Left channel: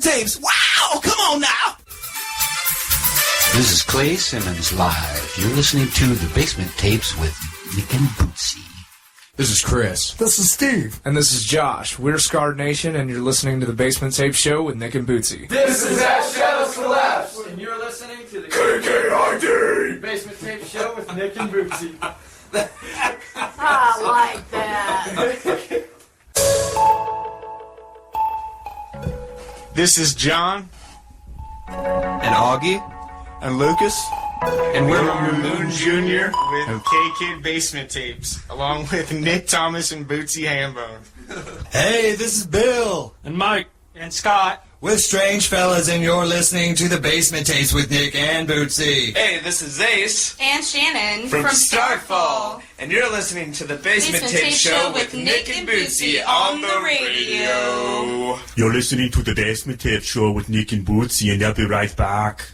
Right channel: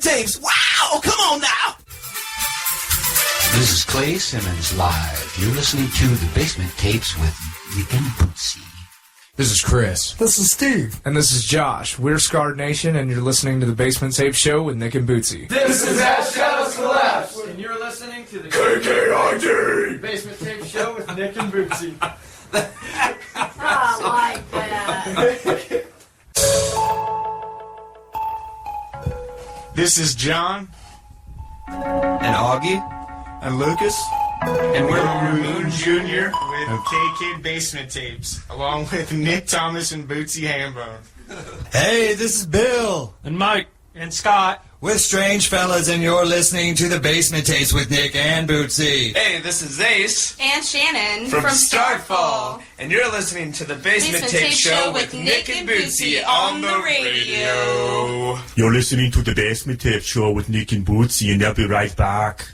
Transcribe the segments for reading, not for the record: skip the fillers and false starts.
Basement Tapes. Wow, come on now. This is Clay Simmons live. You're listening to The Basement Tapes with Nick and Bootsy. This is Chris. This is Steve. And this is Josh. We're Scarred Nation, and you're listening to The Basement Tape Show with Nick and Bootsy. This is As Shadows Collapse, and you're listening to the KKID Basement Tape Show with Nick and Bootsy. I like that. This is John. And Augie. And Lucas. And we're Moon Jr. with K-Kid Basement Tapes, along with Nick Thomas and Bootsy Hambone. Hey, this is Bill. And Mike. And Scott. With Strange Fellas, and you're listening to The Basement Tapes with Nick and Bootsy. Hey, this is Ace. And Shannon. From Starfall. And you're listening to The Basement Tape Show with Nick and Bootsy on the radio. You're listening to The Basement Tape Show with Nick and Bootsy, and they'll be right back.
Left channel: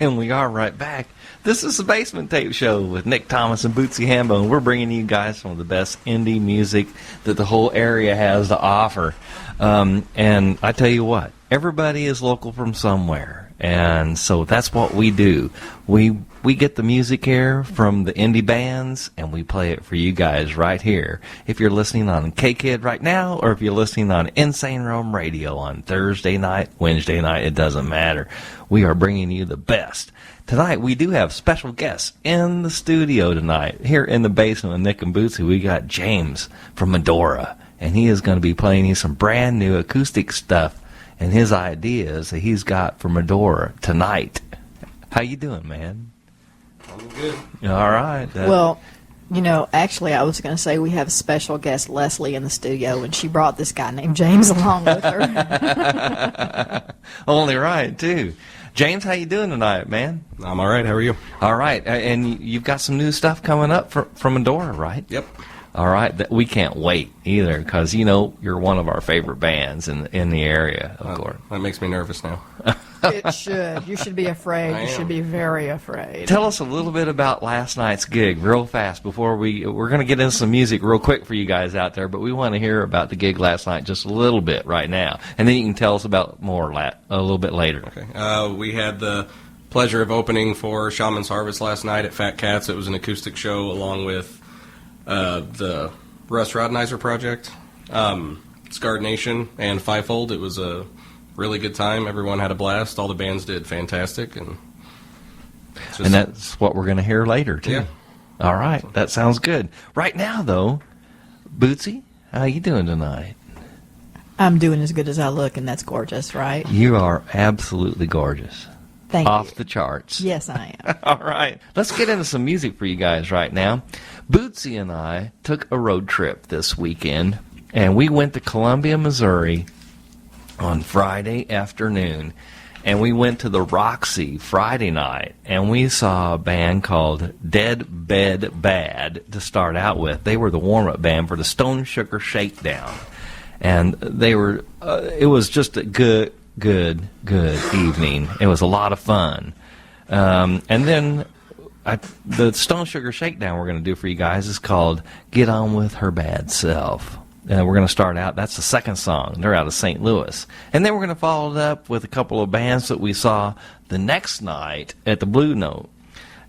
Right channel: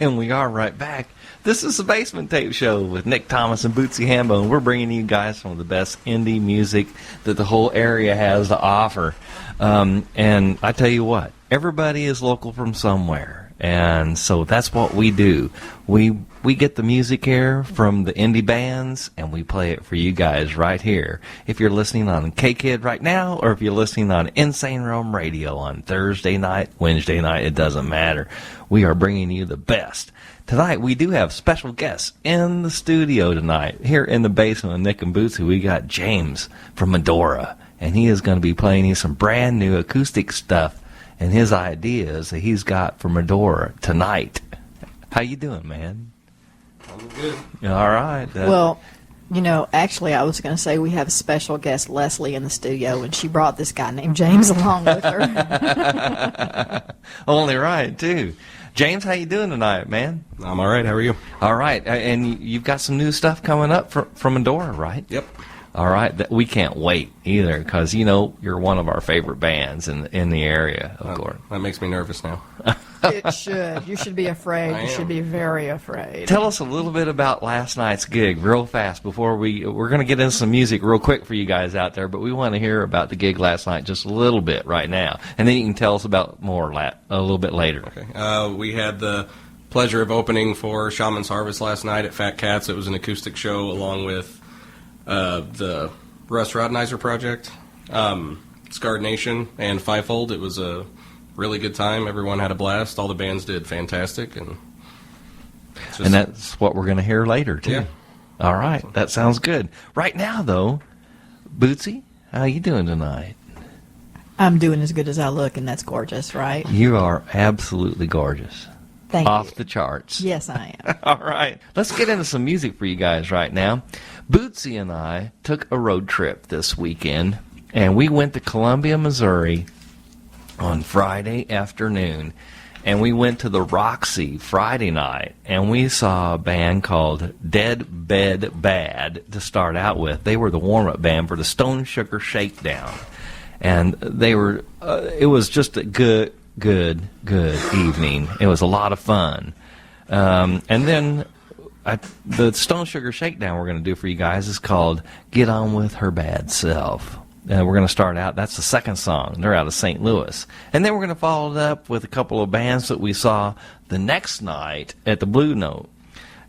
And we are right back. This is the Basement Tape Show with Nick Thomas and Bootsy Hambone. We're bringing you guys some of the best indie music that the whole area has to offer. And I tell you what, everybody is local from somewhere. And so that's what we do. We get the music here from the indie bands, and we play it for you guys right here. If you're listening on K-Kid right now, or if you're listening on Insane Realm Radio on Thursday night, Wednesday night, it doesn't matter. We are bringing you the best. Tonight, we do have special guests in the studio tonight. Here in the basement with Nick and Bootsy, we got James from Madora, and he is going to be playing you some brand new acoustic stuff and his ideas that he's got for Madora tonight. How you doing, man? I'm good. All right. Well, you know, actually, I was going to say we have a special guest, Leslie, in the studio, and she brought this guy named James along with her. Only right, too. James, how you doing tonight, man? I'm all right. How are you? All right. And you've got some new stuff coming up from Madora, right? Yep. All right. We can't wait either because, you know, you're one of our favorite bands in the area, of course. That makes me nervous now. It should. You should be afraid. You should be very afraid. Tell us a little bit about last night's gig real fast before we're going to get into some music real quick for you guys out there, but we want to hear about the gig last night just a little bit right now. And then you can tell us about more a little bit later. Okay. We had the pleasure of opening for Shaman's Harvest last night at Fat Cats. It was an acoustic show along with the Russ Rhodenizer project, Scarred Nation, and Fivefold. It was a really good time. Everyone had a blast. All the bands did fantastic, and that's what we're going to hear later too. Yeah. All right, that sounds good. Right now, though, Bootsy, how you doing tonight? I'm doing as good as I look, and that's gorgeous, right? You are absolutely gorgeous. Thank you. Off the charts. Yes, I am. All right. Let's get into some music for you guys right now. Bootsy and I took a road trip this weekend, and we went to Columbia, Missouri on Friday afternoon, and we went to the Roxy Friday night, and we saw a band called Dead Bed Bad to start out with. They were the warm-up band for the Sugar Shakedown, and they were. It was just a good evening. It was a lot of fun. And then the Sugar Shakedown we're going to do for you guys is called Get On With Her Bad Self. And we're going to start out, that's the second song. They're out of St. Louis. And then we're going to follow it up with a couple of bands that we saw the next night at the Blue Note.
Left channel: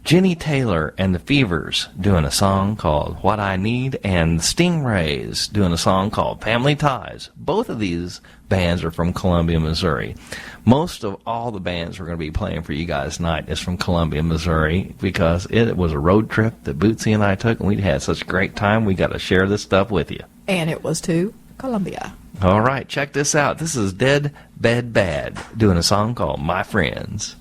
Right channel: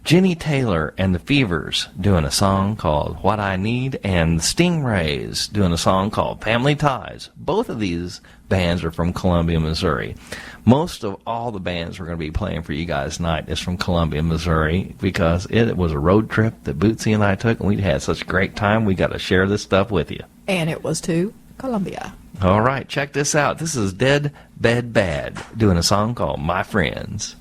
Jenny Taylor and the Fevers doing a song called What I Need, and the Stingrays doing a song called Family Ties. Both of these bands are from Columbia, Missouri. Most of all the bands we're going to be playing for you guys tonight is from Columbia, Missouri, because it was a road trip that Bootsy and I took, and we had such a great time. We got to share this stuff with you. And it was to Columbia. All right, check this out. This is Dead Bed Bad doing a song called My Friends.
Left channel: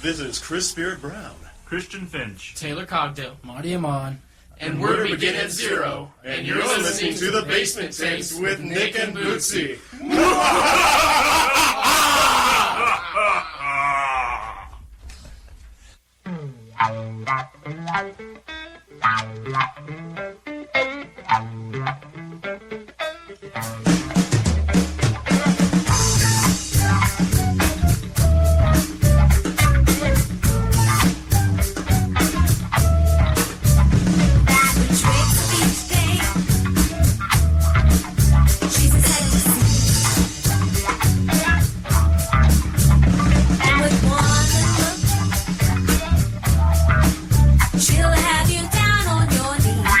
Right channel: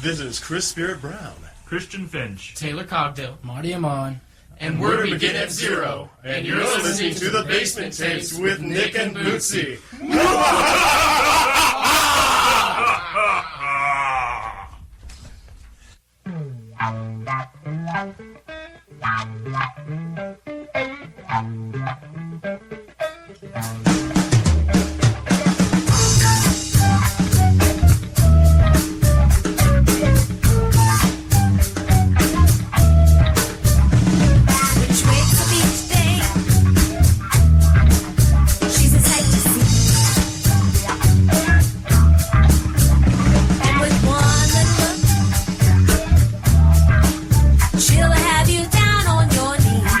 This is Chris Spirit Brown. Christian Finch. Taylor Cogdale. Marty Amon. And we're to begin at zero. And you're listening to the Basement Tapes with Nick and Bootsy. She'll have you down on your knees.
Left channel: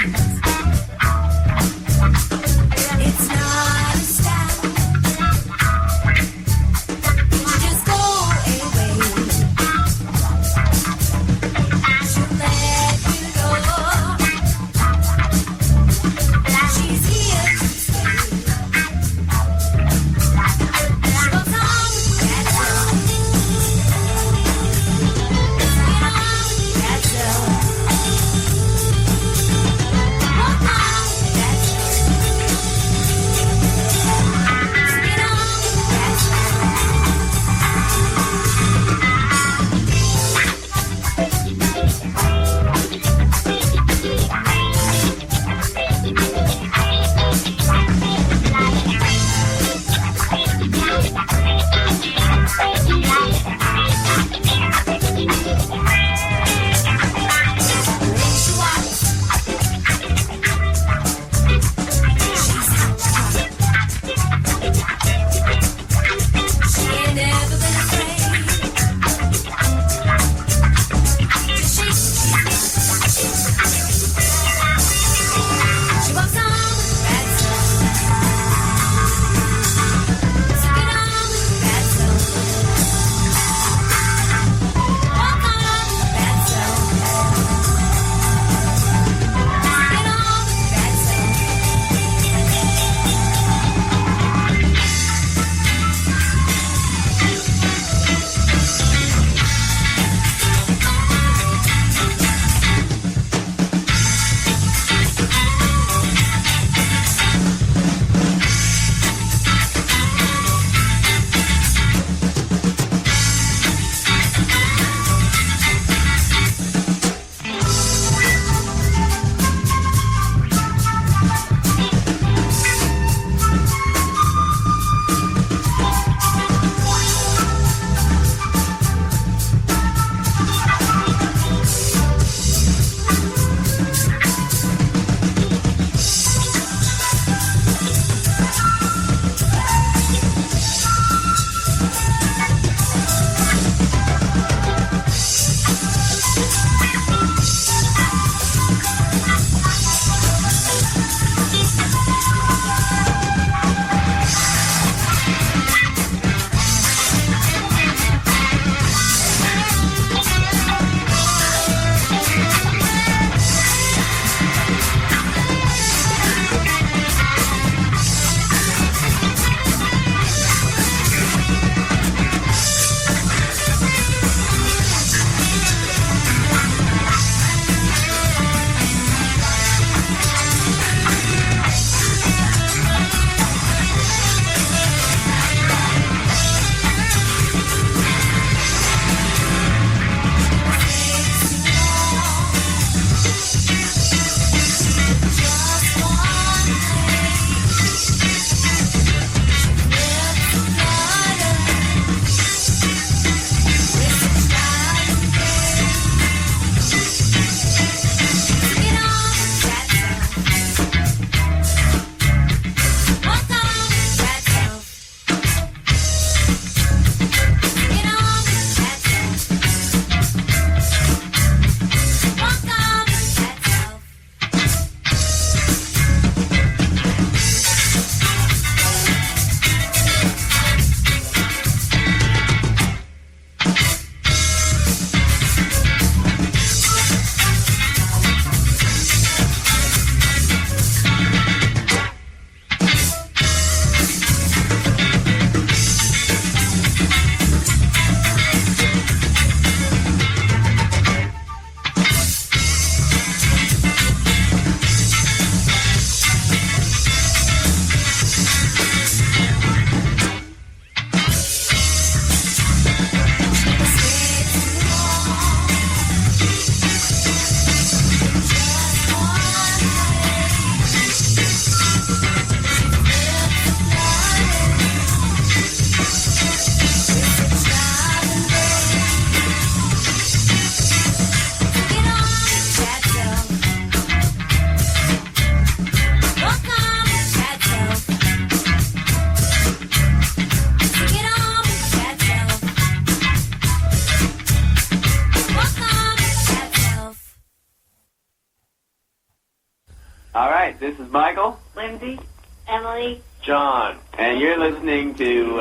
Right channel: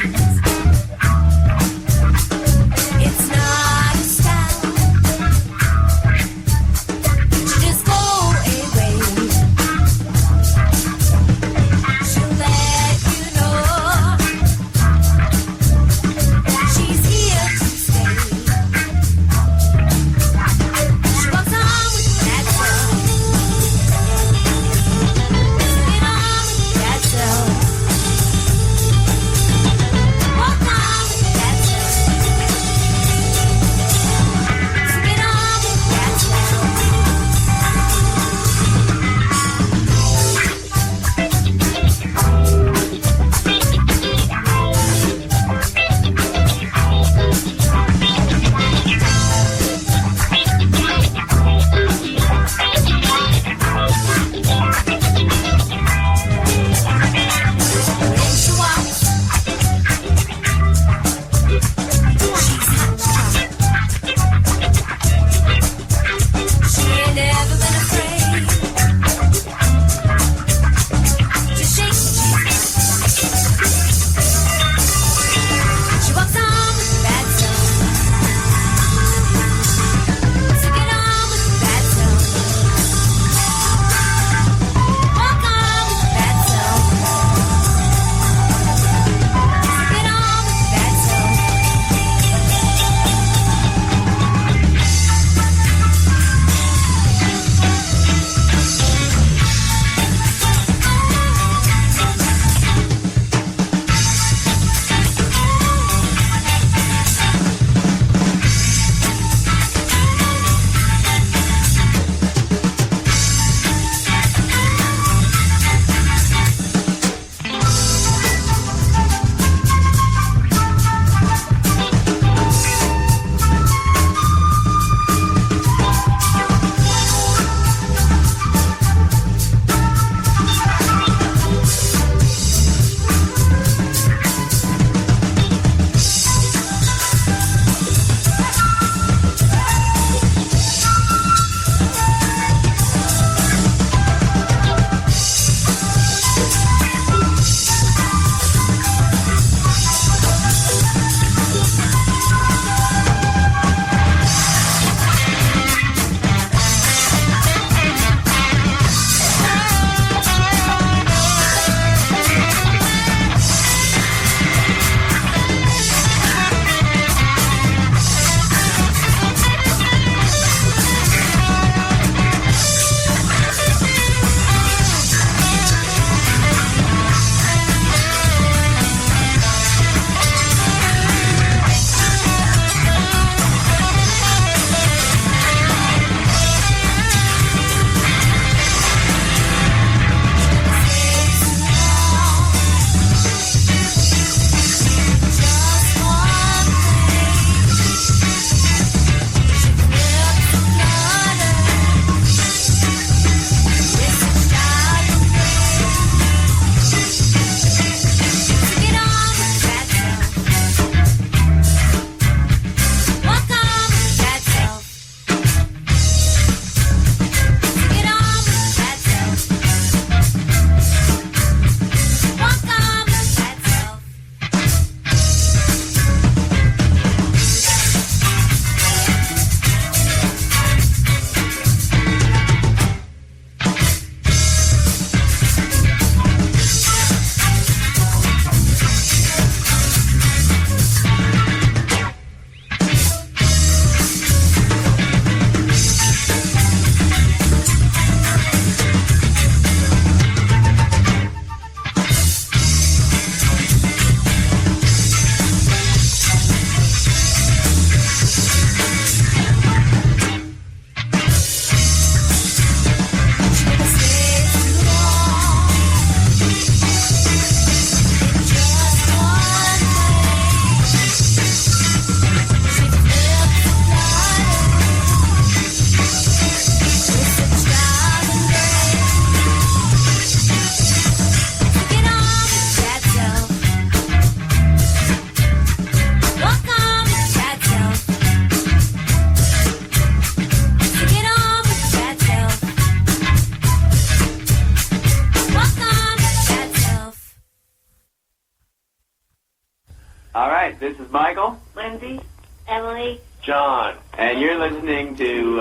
All right, this is Michael. Lindsay, Emily, John. And you're listening to,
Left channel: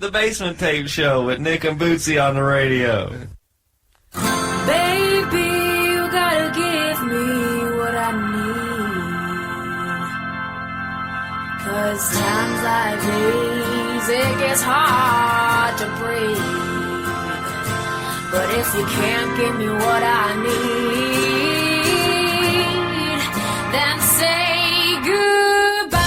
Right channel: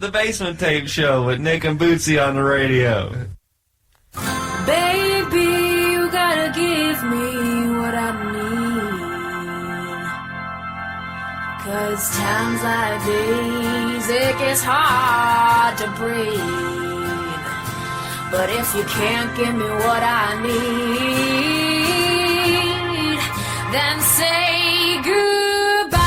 The Basement Tape Show with Nick and Bootsy on the radio. Baby, you gotta give me what I need. 'Cause times like these, it gets hard to breathe. But if you can't give me what I need, then say goodbye.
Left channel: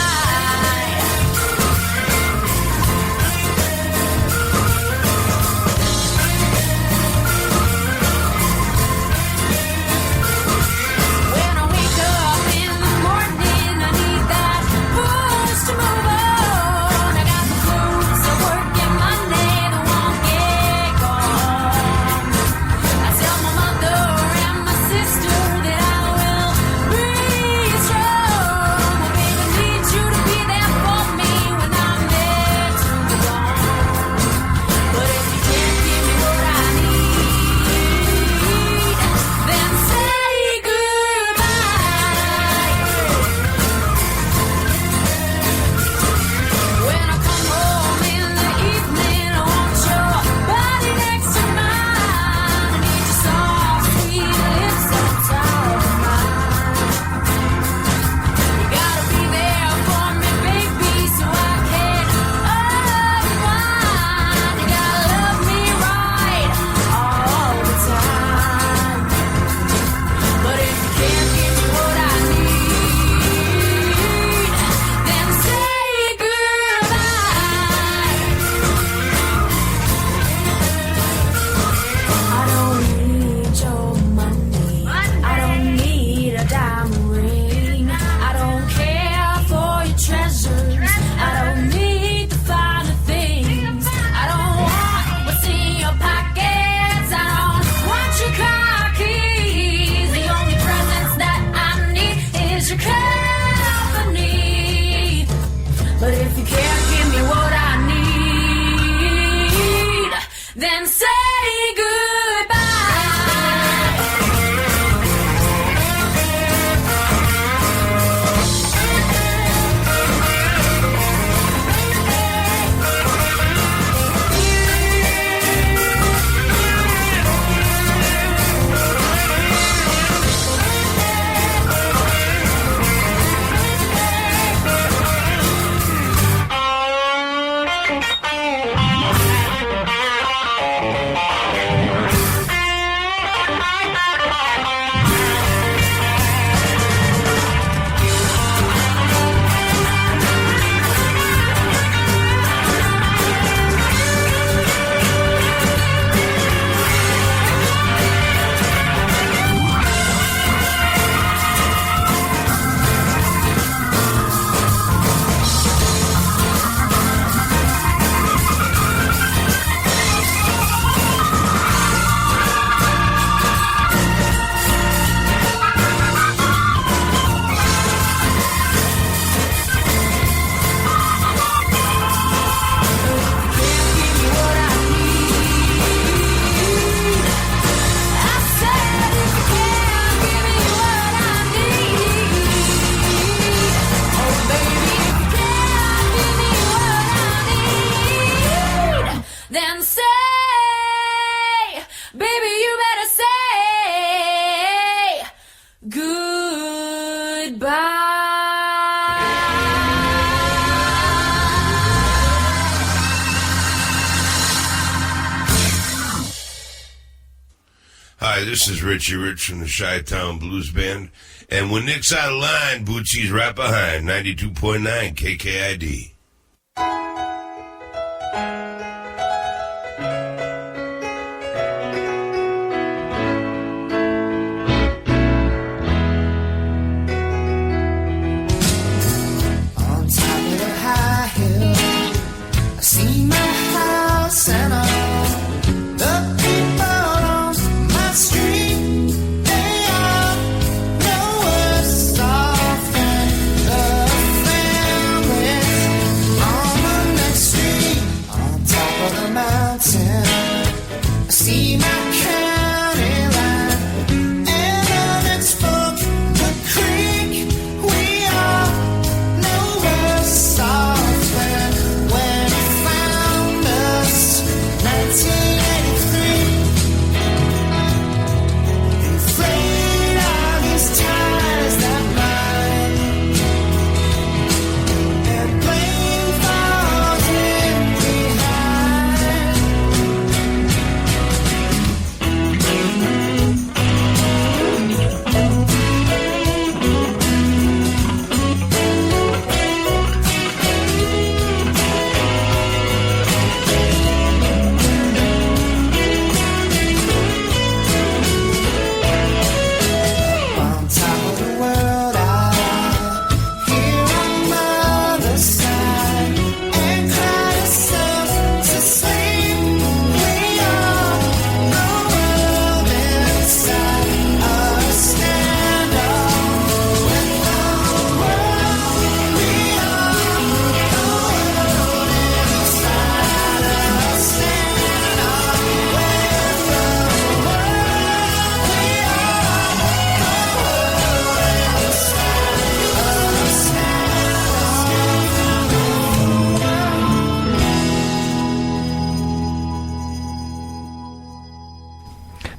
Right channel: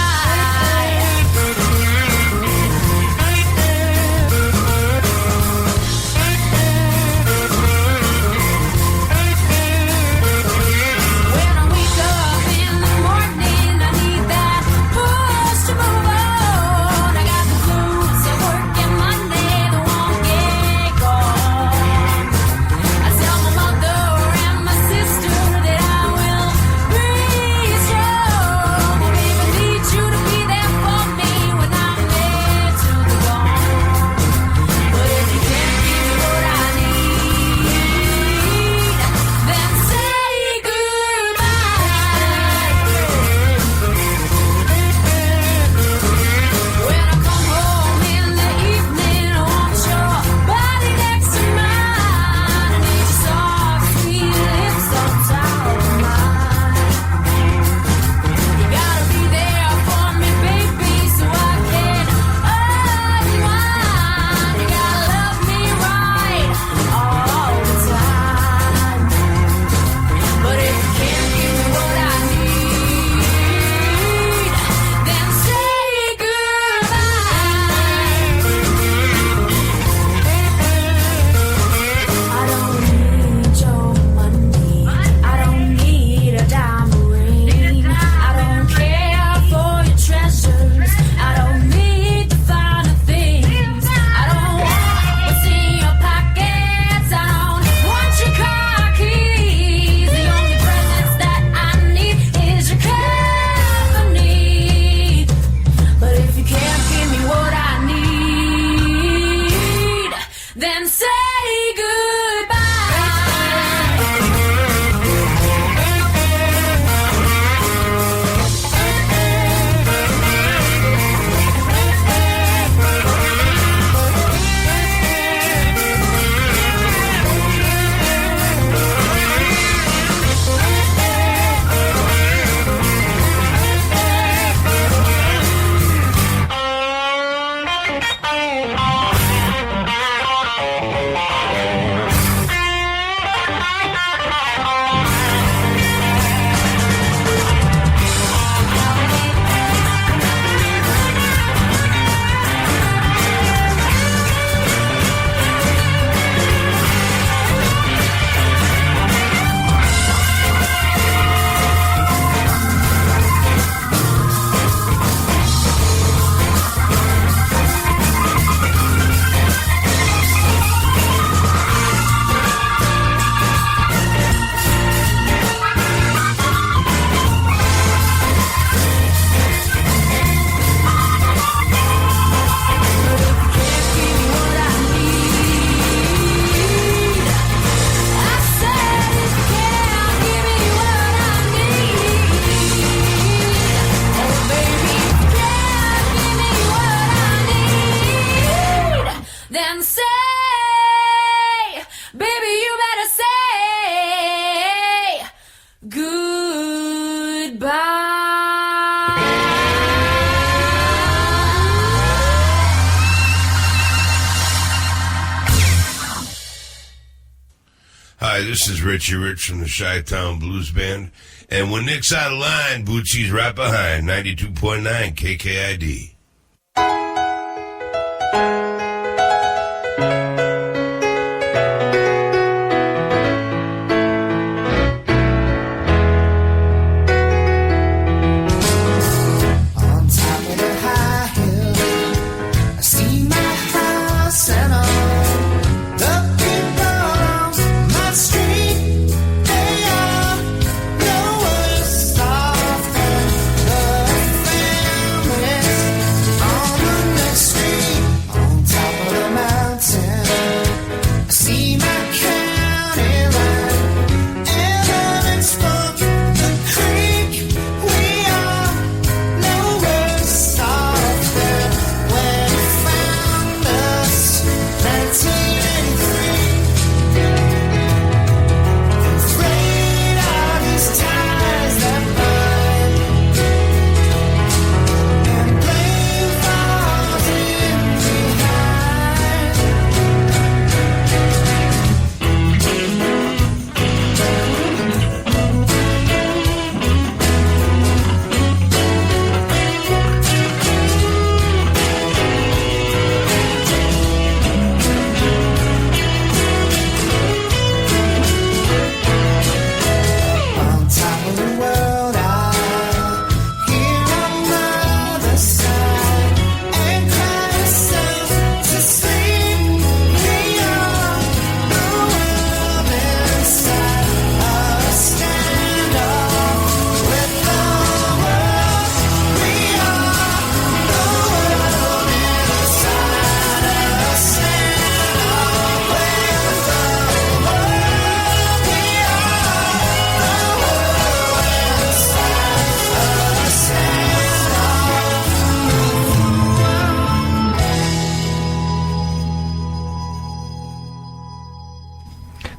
When I wake up in the morning, I need that push to move on. I got the blues of work and money that won't get gone. I tell my mother and my sister that I will be strong. I baby need you to be there for me when I'm there to the dawn. But if you can't give me what I need, then say goodbye. When I come home in the evening, I want your body next to mine. I need your soft, sweet lips on top of mine. You gotta be there for me, baby, so I can unwind. You gotta love me right all the time. But if you can't give me what I need, then say goodbye. I don't need your money. I don't need a diamond ring. I don't care for your treasures. I don't need the finer things. I don't want what's in your pockets. I don't want your car keys. The only presents that I need is your company. But if you can't give me what I need, then say then say, baby, you better say goodbye. Hi, this is Richie Rich from the Chi-Town Blues Band. And when Nick's out of line, Bootsy's right behind, 92.9 KKID. On top of the high hill, I see my house and all the people on my street. They all know us off, and the families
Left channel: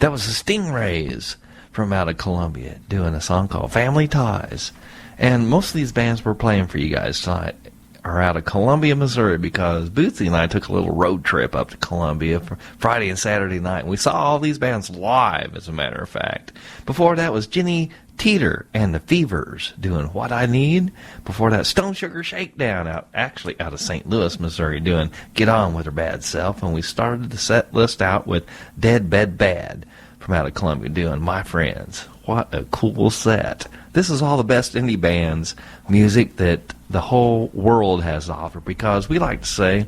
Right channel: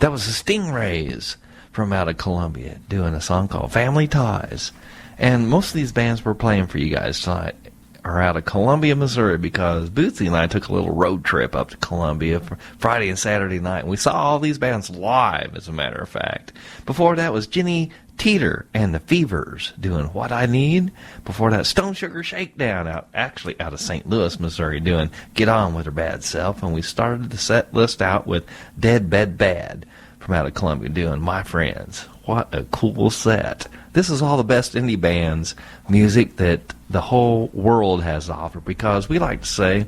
That was the Stingrays from out of Columbia doing a song called Family Ties. And most of these bands we're playing for you guys tonight are out of Columbia, Missouri, because Bootsy and I took a little road trip up to Columbia for Friday and Saturday night. And we saw all these bands live, as a matter of fact. Before that was Teator and the Fevers doing What I Need. Before that, Sugar Shakedown out of St. Louis, Missouri, doing Get On With Her Bad Self. And we started the set list out with Dead Bed Bad from out of Columbia doing My Friends. What a cool set. This is all the best indie bands, music that the whole world has to offer, because we like to say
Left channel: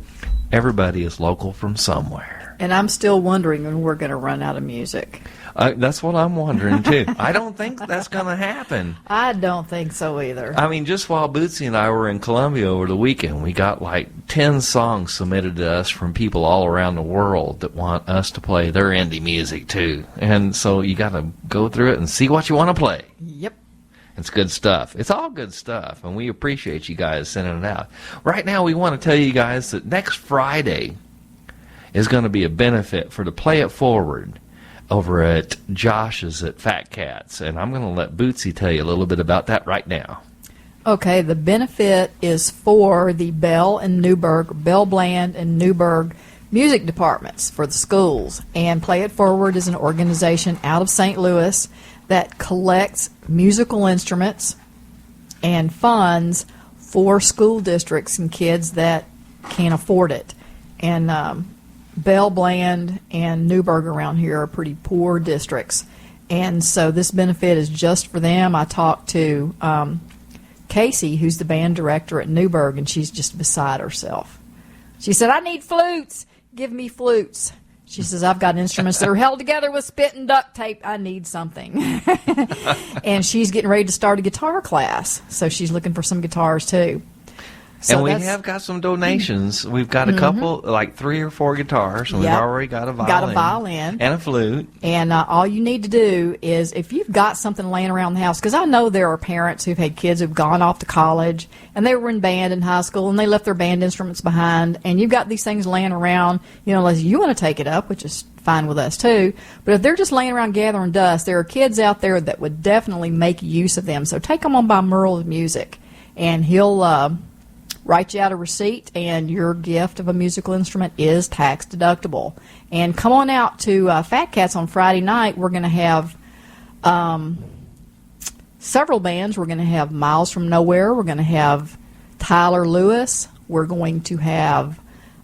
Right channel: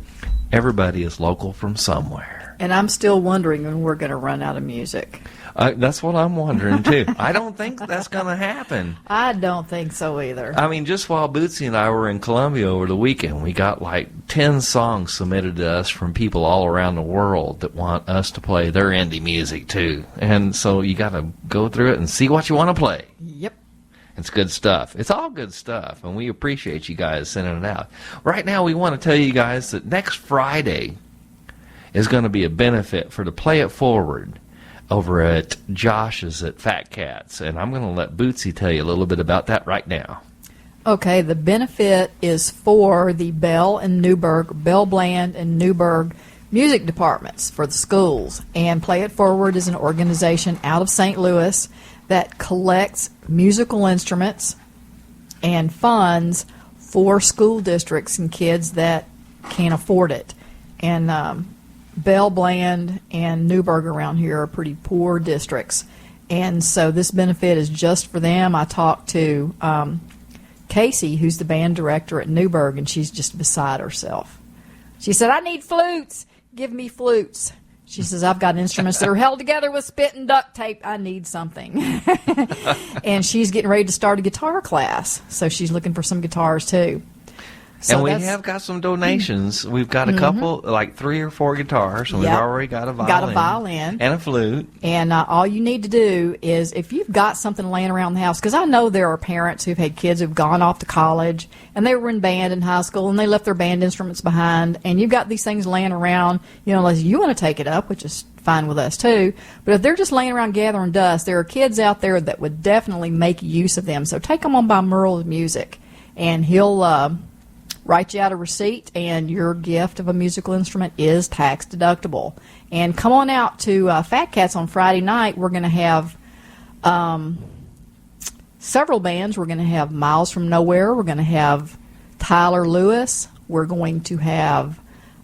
everybody is local from somewhere. And I'm still wondering when we're going to run out of music. That's what I'm wondering, too. I don't think that's going to happen. I don't think so either. I mean, just while Bootsy and I were in Columbia over the weekend, we got like 10 songs submitted to us from people all around the world that want us to play their indie music, too. And so you got to go through it and see what you want to play. Yep. It's good stuff. It's all good stuff, and we appreciate you guys sending it out. Right now, we want to tell you guys that next Friday is going to be a benefit for the Play It Forward over at Josh's at Fat Cats, and I'm going to let Bootsy tell you a little bit about that right now. Okay, the benefit is for the Bell Bland and Newburgh music departments for the schools, and Play It Forward is an organization out of St. Louis that collects musical instruments and funds for school districts and kids that can't afford it. And Bell, Bland, and Newburgh around here are pretty poor districts. And so this benefit is just for them. I talked to Casey, who's the band director at Newburgh, and she's just beside herself. She said, I need flutes. Give me flutes. She says, I've got instruments that are held together with spit and duct tape. I need something. And she's getting ready to start a guitar class. So she's looking for some guitars, too. So and we have got some donations. We've got a couple, like 3 or 4 guitars, and we've already got a violin. And a flute. And all you need to do is, if you've got something laying around the house, because I know there are parents who've had kids who've gone off to college, and they were in band in high school, and they left their band instruments behind, and you've got these things laying around, unless you want to take it up, which is fine with us too. But if they're just laying around gathering dust, there are kids out there that would definitely make use of them. So take them on by Merle's Music, and he'll write you out a receipt, and your gift of a musical instrument is tax deductible. And come on out to Fat Cats on Friday night. We're going to have several bands. We're going to have Miles from Nowhere. We're going to have Tyler Lewis. We're going to have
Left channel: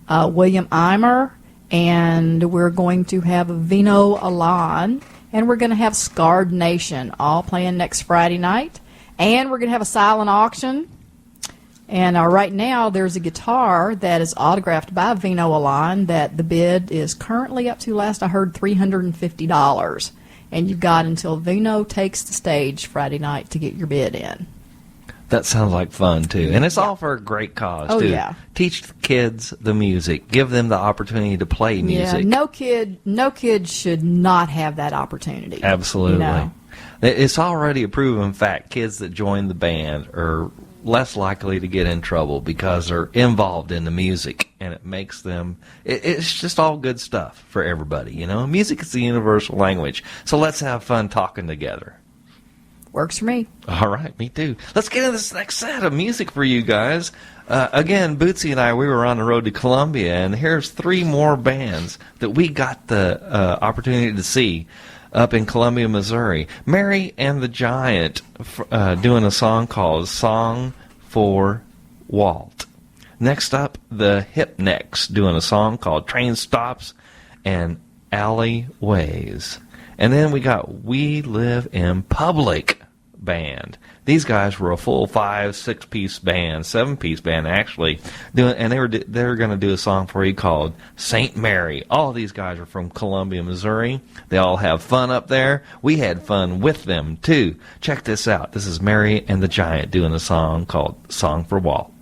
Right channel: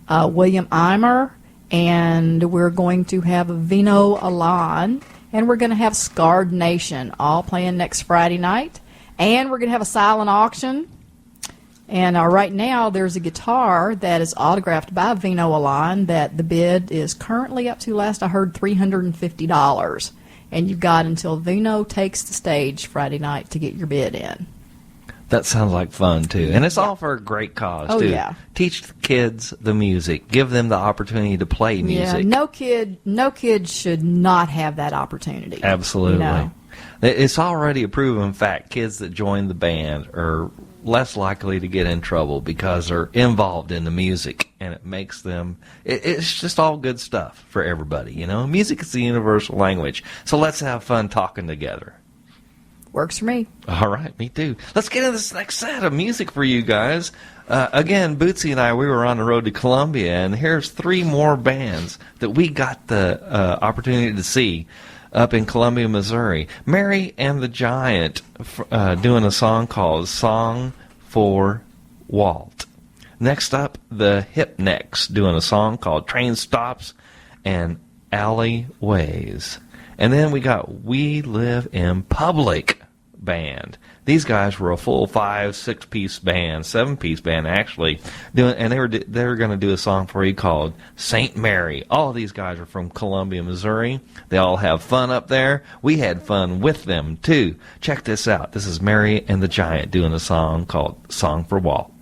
William Eimer. And we're going to have Vino Alon. And we're going to have Scarred Nation all playing next Friday night. And we're going to have a silent auction. And right now, there's a guitar that is autographed by Vino Alon that the bid is currently up to, last I heard, $350. And you've got until Vino takes the stage Friday night to get your bid in. That sounds like fun, too. And it's all for a great cause, too. Yeah. Teach the kids the music. Give them the opportunity to play music. Yeah, no kid should not have that opportunity. Absolutely. It's already a proven fact. Kids that join the band are less likely to get in trouble because they're involved in the music, and it makes them, it's just all good stuff for everybody, Music is the universal language, so let's have fun talking together. Works for me. All right, me too. Let's get into this next set of music for you guys. Again, Bootsy and I, we were on the road to Columbia, and here's 3 more bands that we got the opportunity to see up in Columbia, Missouri. Mary and the Giant doing a song called Song for Walt. Next up, the Hipnecks doing a song called Train Stops and Alleyways. And then we got We Live in Public band. These guys were a full 5-6-piece band, 7-piece band actually, and they were going to do a song for you called St. Mary. All of these guys are from Columbia, Missouri. They all have fun up there. We had fun with them too. Check this out. This is Mary and the Giant doing a song called Song for Walt.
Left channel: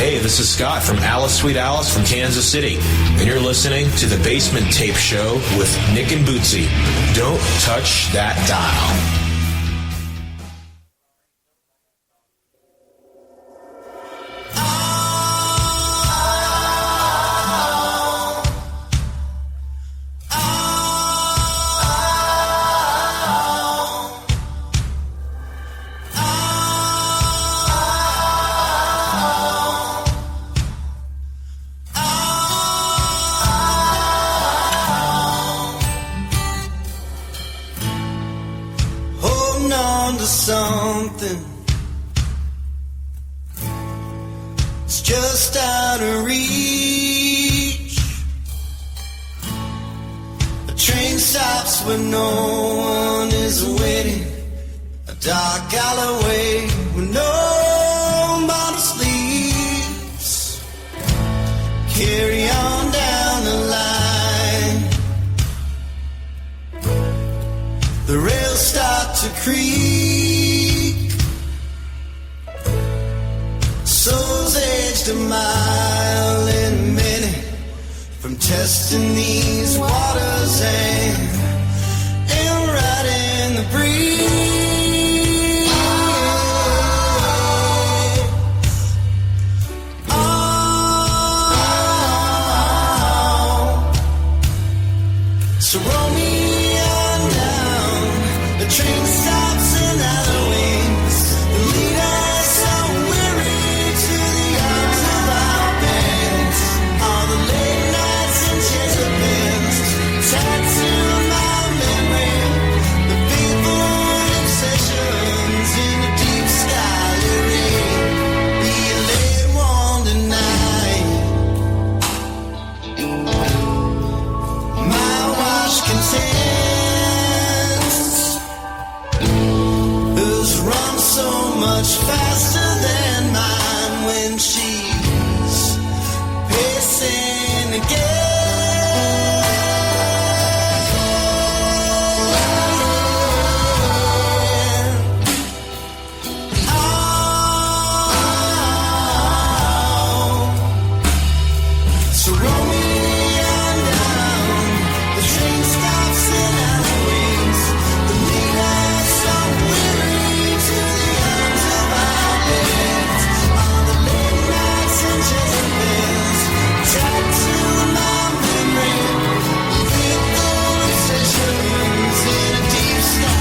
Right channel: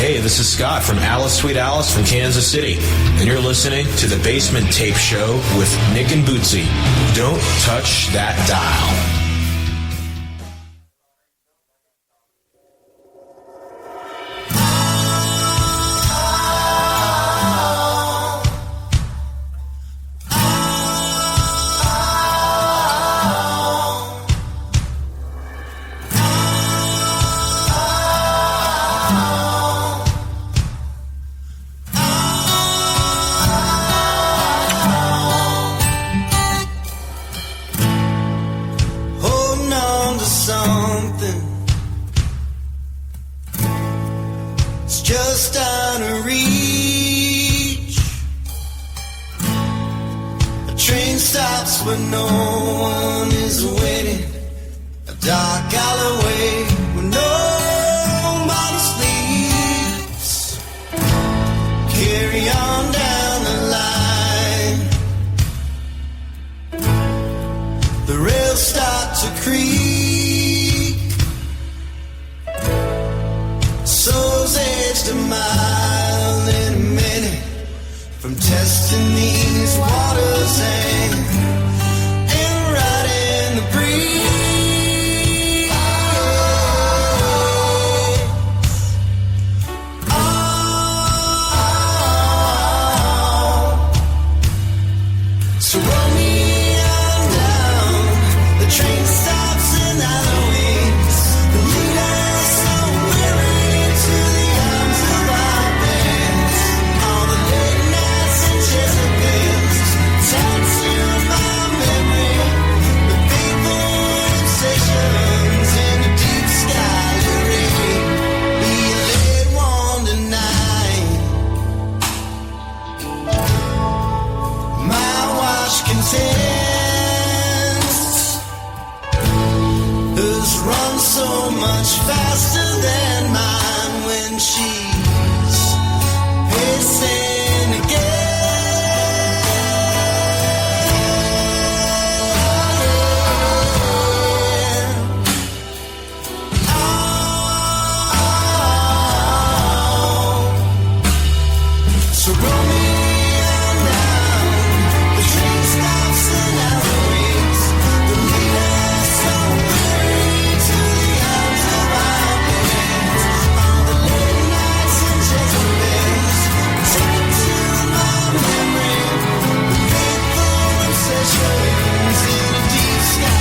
Hey, this is Scott from Alice Sweet Alice from Kansas City, and you're listening to the Basement Tape Show with Nick and Bootsy. Don't touch that dial. Holding on to something. It's just out of reach. A train stops where no one is waiting. A dark alleyway where nobody sleeps. Carry on down the line. The rails start to creak. Souls aged a mile in a minute from testing these waters and right in the breeze. So roll me on down. The train stops in alleyways. The lead us so weary to the arms of our beds. All the late nights and Jezebels tattoo my memory. The people and obsessions in the deep sky luring. Be a late one tonight. My watch contends has run so much faster than mine when she's pacing again. So roll me on down. The train stops in alleyways. The lead us so weary to the arms of our beds. All the late nights and Jezebels tattoo my memory. Lethal obsessions in a deep sky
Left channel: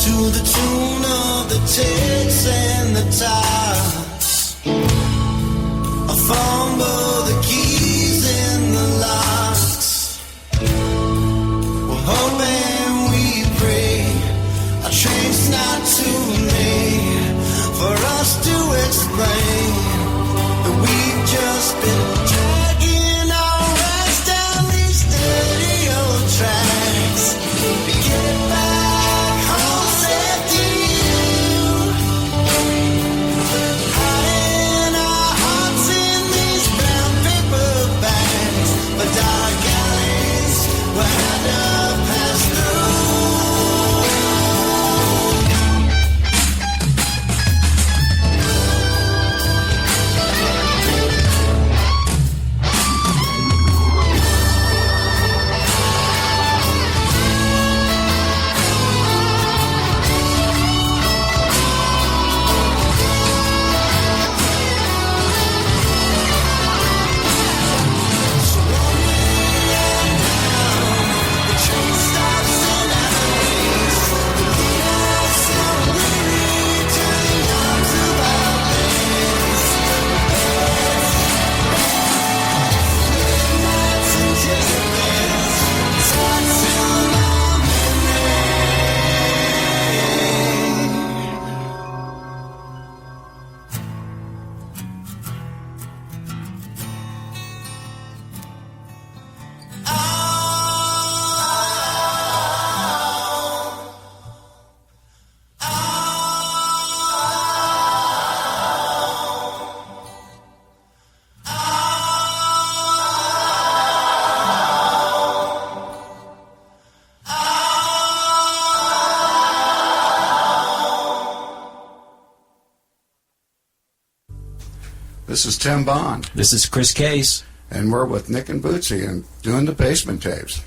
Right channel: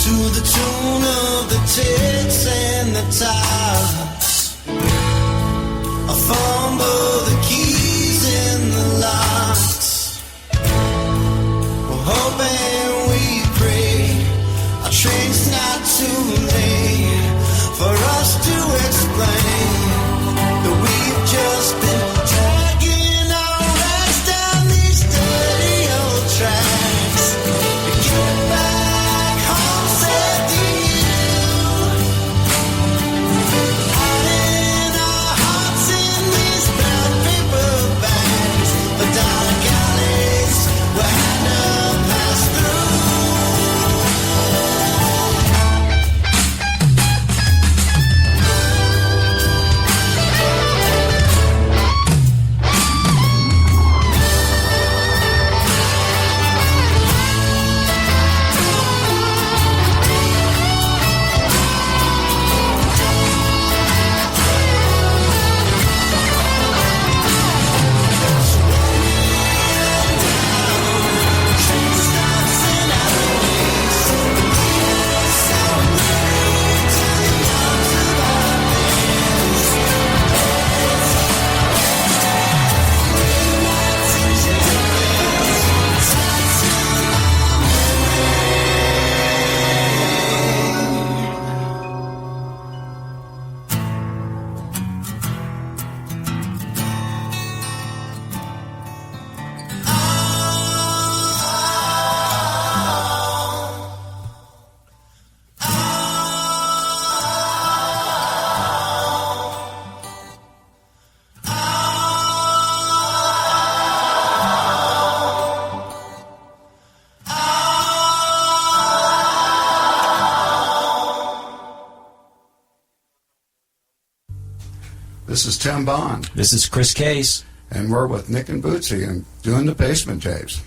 to the tune of the ticks and the tires. I fumble the keys in the locks. We're hoping we pray our train's not too late for us to explain that we've just been dragging our rags down these dirty old tracks. Get back home, said to you. This is Tim Bond. This is Chris Case. And we're with Nick and Bootsy and doing the Basement Tapes.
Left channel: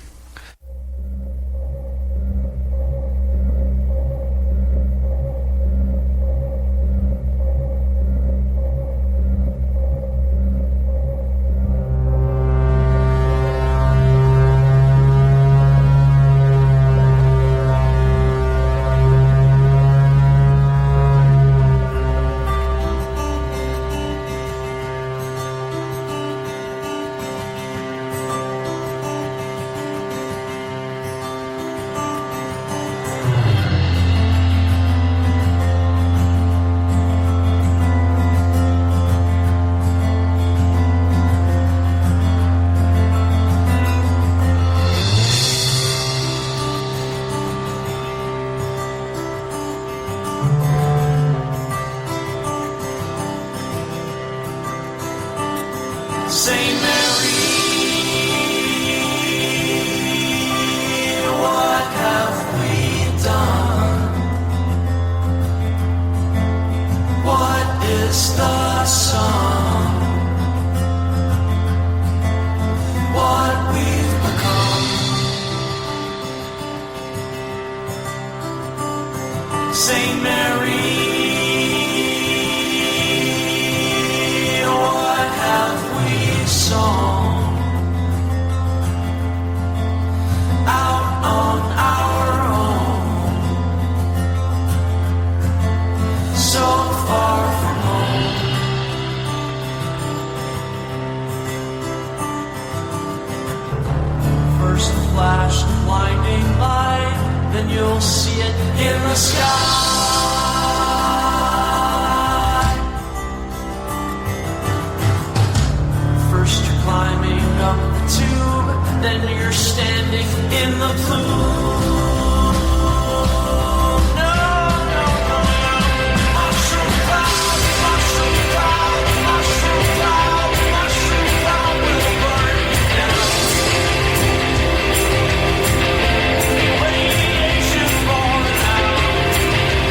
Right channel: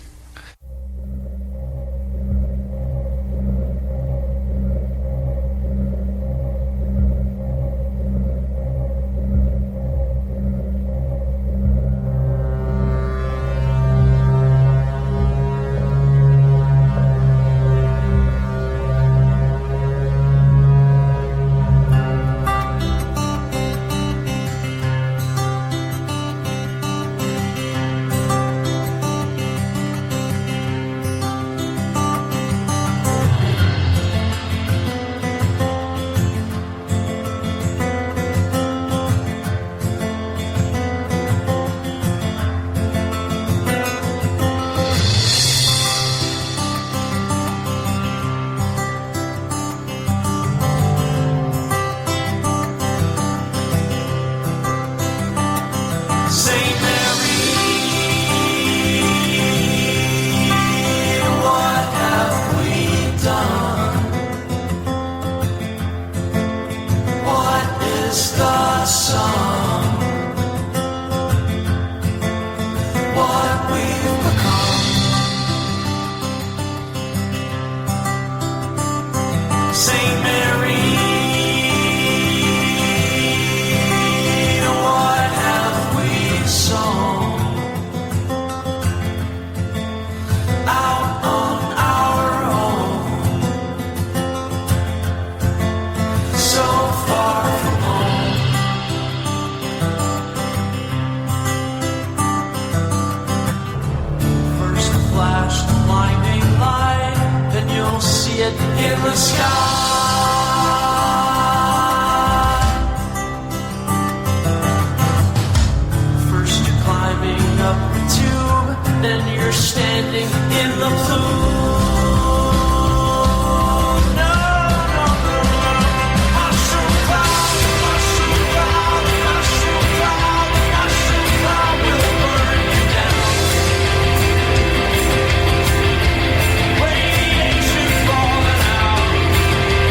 Radiation falling out.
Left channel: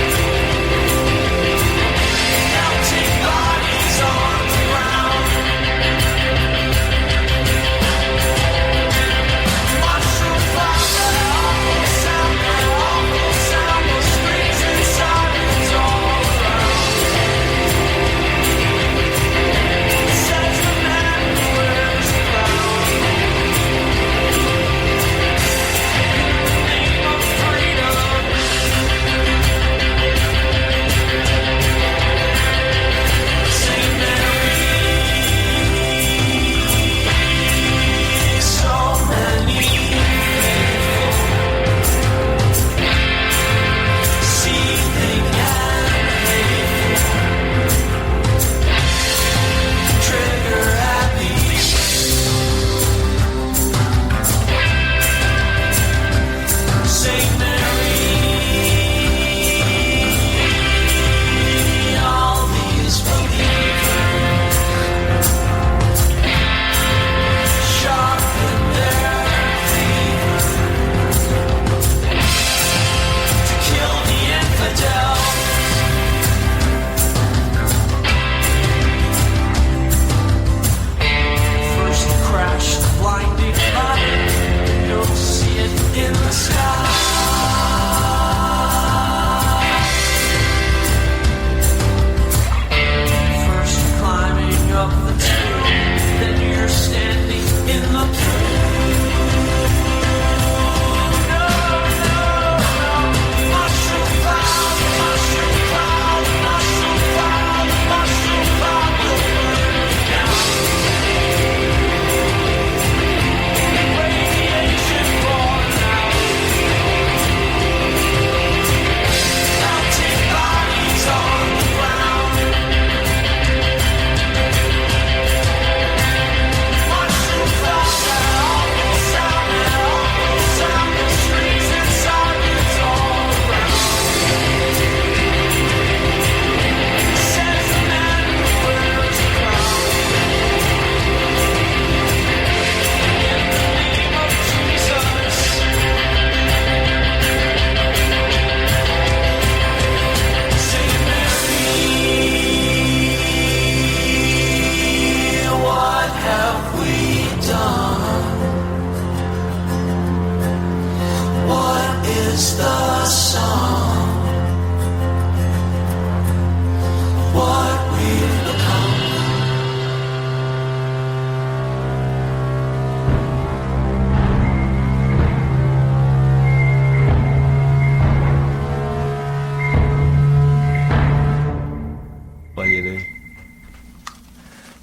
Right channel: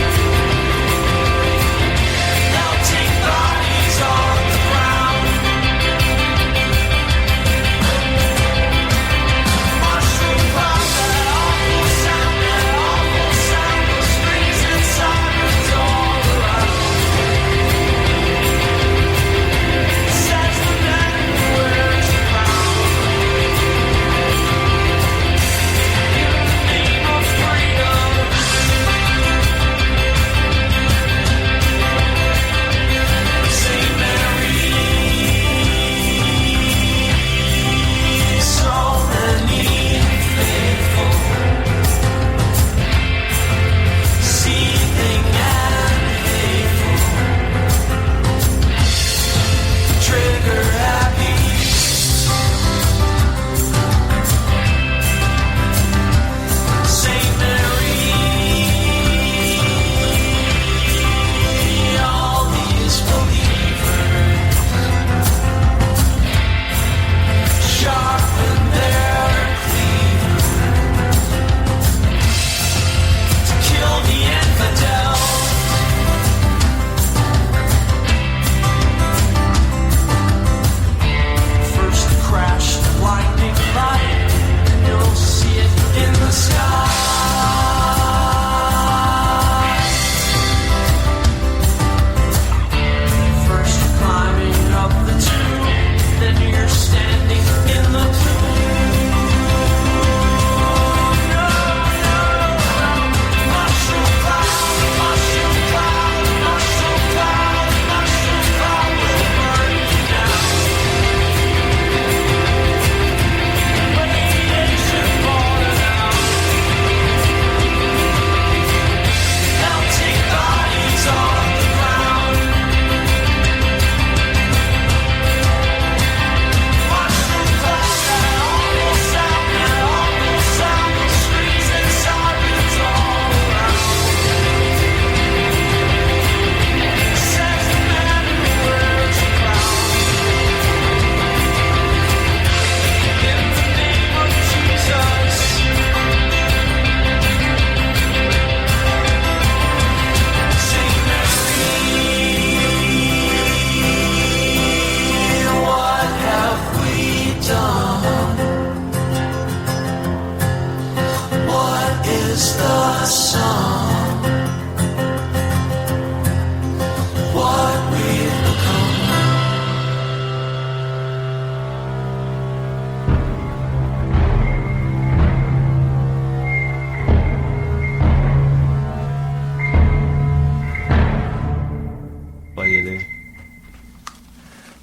you do.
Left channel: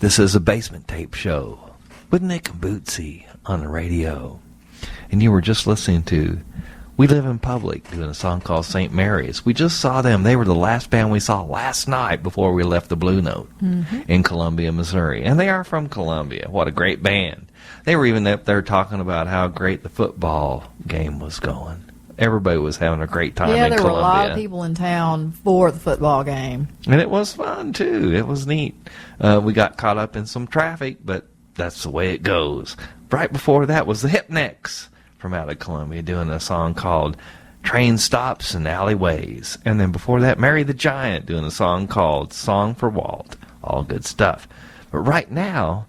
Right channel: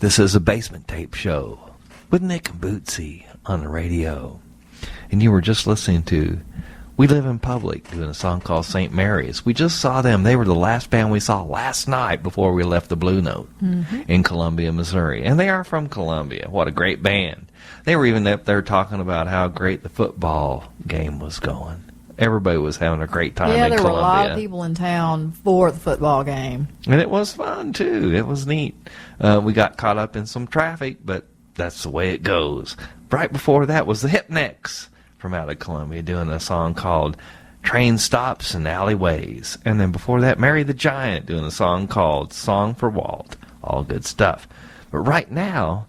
This is a Basement Tape Show with Nick and Bootsy on the radio. And you were just listening to We Live in Public doing a song called St. Mary's. We just saw them. They were the last band we saw last night before we left the Blue Note in Columbia, Missouri. And they are from Columbia. What a great band. They were even up there talking about how great the football game was going. Everybody was having a great time in Columbia. Yeah, there were a lot of people in town for the football game. And it was fun, too. It was neat. We got caught up in some traffic, but that's the way it goes. Right before that was the Hipnecks from out of Columbia doing a song called Train Stops and Alleyways. And then before that, Mary the Giant doing a song called Song for Walt. All good stuff. But right now,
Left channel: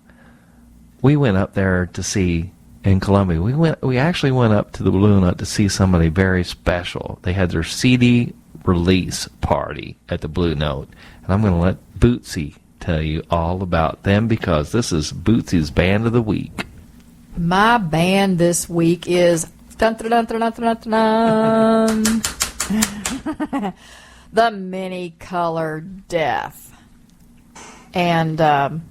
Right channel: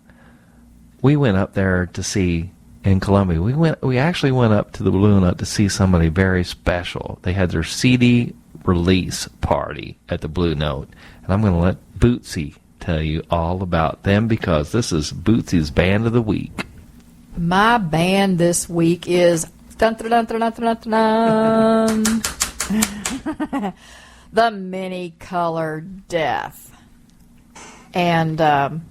we went up there to see... in Columbia, we actually went up to the Blue Note to see somebody very special. They had their CD release party at the Blue Note. And I'm going to let Bootsy tell you all about them because this is Bootsy's Band of the Week. My band this week is dun, dun, dun, dun, dun, dun, dun, dun. The Many Color Death. And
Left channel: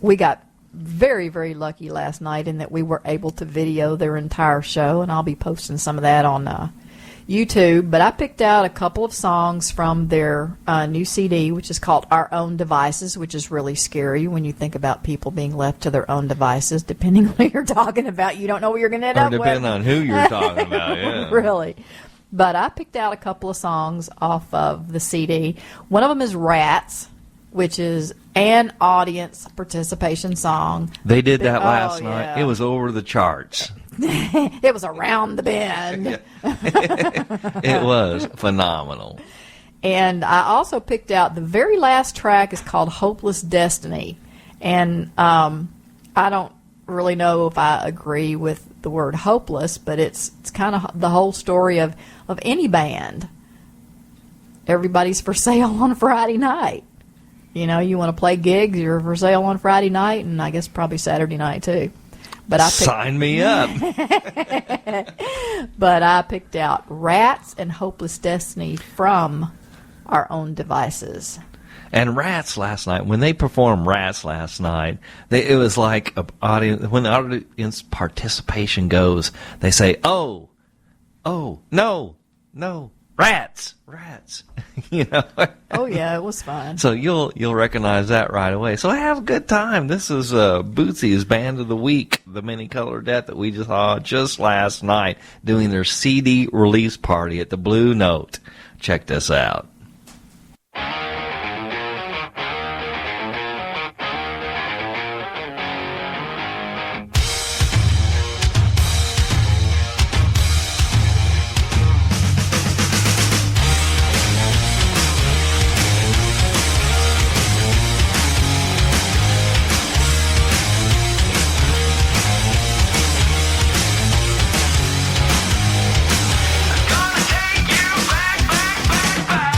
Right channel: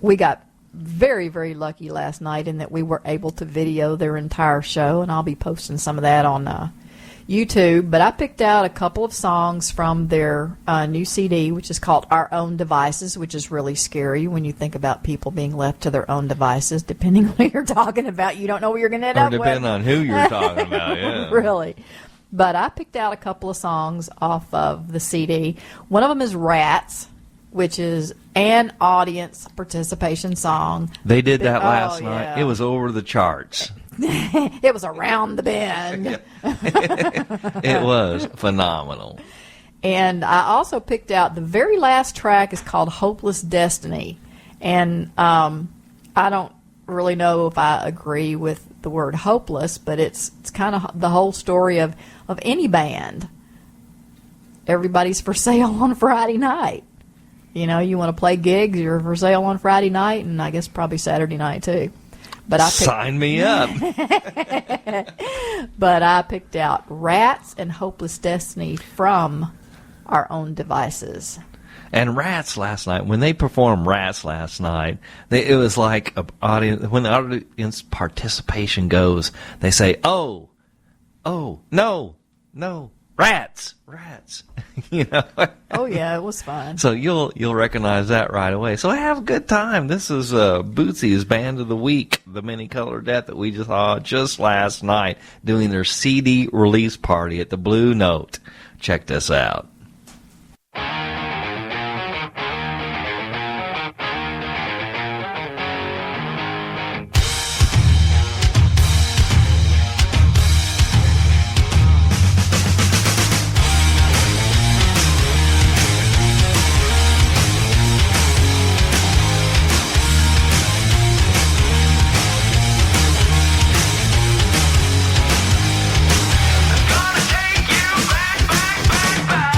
we got very, very lucky last night in that we were able to video their entire show, and I'll be posting some of that on YouTube. But I picked out a couple of songs from their new CD, which is called Our Own Devices, which is really scary when you think about people being left to their own devices. Depending on who you're talking about, you don't know what you're going to end up with. Or depending on who you're talking about, yeah. Really. But I picked out a couple of songs off of the CD. One of them is Rats, which is an audience participation song. They did that last night. It was over the charts. It was around the bend. It was phenomenal. And I also picked out the very last track is called Hopeless Destiny. And I don't really know if I agree with the word hopeless, but it's kind of the whole story of any band. Everybody's for sale on Friday night. You know, you want to play gigs, you're for sale on Friday night, and I guess probably Saturday night, too. But I Sign me up. But I picked out Rats and Hopeless Destiny from Our Own Devices. And Rats last night, when they performed Rats last night, it was like a audience. When the audience participation goes, they say, "Oh, no, Rats." You know. Oh yeah, it was fun. So you'll recognize that right away. So have a good time. This is Bootsy's Band of the Week, the Many Color Death that we just saw just last night doing their CD release party at the Blue Note. Check this out. Gonna take you back, back, back, back.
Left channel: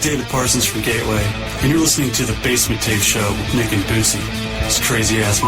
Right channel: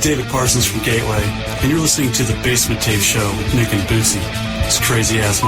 is David Parsons from Gateway, and you're listening to The Basement Tape Show with Nick and Bootsy. It's crazy ass.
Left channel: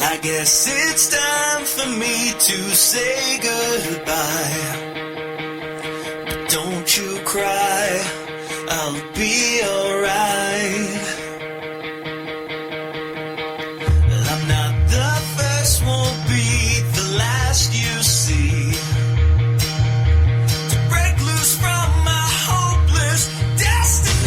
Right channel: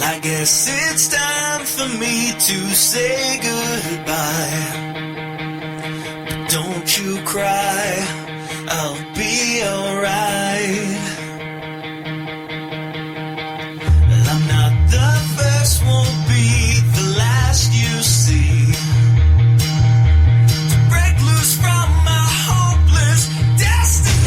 I guess it's time for me to say goodbye. But don't you cry, I'll be alright. I'm not the first, won't be the last you see. To break loose from my hopeless destiny.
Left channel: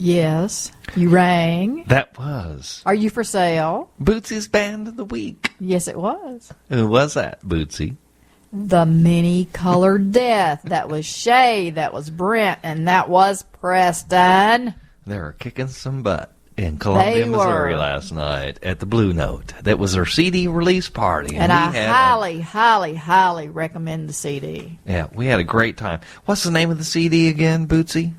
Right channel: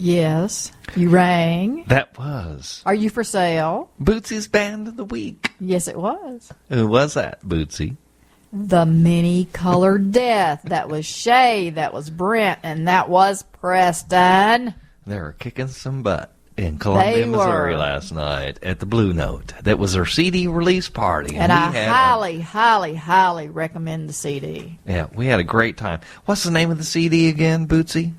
Yes, you rang. That was Are you for sale? Bootsy's Band of the Week. Yes, it was. Who was that, Bootsy? The Many Colored Death. That was Shay, that was Brent, and that was Preston. They were kicking some butt in Columbia, They Missouri were. last night at the Blue Note. That was their CD release party. And I we had highly, highly, highly recommend the CD. we had a great time. What's the name of the CD again, Bootsy?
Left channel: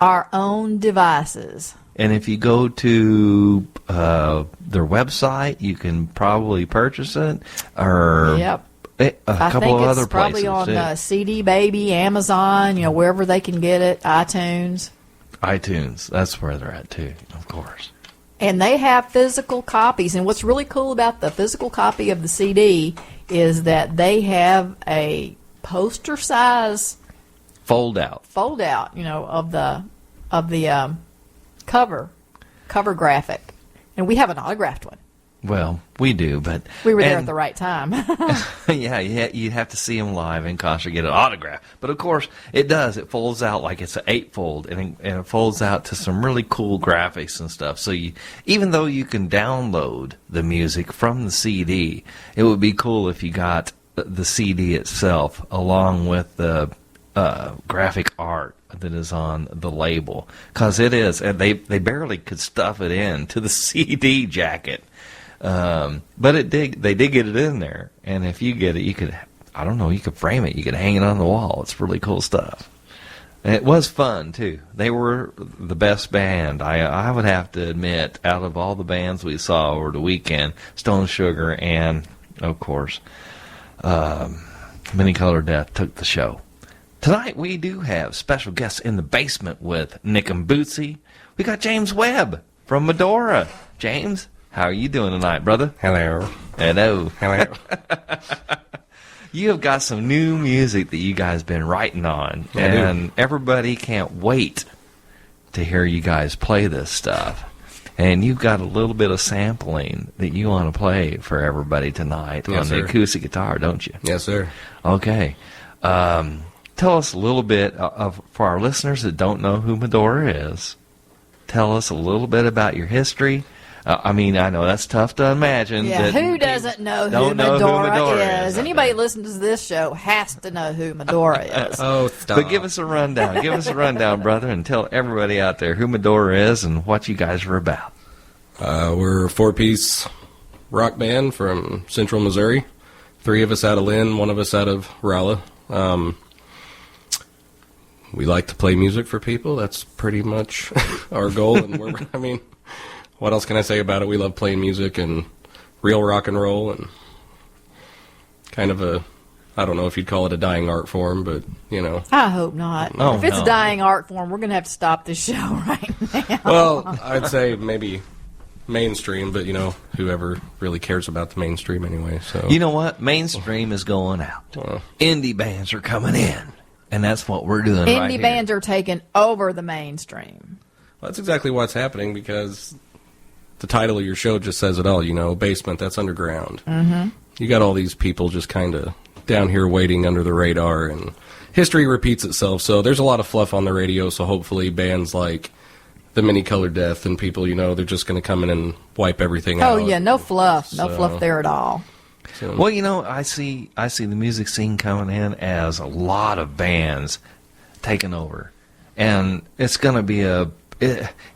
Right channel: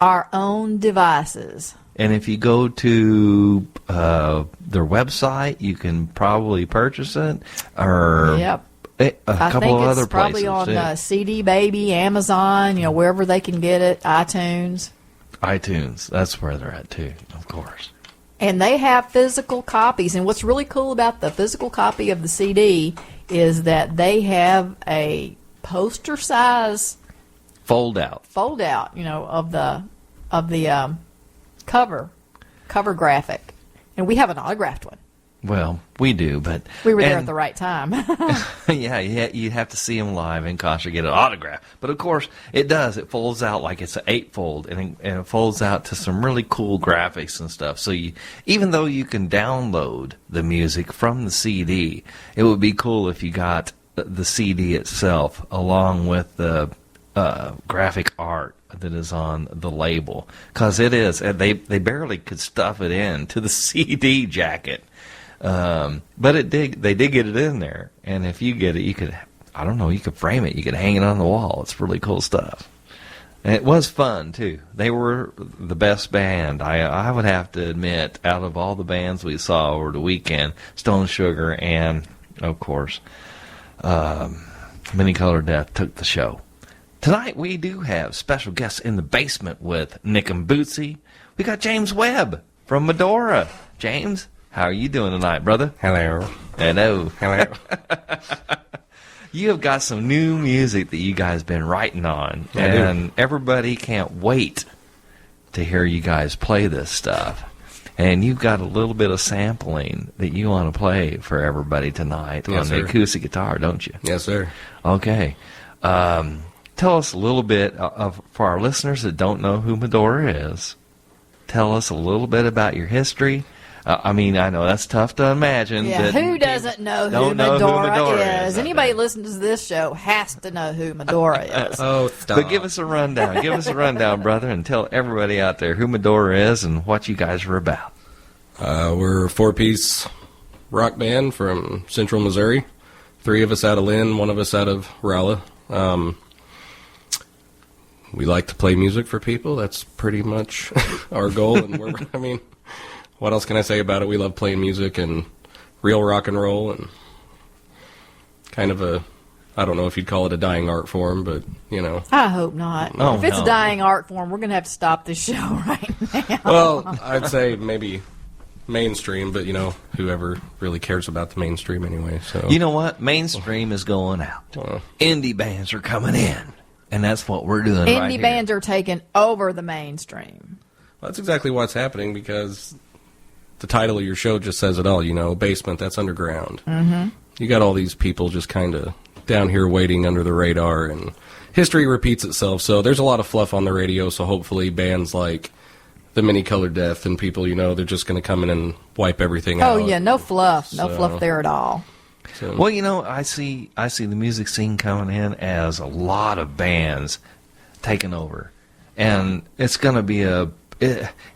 Our Own Devices. And if you go to their website, you can probably purchase it. Or Yep. a I couple think of it's other probably places. on CD Baby, Amazon, wherever they can get it, iTunes. iTunes, that's where they're at too, of course. And they have physical copies. And what's really cool about the physical copy of the CD is that they have a poster size Fold out. of the cover graphic. And we have an autographed one. Well, we do, but We were there at the right time. yeah, you have to see them live in concert to get an autograph. But of course, it does. It folds out like it's an 8-fold, and it folds out to some really cool graphics and stuff. So even though you can download the music from the CD, it would be cool if you got the CD itself along with the graphic art that is on the label, because it is, and they barely could stuff it in to the CD jacket. But they did get it in there, and if you get it, you could frame it, you could hang it on the wall. It's really cool stuff. And it was fun too. They were the best band, I would have to admit, out of all the bands we saw over the weekend. Stone Sugar and, of course, Many Colored Death took the show. Tonight we do have special guests in the basement with Nick and Bootsy. We got James Webb from Madora. James, how are you doing tonight, brother? Hello. Hello. Hello. You have got some new music that you guys been writing on, I do. and everybody can't wait to hear you guys play this stuff. And you've got a little bit of sampling that you want to play for everybody tonight Yes, on sir. the acoustic guitar, don't you? Yes, sir. Okay. Tell us a little bit for our listeners that don't know who Madora is. Tell us a little bit about your history. I know that's tough to imagine. Yeah, that who doesn't know who don't know who Madora Madora is? is. Anybody listening to this show has to know who Madora is. Oh, stop. But give us a rundown. Give us a rundown, brother, and tell everybody out there who Madora is and what you guys are about. We're a 4-piece rock band from Central Missouri. 3 of us out of Lynn, 1 of us out of Rolla. we like to play music for people. That's pretty much our goal. And what else can I say about it? We love playing music and real rock and roll, and kind of I don't know if you'd call it a dying art form, but, I hope not. Oh, if it's no. a dying art form, we're going to have to stop this show right now. Well, I'd say maybe mainstream, but, whoever really cares about the mainstream anyway. So You know what? Mainstream is going out. Indie bands are coming in, and that's what we're doing right Indie here. bands are taking over the mainstream. Well, that's exactly what's happening, because the title of your show just says it all, basement, that's underground. Mm-hmm. You got all these people just kind of down here waiting under the radar, and history repeats itself. So there's a lot of fluff on the radio, so hopefully bands like the Mini Colored Death and people, they're just going to come in and wipe everything out. Oh, yeah, no fluff. No So- fluff there at all. So, Well, I see the music scene coming in as a lot of bands taking over, and it's going to be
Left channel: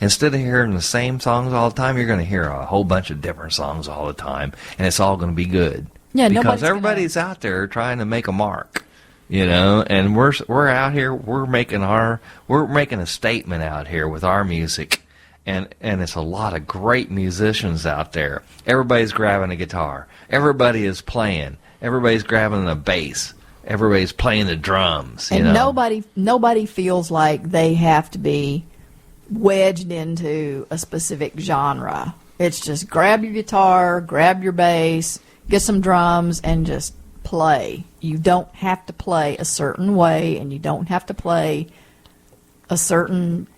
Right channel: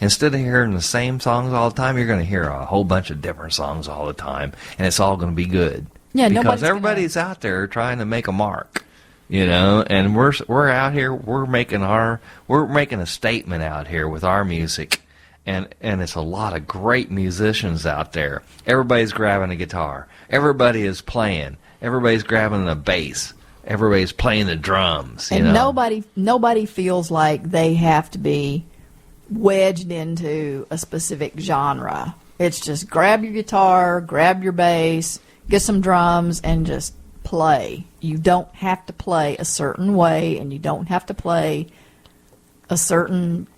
instead of hearing the same songs all the time, you're going to hear a whole bunch of different songs all the time, and it's all going to be good. Yeah, because everybody's out there trying to make a mark, and we're out here, we're making a statement out here with our music, and it's a lot of great musicians out there. Everybody's grabbing a guitar, everybody is playing, everybody's grabbing a bass, everybody's playing the drums. And nobody feels like they have to be wedged into a specific genre. It's just grab your guitar, grab your bass, get some drums, and just play. You don't have to play a certain way, and you don't have to play a certain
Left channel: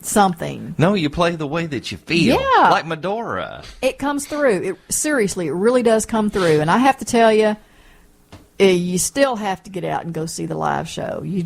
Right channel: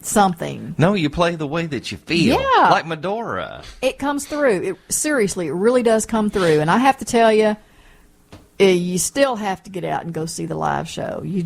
something. No, you play the way that you feel. Yeah. Like Madora. It comes through. Seriously, it really does come through. And I have to tell you, you still have to get out and go see the live show. You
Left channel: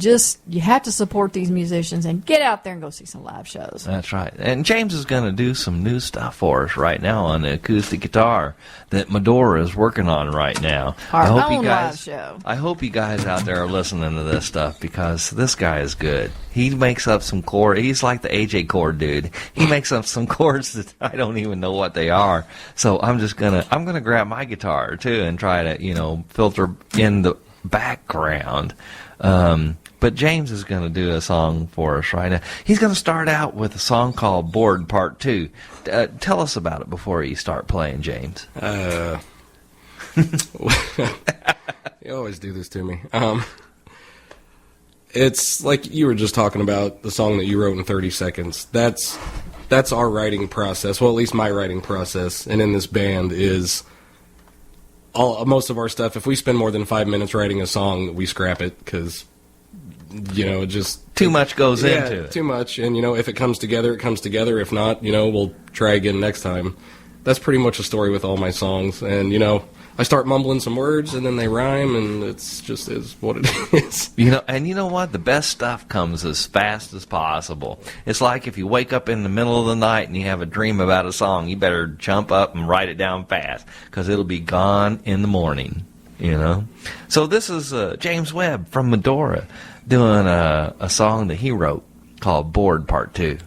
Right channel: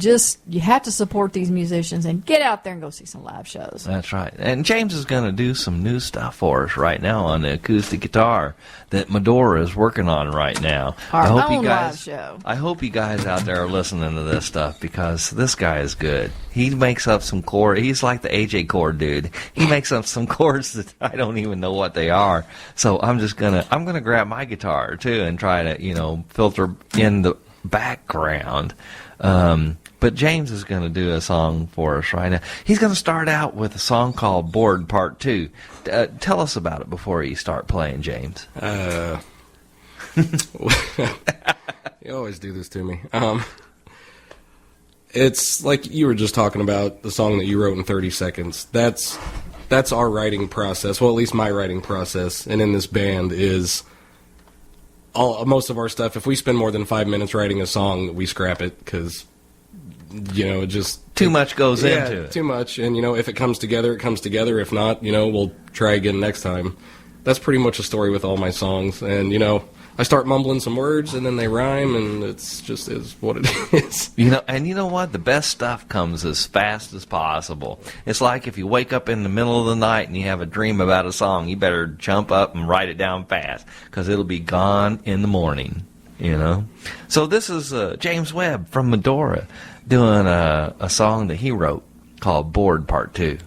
have to support these musicians and get out there and go see some live shows. That's right. And James is going to do some new stuff for us right now on the acoustic guitar that Madora is working on right now. Our own live show. I hope you guys out there are listening to this stuff, because this guy is good. He makes up some chords. He's like the AJ chord dude. He makes up some chords that I don't even know what they are. So I'm gonna grab my guitar too and try to filter in the background. But James is going to do a song for us right now. He's going to start out with a song called Bored Part 2. Tell us about it before you start playing, James. You always do this to me. It's like you were just talking about the song that you wrote in 30 seconds. That's our writing process. Well, at least my writing process. And in this band is most of our stuff. If we spend more than 5 minutes writing a song, we scrap it because, it just too much goes into it. Too much. And, if it comes together, it comes together. If not, we'll try again next time. That's pretty much a story with all my songs. And, I start mumbling some words and then they rhyme, and it's just is what it is. And you know what? The best stuff comes as fast as possible. It's like if you wake up in the middle of the night and you have a dream about a song, you better jump up and write it down fast, because it'll be gone in the morning, So this is James Webb from Madora doing a song that he wrote called Bored Part 2.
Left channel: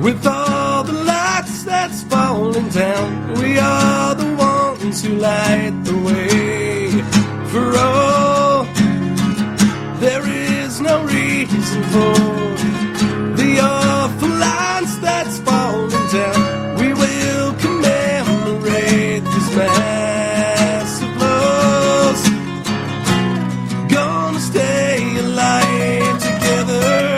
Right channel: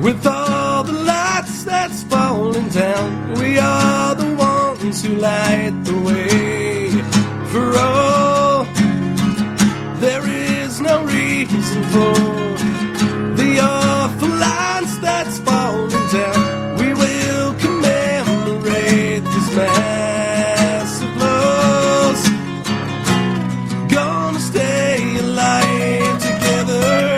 With all the lights that's falling down, we are the ones who light the way. For all, there is no reason for the awful lines that's falling down. We will commemorate this massive loss. Gonna stay alive together.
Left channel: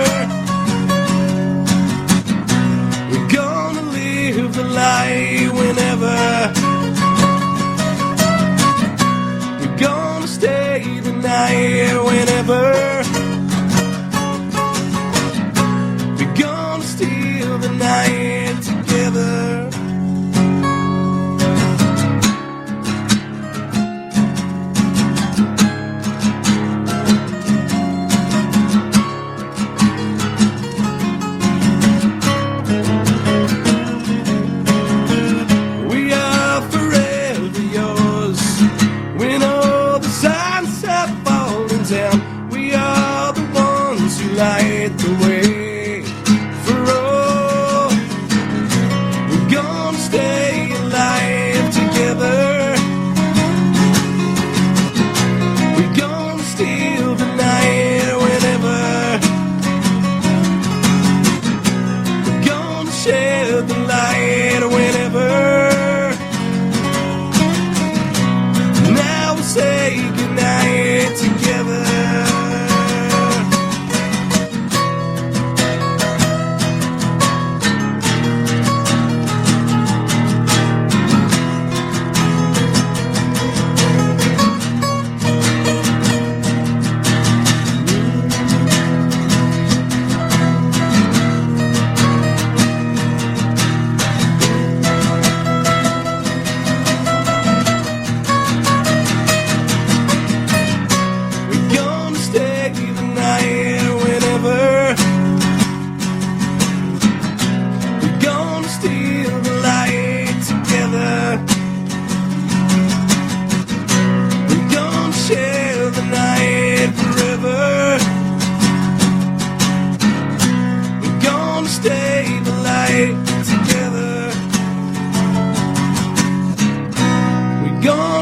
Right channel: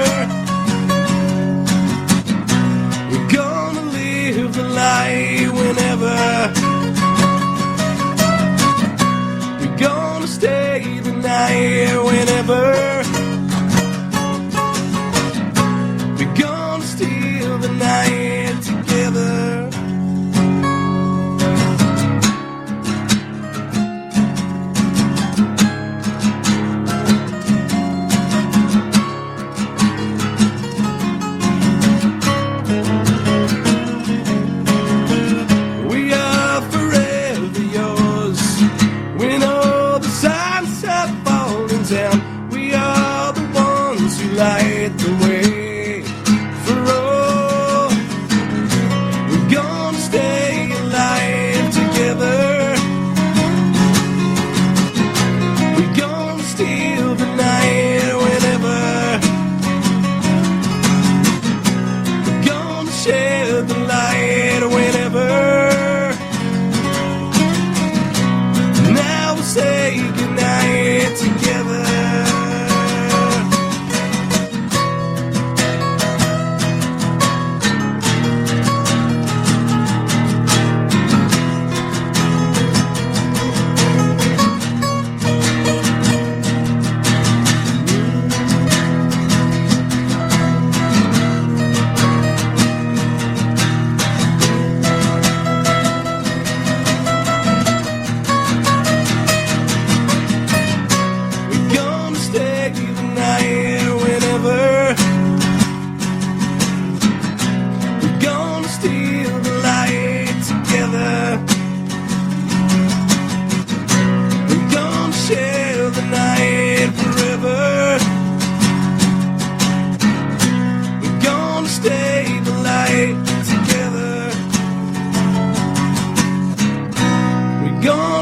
Whenever we're gonna stay the night, whenever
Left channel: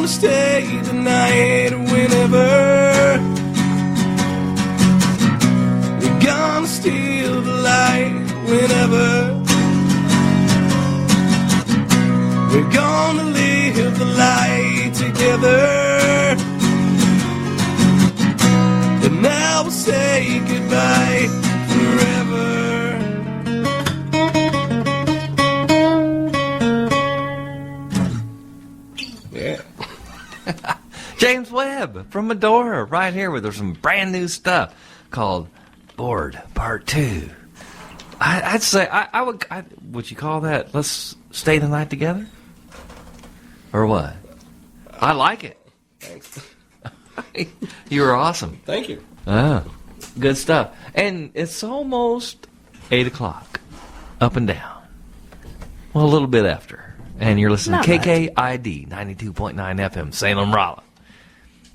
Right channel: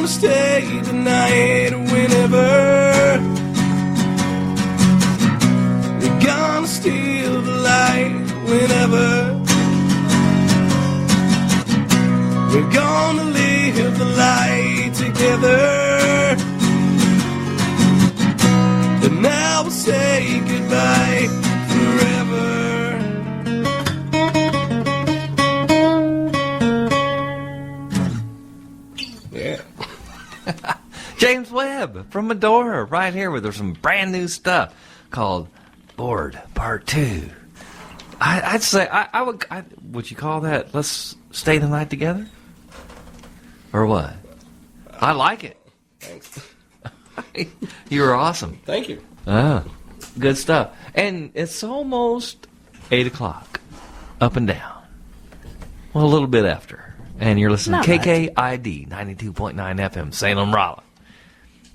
stay tonight whenever. We're gonna steal the light whenever. We're gonna live the light together. And now we'll say goodbye forever. Yeah. James Webb from Madora, right here with some brand new stuff called Bored Part 2. I'd say, would you call that Let's Stay the Night Together? Or what? I like it. Thanks. You were awesome. Thank you. Ah, good stuff. And it's almost 8 o'clock. Up and down. Well, a little bit after. And you're listening to KKID 92.9 FM, Salem, Rolla.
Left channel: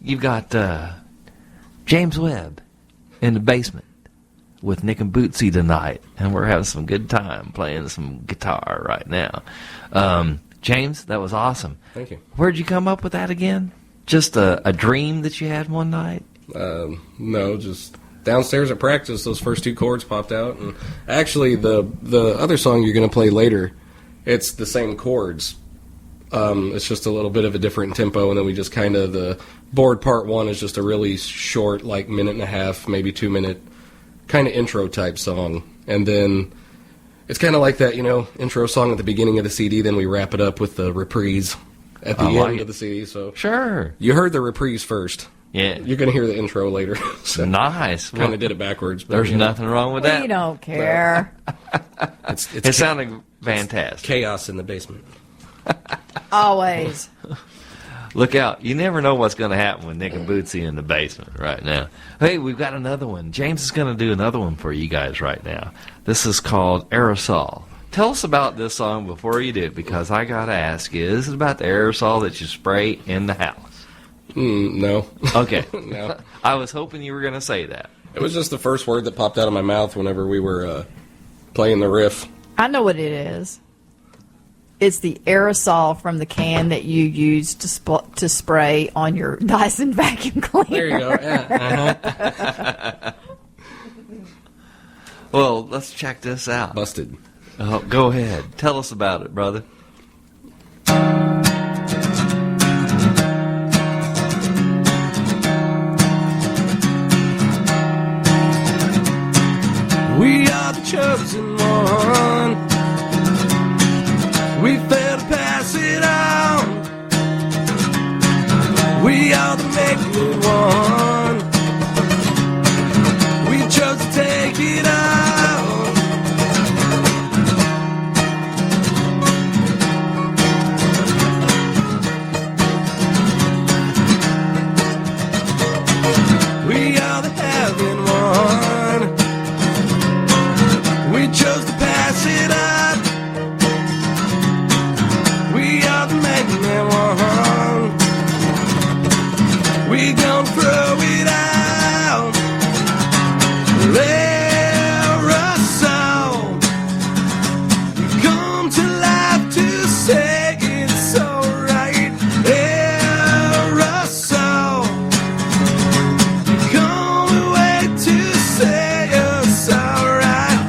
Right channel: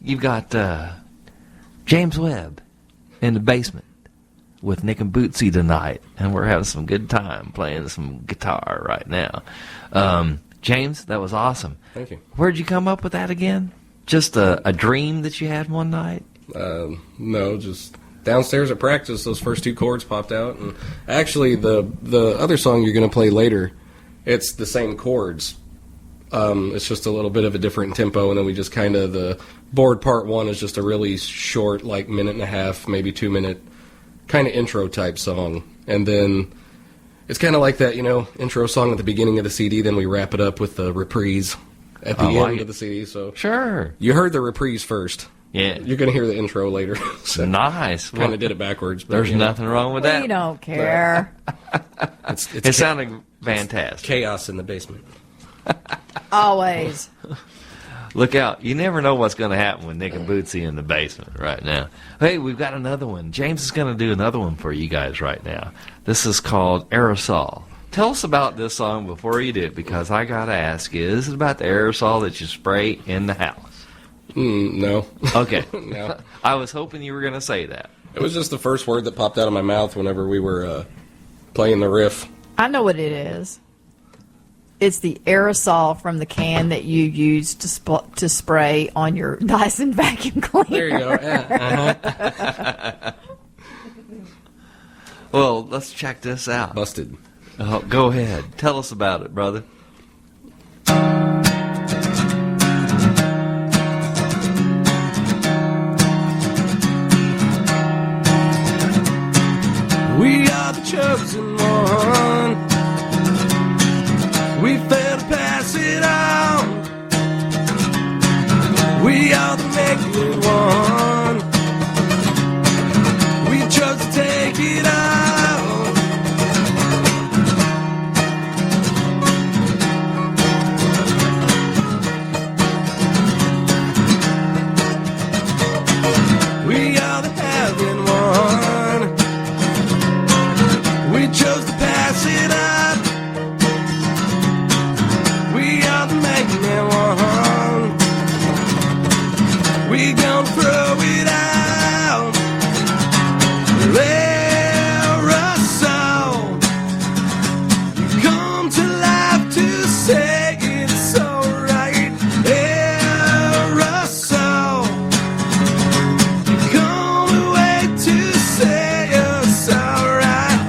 You've got James Webb in the basement with Nick and Bootsy tonight. And we're having some good time playing some guitar right now. James, that was awesome. Thank you. Where'd you come up with that again? Just a dream that you had one night? No, just downstairs at practice, those first two chords popped out. And actually, the other song you're going to play later, it's the same chords. It's just a little bit of a different tempo, and then we just kind of, the Bored Part 1 is just a really short, like minute and a half, maybe 2 minute, kind of intro type song. And then it's kind of like that, intro song at the beginning of the CD, then we wrap it up with the reprise at the end of the CD. So sure. You heard the reprise first. Yeah. You're going to hear the intro later. So nice. Kind of did it backwards. But, there's nothing wrong with that. We don't care. It sounded fantastic. Chaos in the basement. Always. Look out. You never know what's going to happen with Nick and Bootsy in the basement right now. Hey, we've got another one. James is going to do another one for you guys right now. This is called Aerosol. Tell us about this song before you do it, because I got to ask you, is it about the aerosol that you spray in the house? No. Okay. No. I was hoping you were going to say that. It was just the first word that popped out of my mouth whenever we were playing the riff. I know what it is. It's the aerosol from the can that you use to spray on your Dyson vacuum cleaner. There you go. Yeah. Well, let's check this out. Busted. Go ahead. Tell us about it, brother. We are the chosen one. We fail to pass it on. We are the naked one. We chose to take it out. We are the heaven one. We chose to pass it up. We are the magnet one. We gon' throw it out. Aerosol. You come to life to say it's alright. Aerosol. You come away to say it's alright.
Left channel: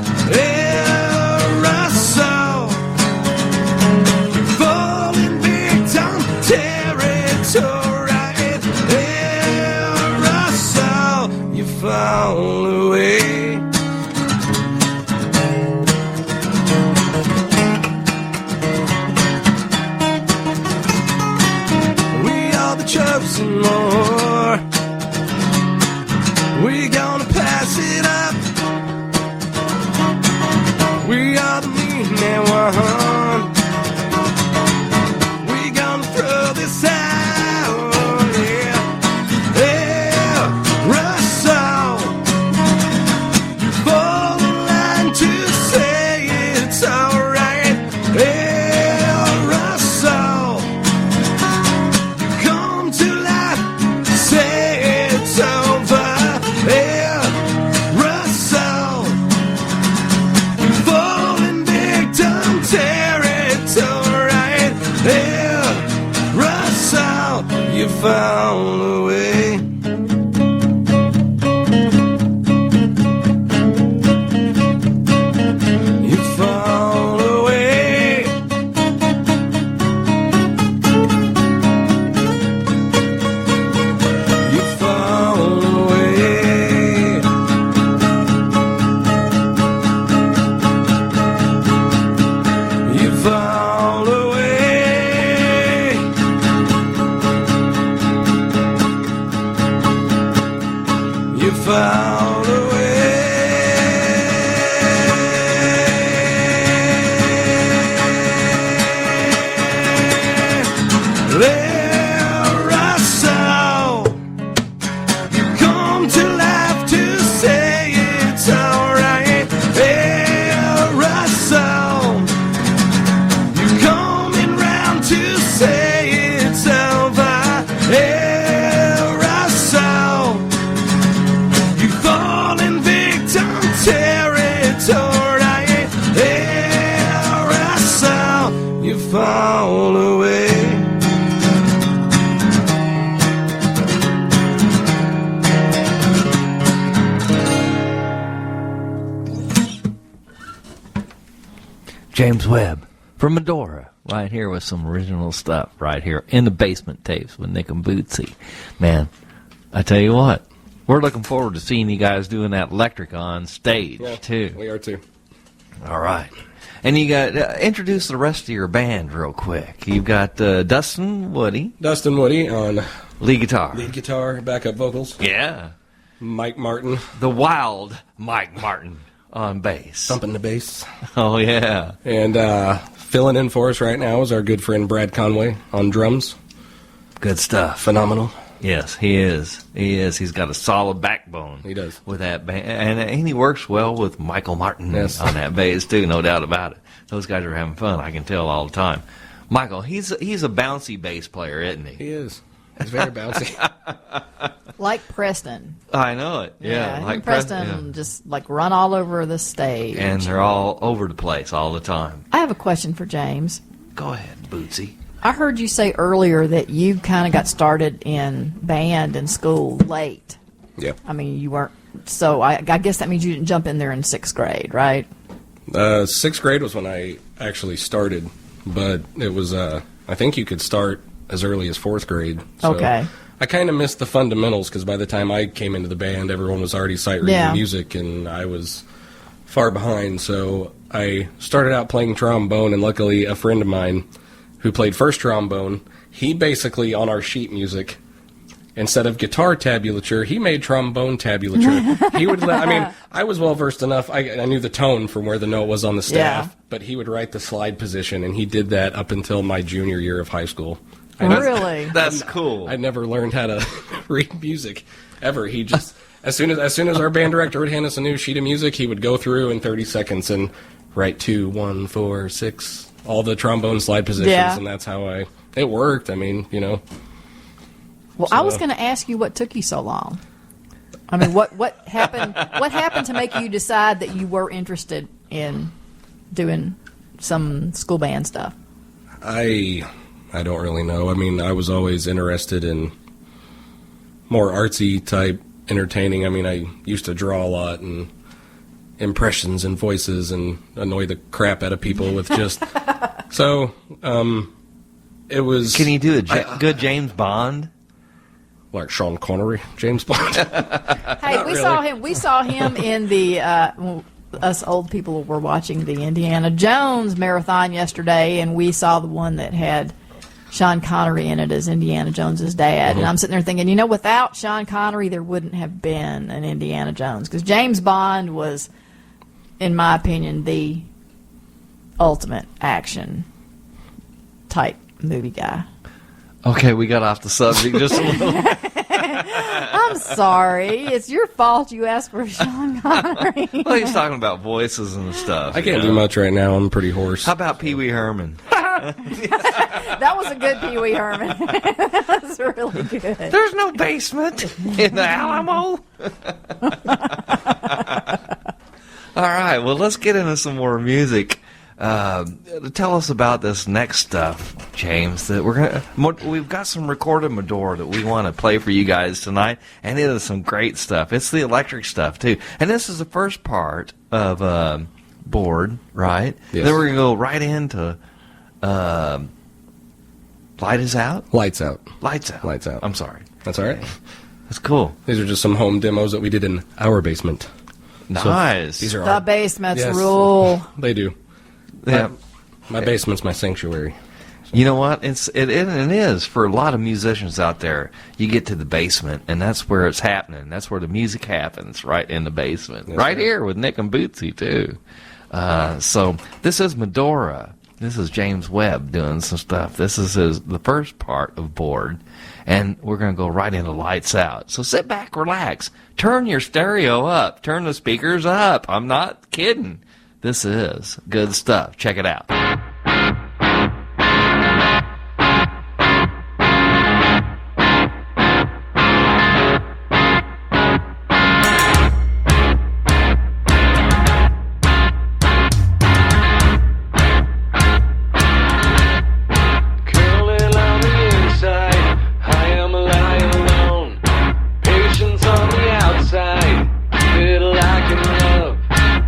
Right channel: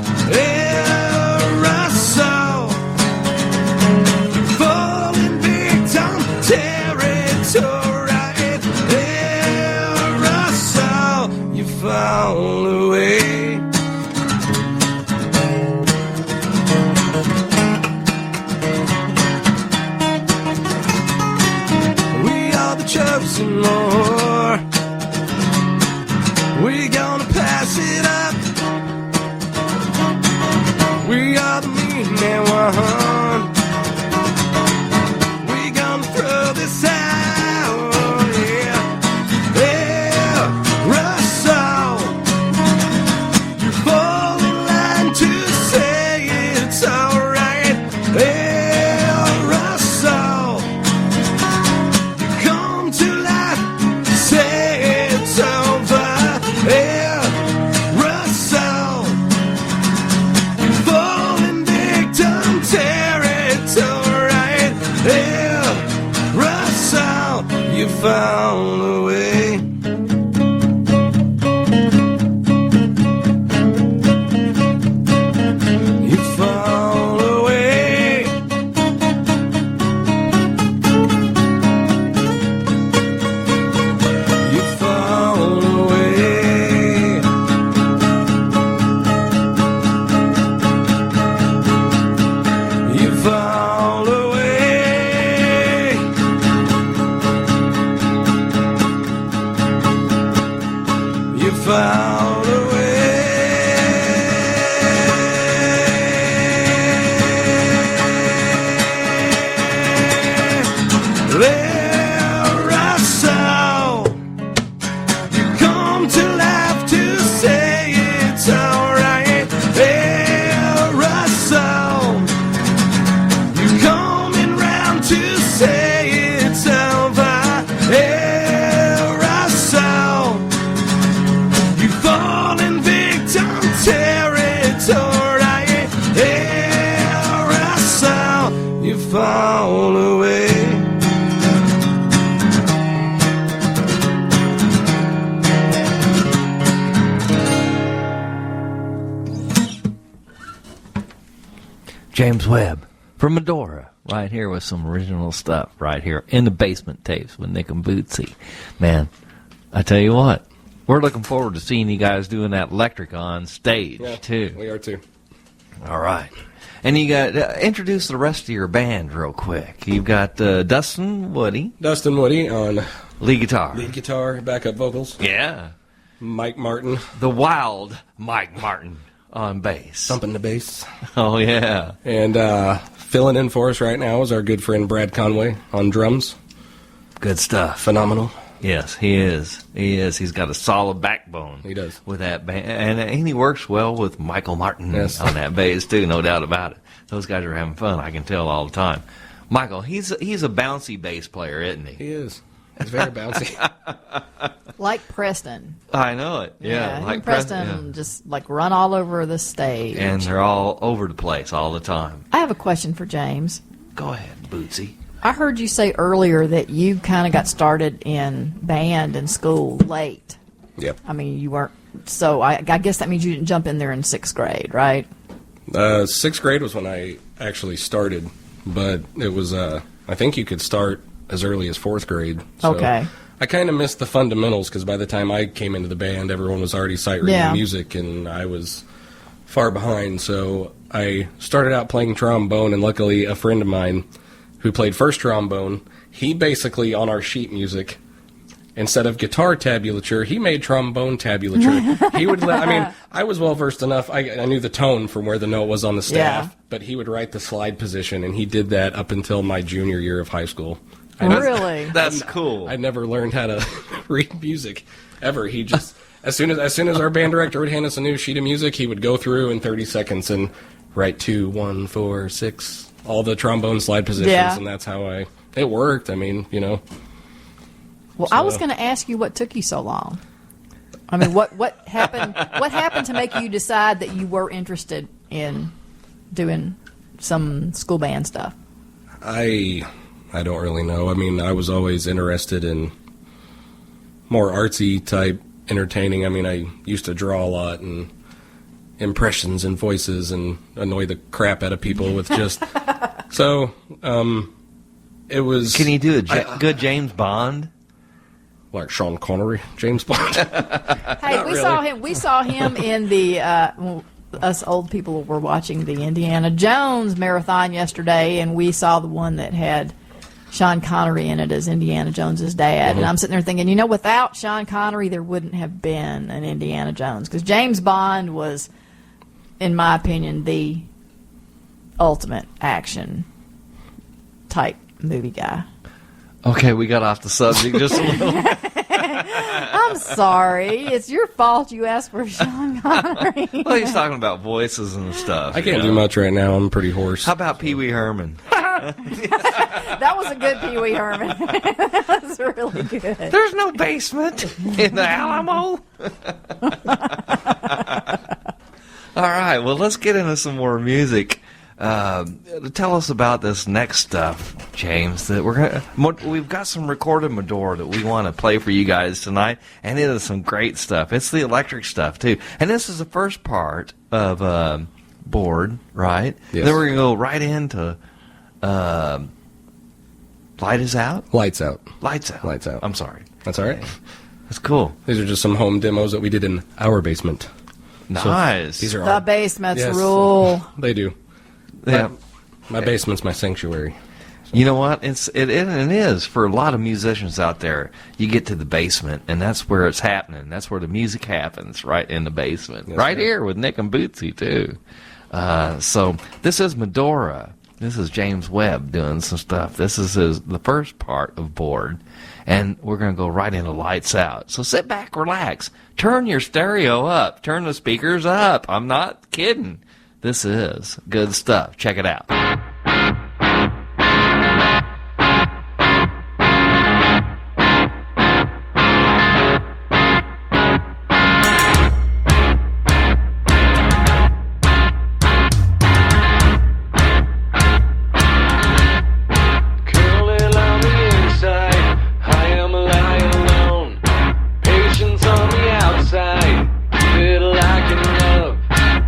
Aerosol. You fall in victim territory. Aerosol. You fall away. We are the chosen more. We gonna pass it up. We are the mean one. We gonna throw this out. Yeah. Aerosol. You fall in line to say it's alright. Aerosol. You come to life. found a way. You found a way. You found a way. You found a way. You found a way. There I saw you come to life to say it's alright. There I saw you coming round to say it's over. There I saw you falling victim territory. There I saw you fall away. James Webb from Madora, right here with some original stuff, right here in the Basement Tapes with Nick and Bootsy. Man, I tell you what, we're looking forward to seeing you guys doing that electric on stage, too. We are, too. All right. And you got, introduce the rest of your band real quick. You've got Dustin Woody. Dustin Woody on lead guitar. Lead guitar, backup vocals. Yeah. Mike Martin. The wild Mike Martin on bass. Thumping the bass. Oh, yeah. And filling in for us right now is our good friend Brad Conway on drums. Good stuff. Phenomenal. Yes, he is. He is. He's got a solid backbone. He does. With that band. And he works well with Michael Martin on that bass, too, no doubt about it. Those guys are having fun. I can tell all the time. Michael, he's a bouncy bass player, isn't he? He is. He's very bouncy. Like Preston. I know it. Yeah, him like and Preston just like run all over the stage. And they're all over the place all the time. I have a question for James. Go ahead, Bootsy. I heard you say earlier that you kind of got started in band in school late. Yep. I mean, you weren't. So I guess that means you didn't jump in there in 6th grade, right? 6th grade was when I actually started, but it was, I think you could start as early as 4th grade. So Okay. I kind of missed the fundamentals because by the time I came into the band, everyone was already sight reading music, and I was far behind. So I started out playing trombone, and luckily a friend of mine who played first trombone, he basically, on our sheet music, instead of guitar tabulature, he made trombone tabulature. He would I was well versed enough. I knew the tone from where the note was on the staff, but he would write the slide position, and he did that up until my junior year of high school. Really? That's cool. I never learned how to read music ever. He just as soon as our band director would hand us a new sheet of music, he would go through in 30 seconds and write 2, 1, 4, 6, all the trombone slide positions, and that's how it worked. I mean, you know. Well, I was going to ask you what took you so long. I mean, what happened? What happened to make you decide that you were interested in doing some school band stuff? I don't really know. I mean, I was always interested in more artsy type entertaining. I mean, I used to draw a lot and impressions and voices and annoy the crap out of people with just so it was. Can you do a good James Bond? Like Sean Connery, James Bond. Hey, we saw him in the us old people were watching the Indiana Jones marathon yesterday, and we saw the one that had Sean Connery in it as Indiana Jones's dad. And I'm sitting there thinking, you know, without Sean Connery, there wouldn't have been an Indiana Jones, because James Bond was, in my opinion, the ultimate action type movie guy. Okay, we got off the subject just a little. I'm sorry. It's your fault you asked for Sean Connery. Well, he's talking about voices and stuff. I can't do much right now. I'm pretty hoarse. How about Pee Wee Herman? That was a good Pee Wee Herman. That was really good. There's no basement in the Alamo. All right, well, let's get into some more music. Tell us about this next stuff, James. That we've got some recorded Madora that we want to play for you guys tonight, and it is some great stuff. It's the electric stuff too, and this is the first part of Bored, right? Yes. Then we're gonna go right into Light is Out. Lights Out. Lights Out. Lights Out. I'm sorry. That's all right. That's cool. These are just some home demos that we did in our basement. Nice. So these are The our, basements yes, rule. They do. Yeah. My basement's my sanctuary. You know what? It is for a lot of musicians out there. You get to the basement, and that's where it's happening. That's where the music happens, right in the basement. Yes, right sir. here with Nick and Bootsy, too. So this is Madora. This is James Webb doing some stuff. This is the first part of Bored, and we're going to go right into Lights Out. So sit back, relax. Turn your stereo up. Turn the speakers up. I'm not kidding. This is good stuff. Check it out. Curling on the inside, I am lying alone. Patience on the outside, keep it like in love.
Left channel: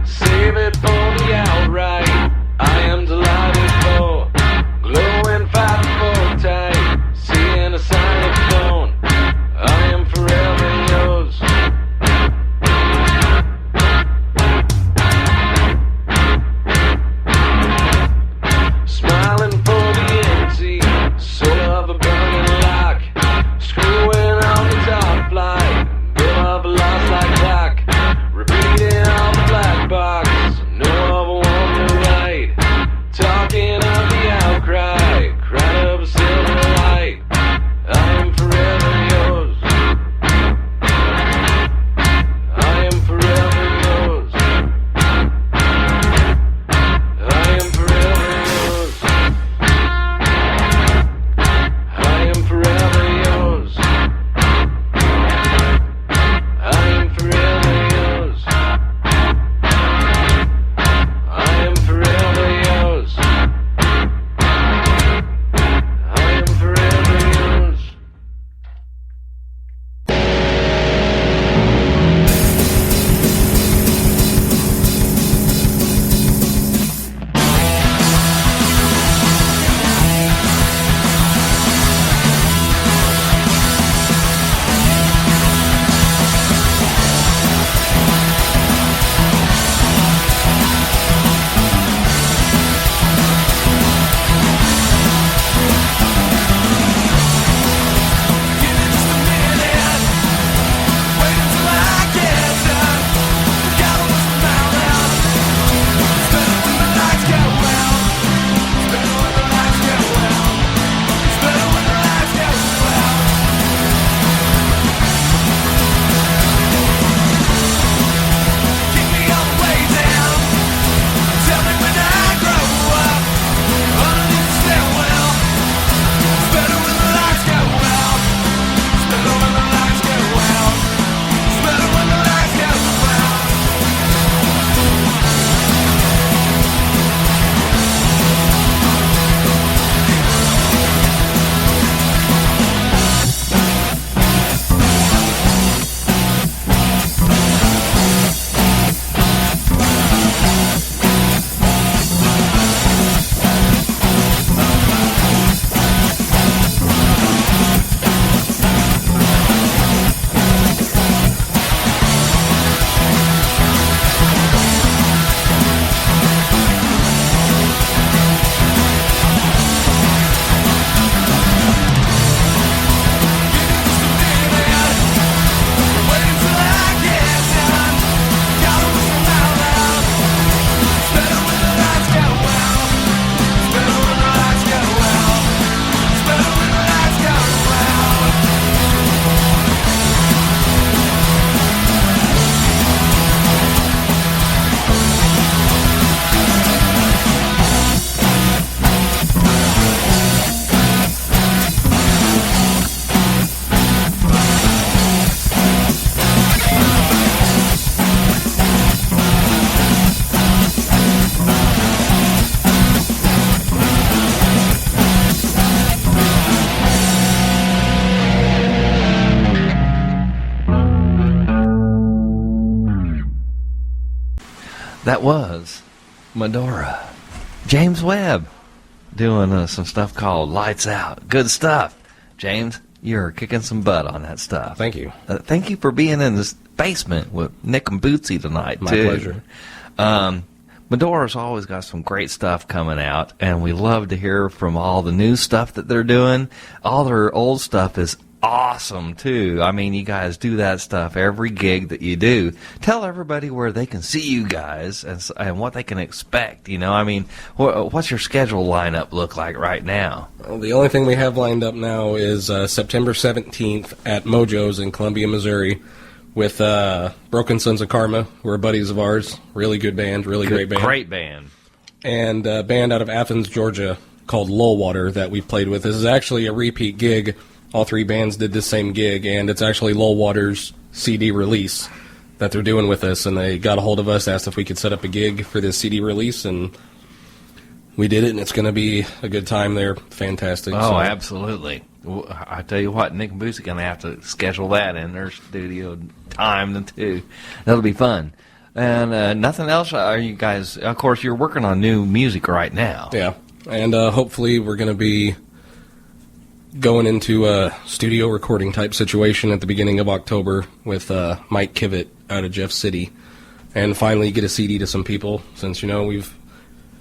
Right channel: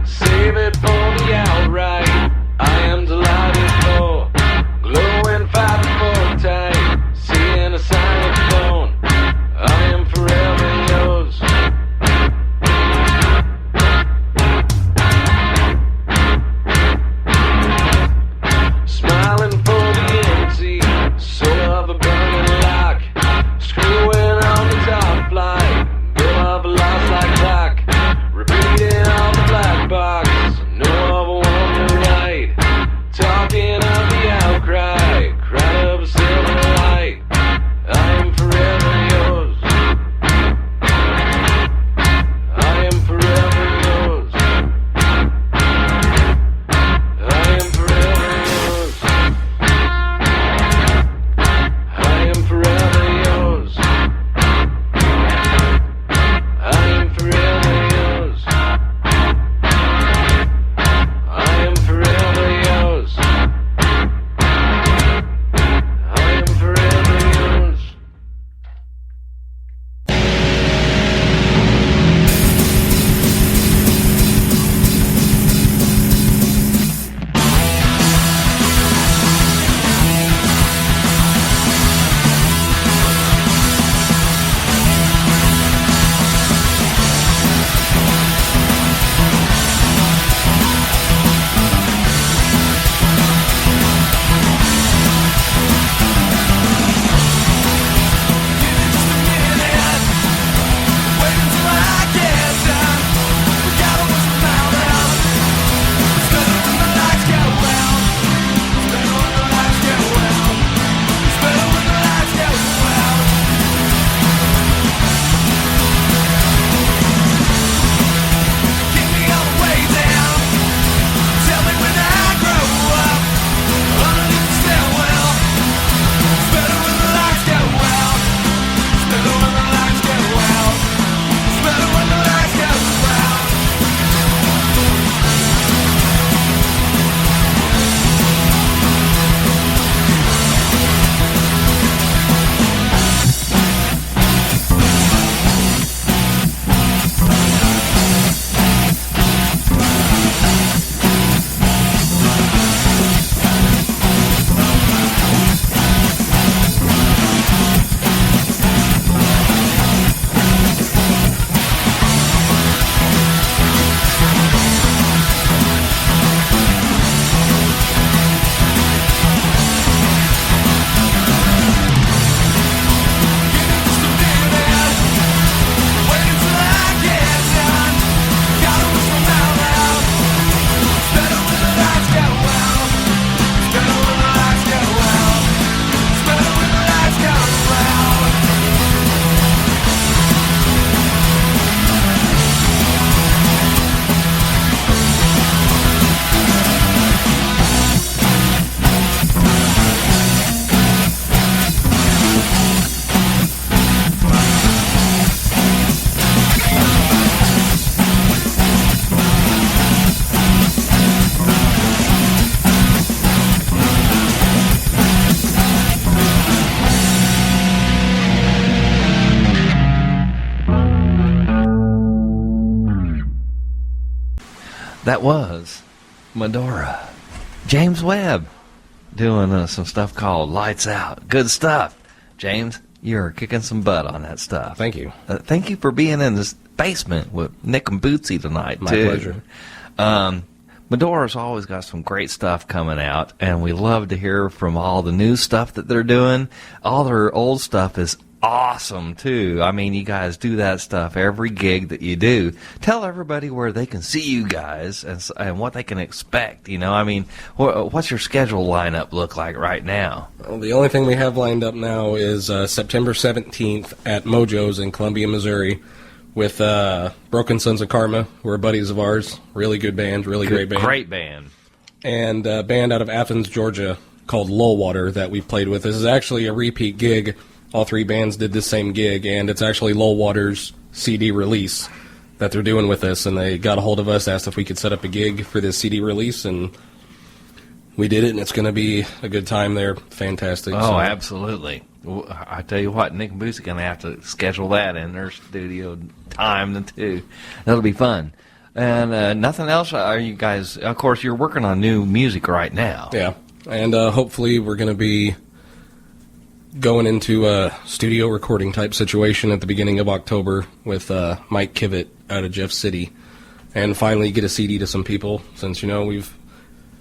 Save it for the outright. I am delighted That was Madora. James Webb doing some stuff called Lights Out. Good stuff. James, you're kicking some butt on that stuff. Thank you. Thank you for being in this basement with Nick and Bootsy tonight, My too. pleasure. Madora's always got some great stuff coming out, and we love to hear from all the new stuff that they're doing. All their old stuff is awesome, too. I mean, you guys do that stuff every gig that you do. Tell everybody where they can see you guys and what they can expect, you know. I mean, what's your schedule lineup look like right now? Well, the only thing we have lined up now is September 17th at Mojo's in Columbia, Missouri, with Broken Sons of Karma, who are buddies of ours. Really good band, great band. Great band. And a band out of Athens, Georgia, called Lullwater that we've played with. This is actually a repeat gig. All three bands did this same gig, and it's actually Lullwater's CD release that they're doing with us. And they got a hold of us, asked if we could set up a gig for this CD release, and we did it, and it's going to be a good time. They're fantastic. Oh, absolutely. I tell you what, Nick and Bootsy going to have to schedule that in their studio time, too. That'll be fun. And nothing else? Are you guys, of course, you're working on new music right now. Yeah, and hopefully we're going to be going into a studio recording type situation at the beginning of October with Mike Kivett out of Jeff City, and finally get a CD to some people, since, you know, we've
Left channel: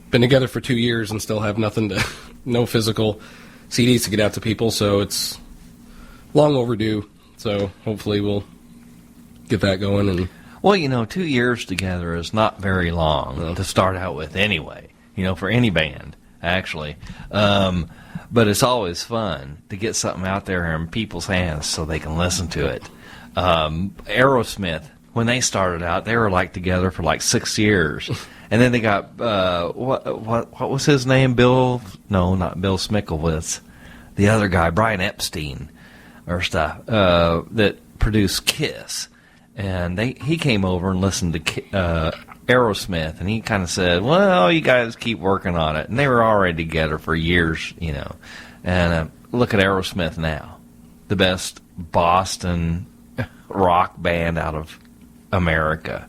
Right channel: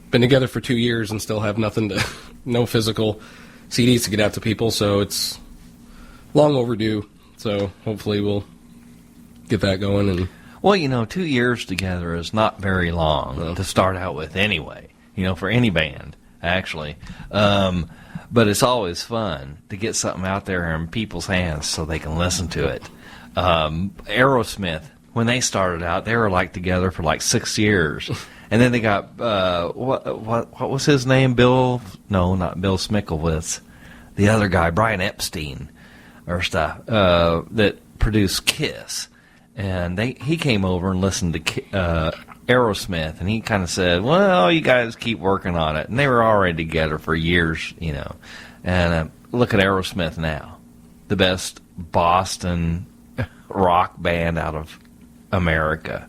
been together for 2 years and still have no physical CDs to get out to people, so it's long overdue. So hopefully we'll get that going. And well, you know, 2 years together is not very long to start out with anyway, you know, for any band, actually. But it's always fun to get something out there in people's hands so they can listen to it. Aerosmith, when they started out, they were like together for like 6 years. And then they got, what was his name? No, not Bill Smicklewitz. The other guy, Brian Epstein, or stuff, that produced Kiss. And he came over and listened to Aerosmith, and he kind of said, well, you guys keep working on it. And they were already together for years, you know. And look at Aerosmith now, the best Boston rock band out of America,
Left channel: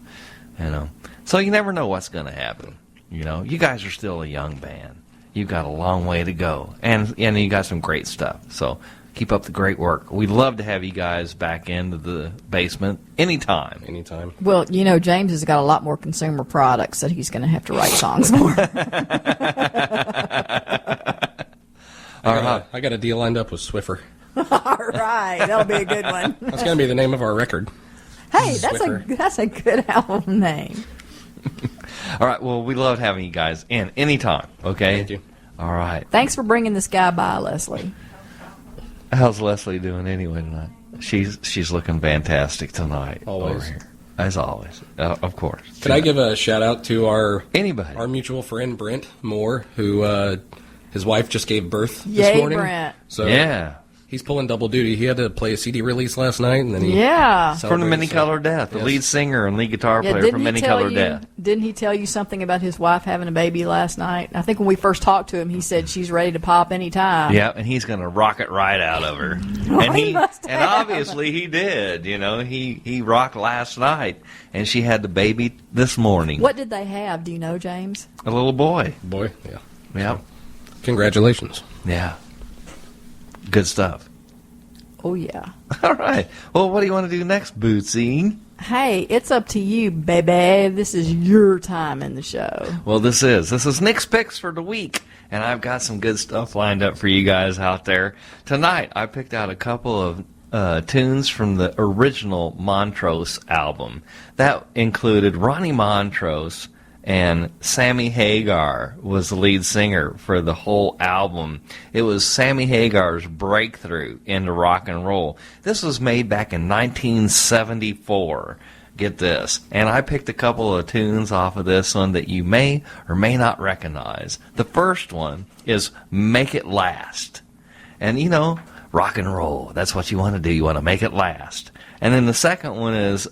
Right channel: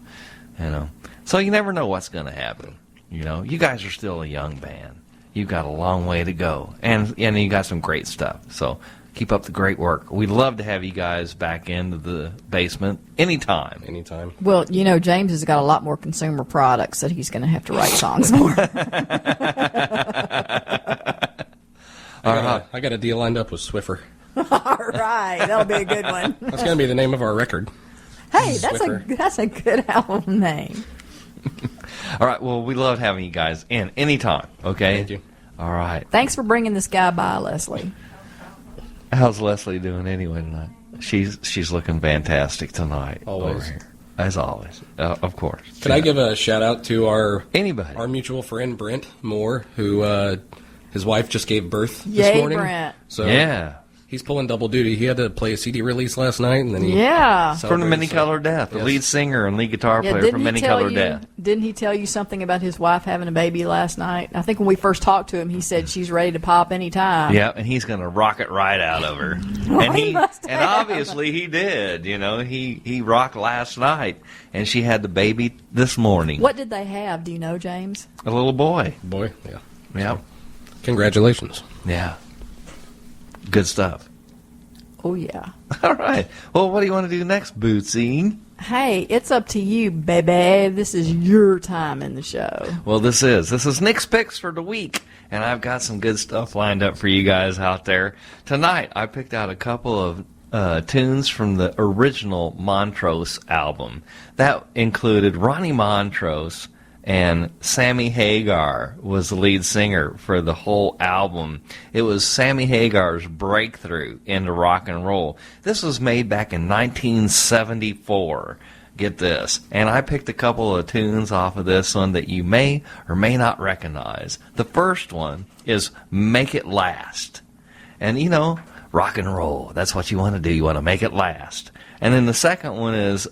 you know. So you never know what's going to happen. You know, you guys are still a young band. You've got a long way to go, and you got some great stuff. So keep up the great work. We'd love to have you guys back into the basement anytime. Anytime. Well, you know, James has got a lot more consumer products that he's going to have to write songs for. I got a deal lined up with Swiffer. All right, that'll be a good one. That's going to be the name of our record. Hey, that's a good album name. All right, well, we love having you guys in anytime, okay? Thank you. All right. Thanks for bringing this guy by, Leslie. How's Leslie doing anyway tonight? She's looking fantastic tonight. Always. Over here. As always. Of course. Can I give a shout out to our mutual friend Brent Moore, who his wife just gave birth this Yay, morning. Brent. So yeah. He's pulling double duty. He had to play a CD release last night, and then he from the Many Color Death, the lead singer and lead guitar player from Many Color Death. Didn't he tell you something about his wife having a baby last night? I think when we first talked to him, he said she's ready to pop anytime. Yeah, and he's going to rock it right out of her. And obviously he did. You know, he rocked last night, and she had the baby this morning. What did they have? Do you know, James? A little boy. Boy, yeah. Yeah. Congratulations. Yeah. Good stuff. Oh, yeah. All right. Well, what do you want to do next, Bootsy? Hey, it's up to you, baby. This is your time in the show. Well, this is Nick's Picks for the week, and I've got some good stuff lined up for you guys out there. Tonight, I picked out a couple of tunes from the original Montrose album. That included Ronnie Montrose, and Sammy Hagar was the lead singer for the whole album. It was Sammy Hagar's breakthrough into rock and roll. This was made back in 1974. Get this. And I picked a couple of tunes off of this one that you may or may not recognize. The first one is Make It Last. And, you know, rock and roll, that's what you want to do. You want to make it last. And then the second one is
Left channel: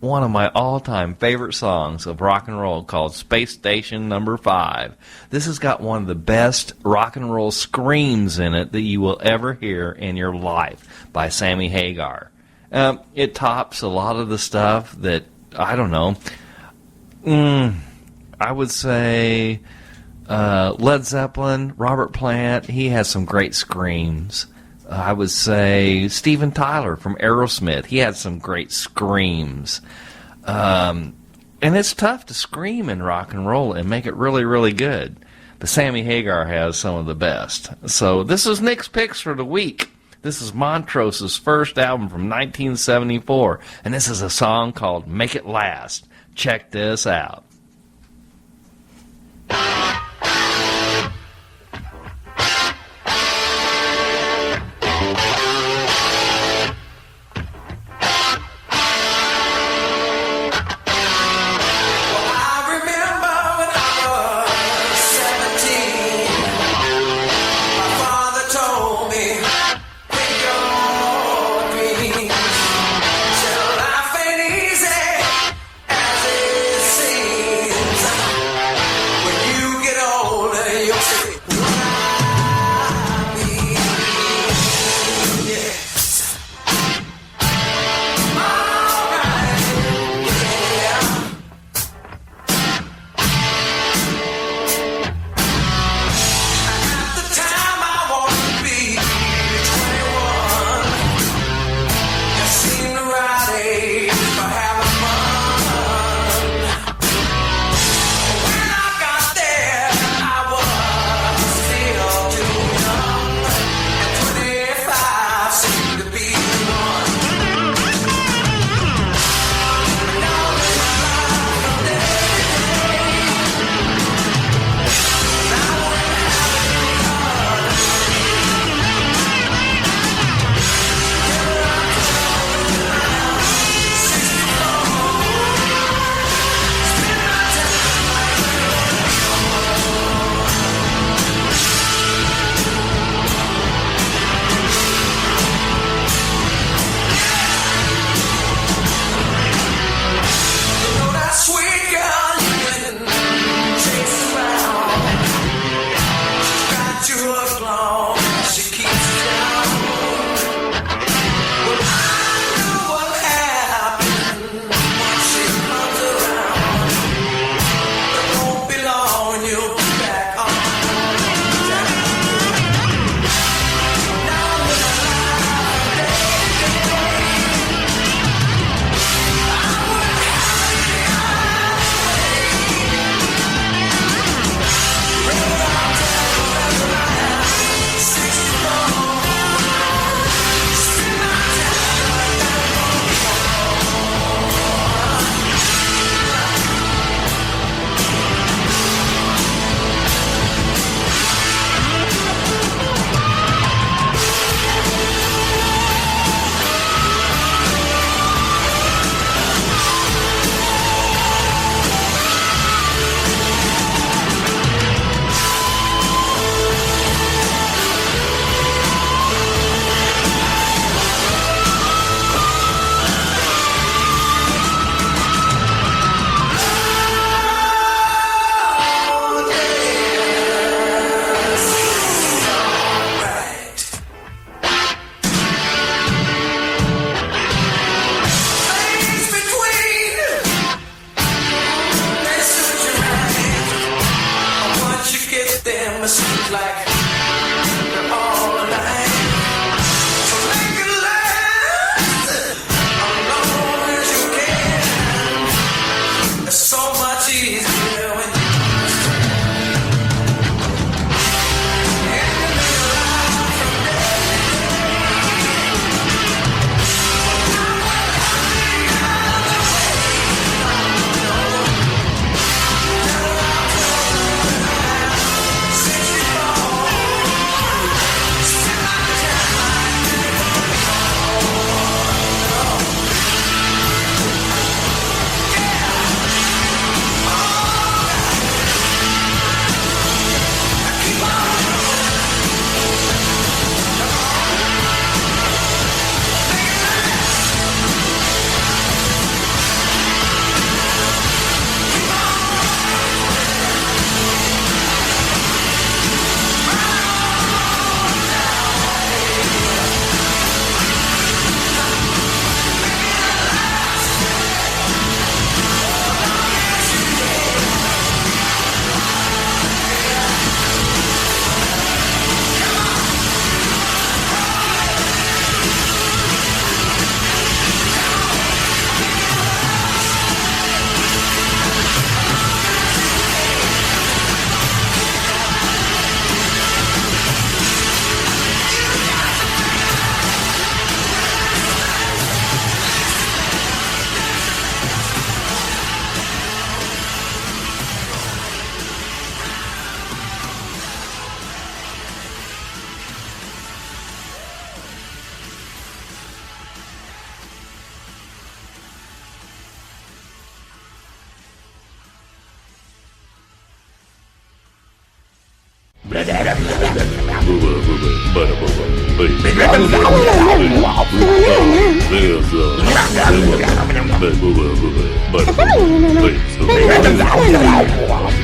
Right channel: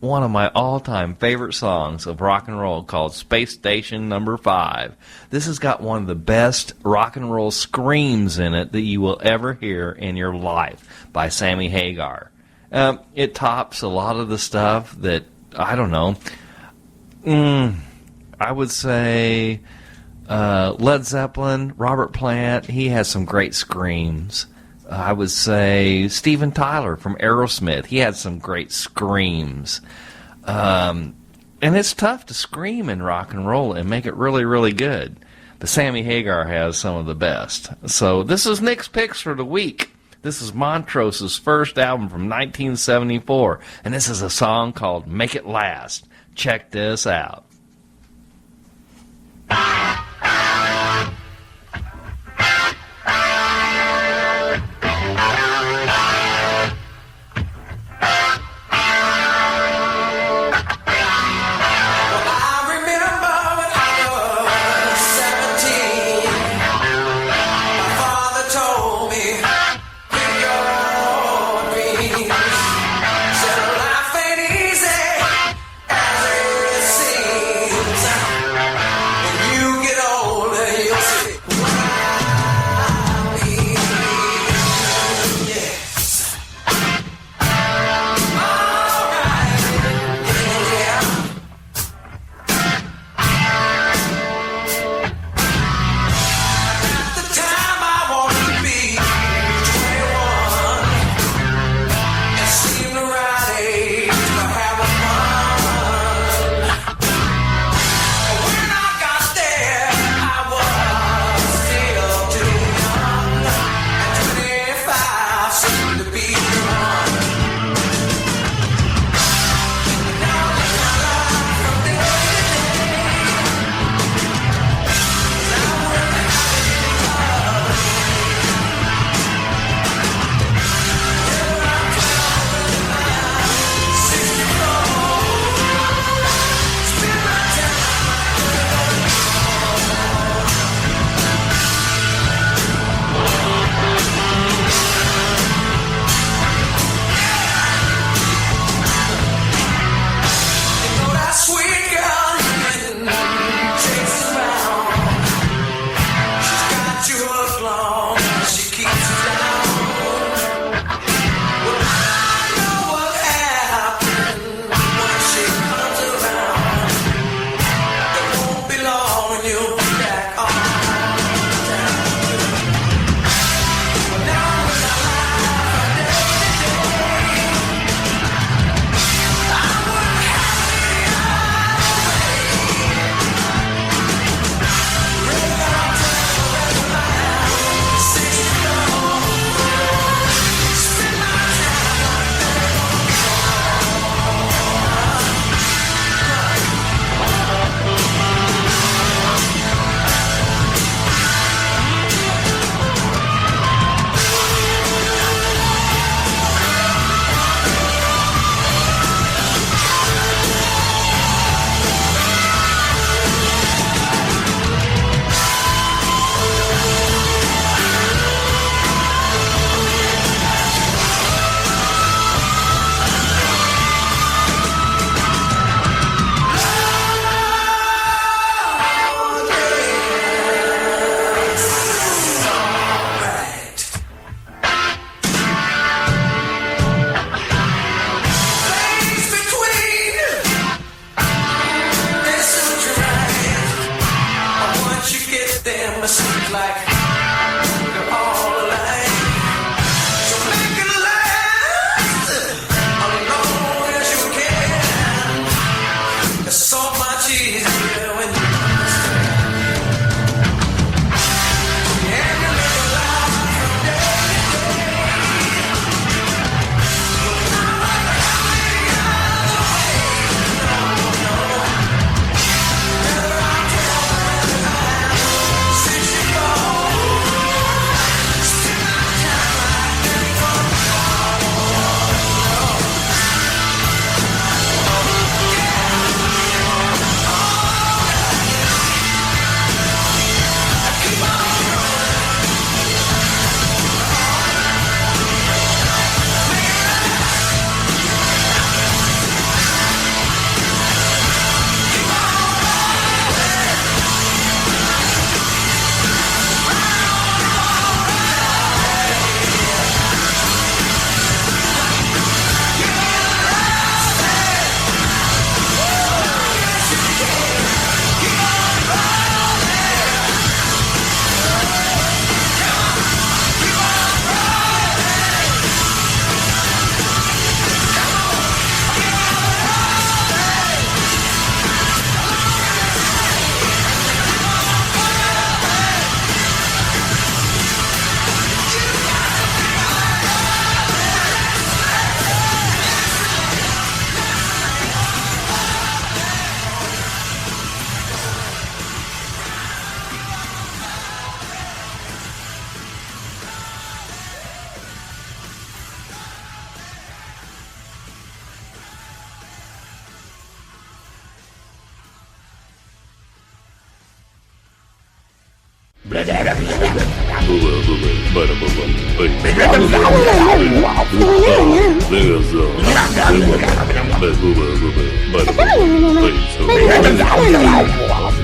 one of my all-time favorite songs of rock and roll called Space Station No. 5. This has got one of the best rock and roll screams in it that you will ever hear in your life by Sammy Hagar. It tops a lot of the stuff that, I don't know, I would say Led Zeppelin, Robert Plant, he has some great screams. I would say Steven Tyler from Aerosmith, he had some great screams. And it's tough to scream in rock and roll and make it really, really good. But Sammy Hagar has some of the best. So this is Nick's Picks for the week. This is Montrose's first album from 1974, and this is a song called Make It Last. Check this out. Get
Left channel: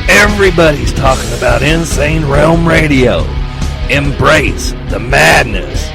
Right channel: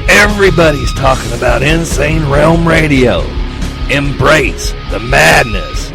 Everybody's talking about Insane Realm Radio. Embrace the madness.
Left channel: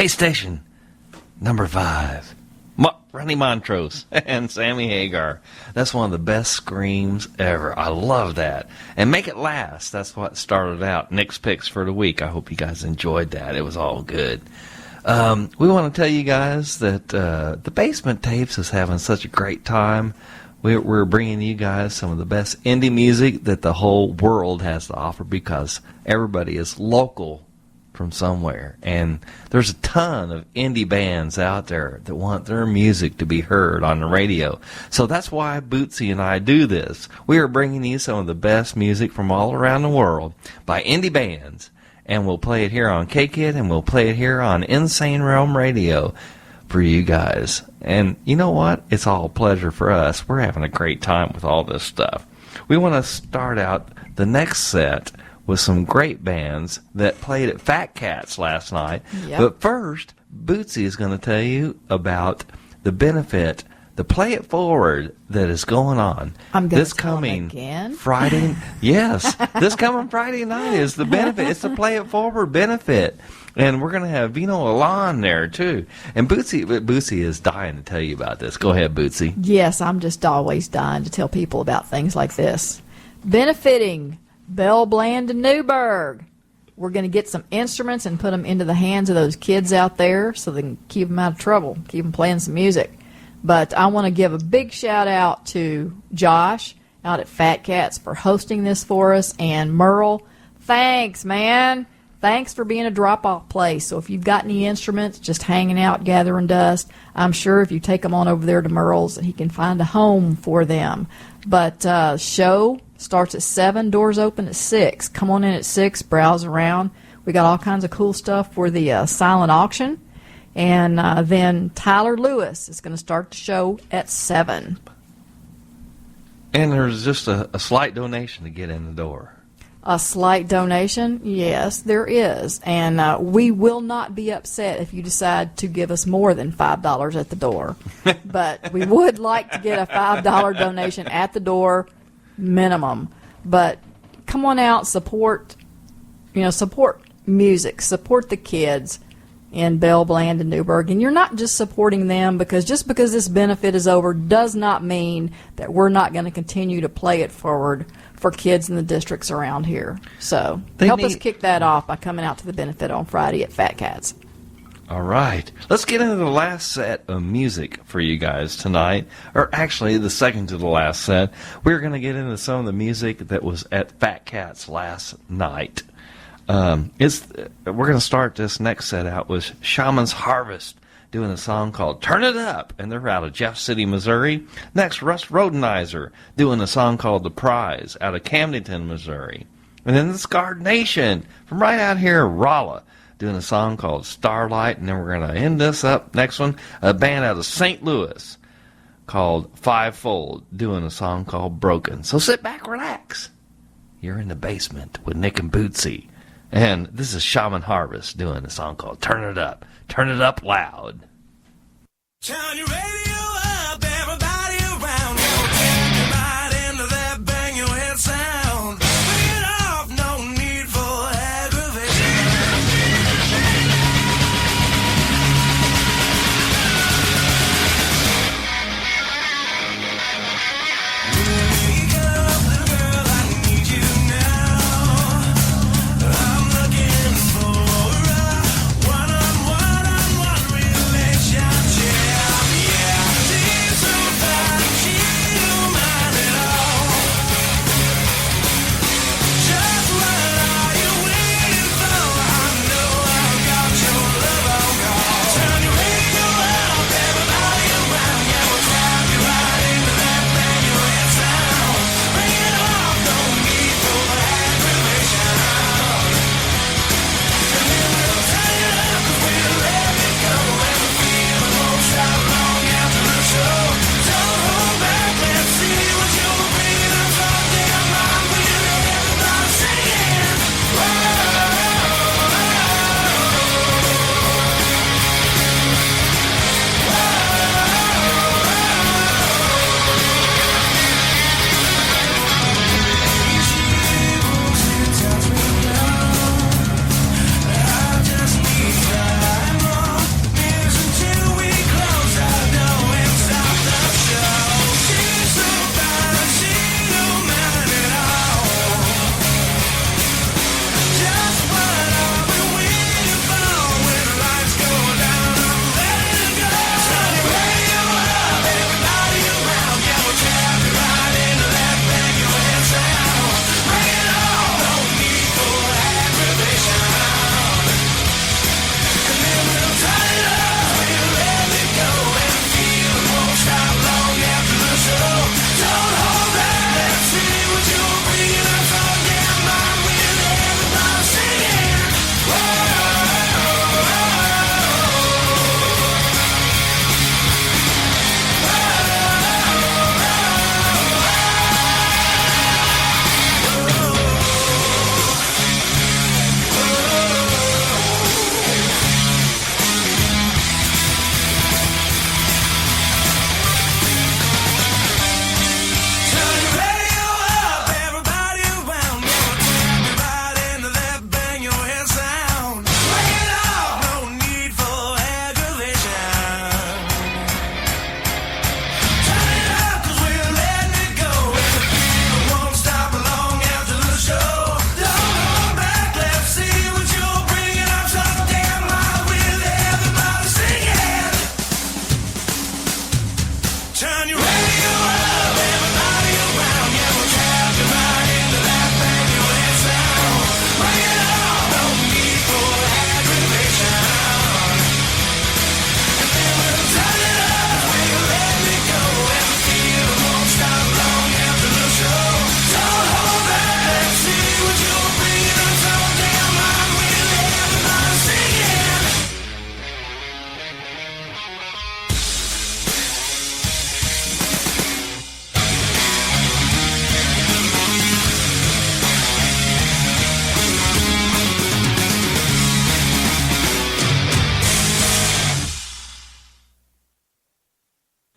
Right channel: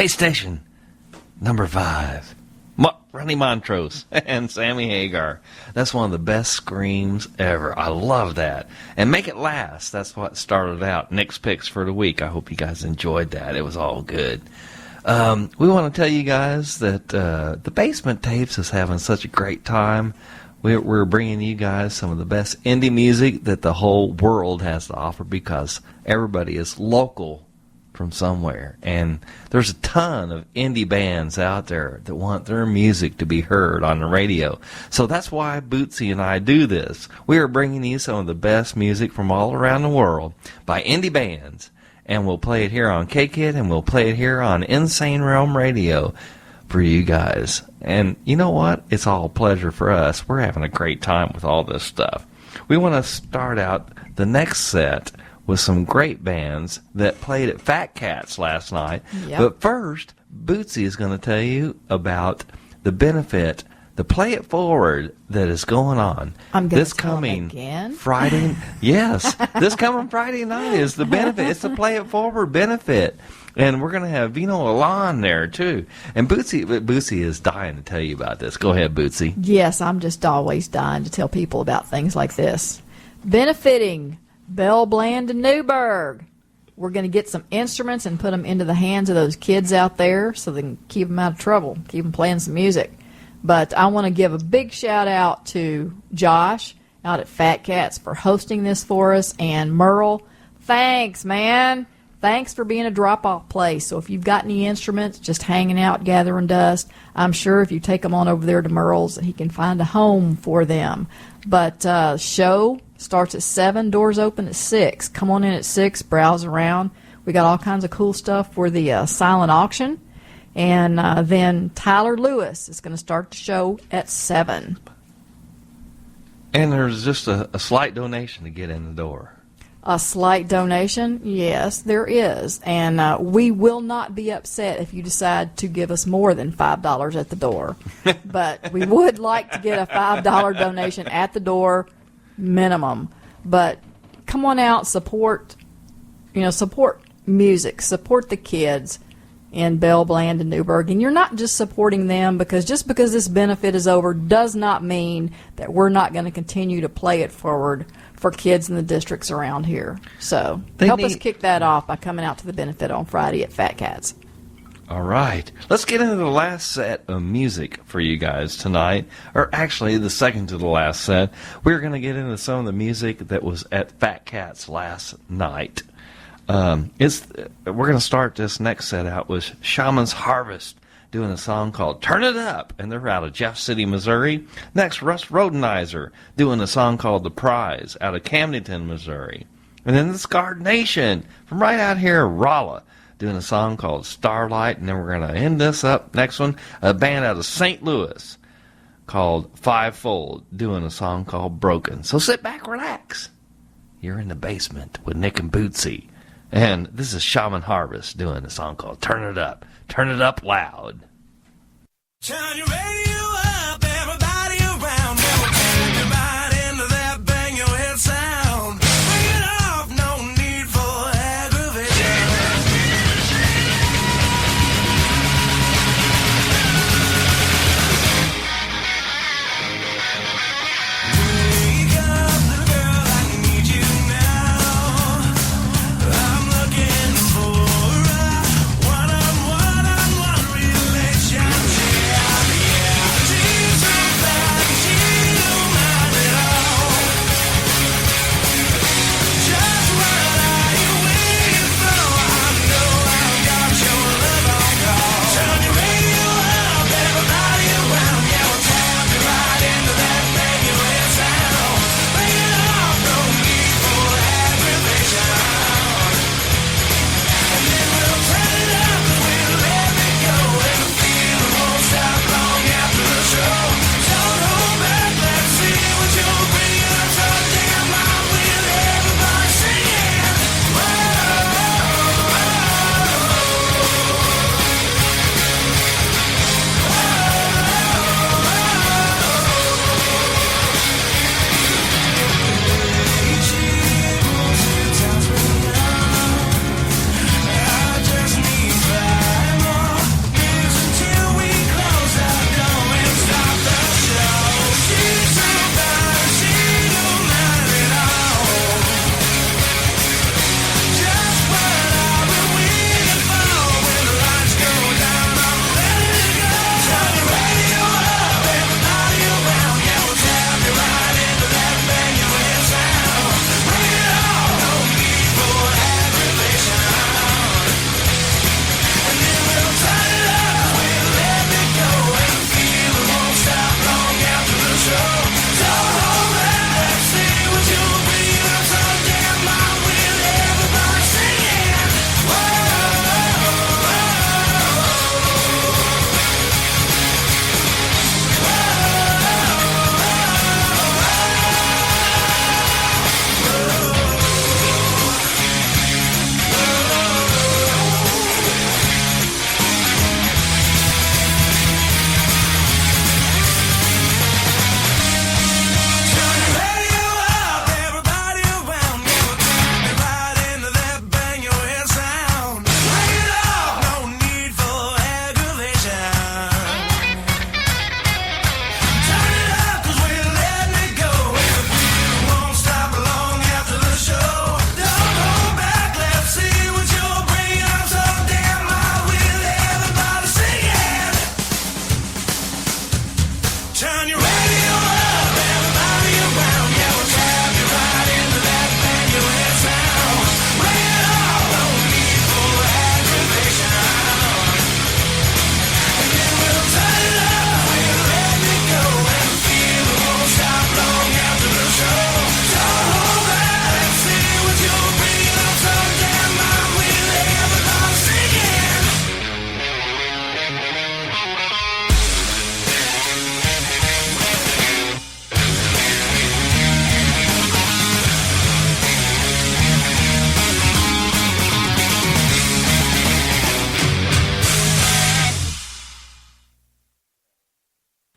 Base Station number 5. Ronnie Montrose and Sammy Hagar. That's one of the best screams ever. I love that. And Make It Last. That's what started out Nick's picks for the week. I hope you guys enjoyed that. It was all good. We want to tell you guys that the Basement Tapes is having such a great time. We're bringing you guys some of the best indie music that the whole world has to offer because everybody is local from somewhere. And there's a ton of indie bands out there that want their music to be heard on the radio. So that's why Bootsy and I do this. We are bringing you some of the best music from all around the world by indie bands. And we'll play it here on K-Kid, and we'll play it here on Insane Realm Radio for you guys. And you know what? It's all a pleasure for us. We're having a great time with all this stuff. We want to start out the next set with some great bands that played at Fat Cats last night. Yep. But first, Bootsy is going to tell you about the benefit, the Play It Forward that is going on. I'm going this to tell coming them again. Friday. Yes, this coming Friday night is the benefit. It's the Play It Forward benefit. And we're going to have Vino Alon there, too. And Bootsy is dying to tell you about this. Go ahead, Bootsy. Yes, I'm just always dying to tell people about things like this. Benefiting Bell Bland and Newburgh. We're going to get some instruments and put them into the hands of those kids out there so they can keep them out of trouble, keep them playing some music. But I want to give a big shout out to Josh out at Fat Cats for hosting this for us. And Merle, thanks, man. Thanks for being a drop-off place. So if you've got any instruments just hanging out, gathering dust, I'm sure if you take them on over there to Merle's, he can find a home for them. But show starts at 7, doors open at 6. Come on in at 6, browse around. We got all kinds of cool stuff for the silent auction. And then Tyler Lewis is going to start the show at 7. And there's just a slight donation to get in the door. A slight donation? Yes, there is. And we will not be upset if you decide to give us more than $5 at the door. But we would like to get a $5 donation at the door minimum. But come on out, support music, support the kids in Bell, Bland, and Newburgh. And you're not just supporting them because just because this benefit is over does not mean that we're not going to continue to play it forward for kids in the districts around here. So help us kick that off by coming out to the benefit on Friday at Fat Cats. All right. Let's get into the last set of music for you guys tonight. Or actually, the second to the last set. We're going to get into some of the music that was at Fat Cats last night. We're going to start this next set out with Shaman's Harvest doing a song called Turn It Up, and they're out of Jeff City, Missouri. Next, Russ Rhodenizer doing a song called The Prize out of Camdenton, Missouri. And then the Scarred Nation from right out here, Rolla, doing a song called Starlight. And then we're going to end this up, next one, a band out of St. Louis called Fivefold doing a song called Broken. So sit back, relax. You're in the basement with Nick and Bootsy. And this is Shaman Harvest doing a song called Turn It Up. Turn it up loud. Turn your radio up, everybody around. Never take your mind into that bang your head sound. Bring it off, no need for aggravation. Wake up, little girl, I need you now. I'm looking for a one-on-one relationship. Yeah.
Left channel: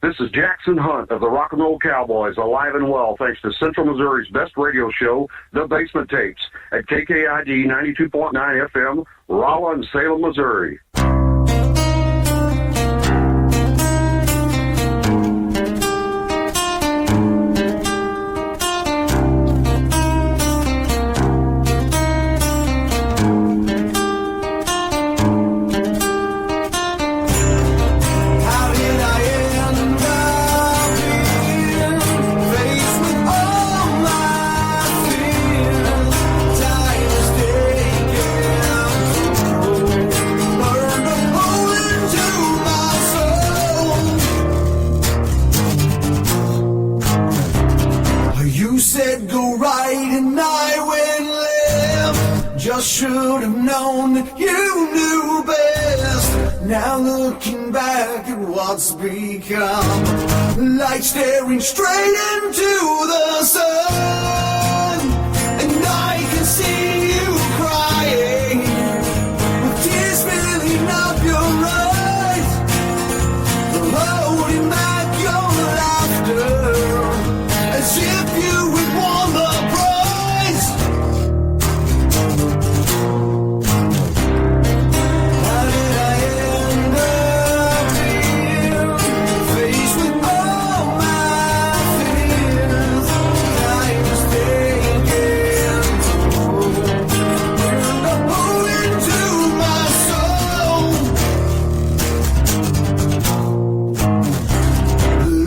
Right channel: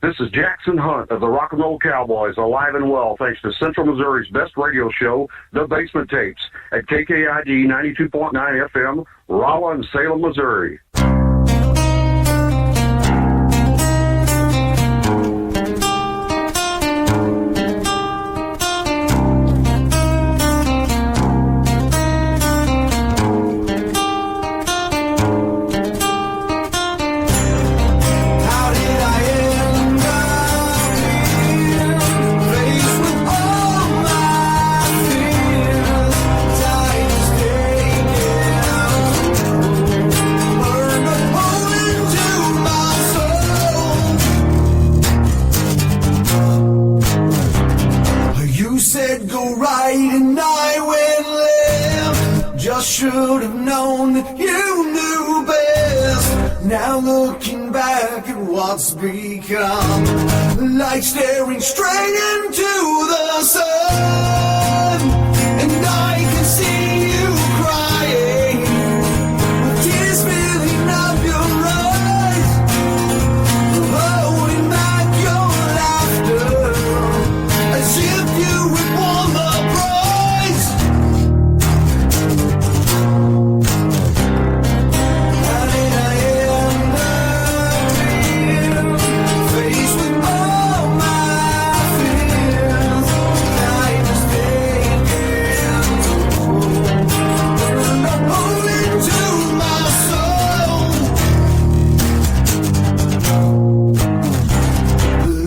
This is Jackson Hunt of the Rock and Roll Cowboys, alive and well thanks to Central Missouri's best radio show, The Basement Tapes, at KKID 92.9 FM, Rolla and Salem, Missouri. Should have known that you knew best. Now looking back at what's become, like staring straight into the sun, and I can see you crying with tears filling up your eyes, holding back your laughter as if you had won the prize.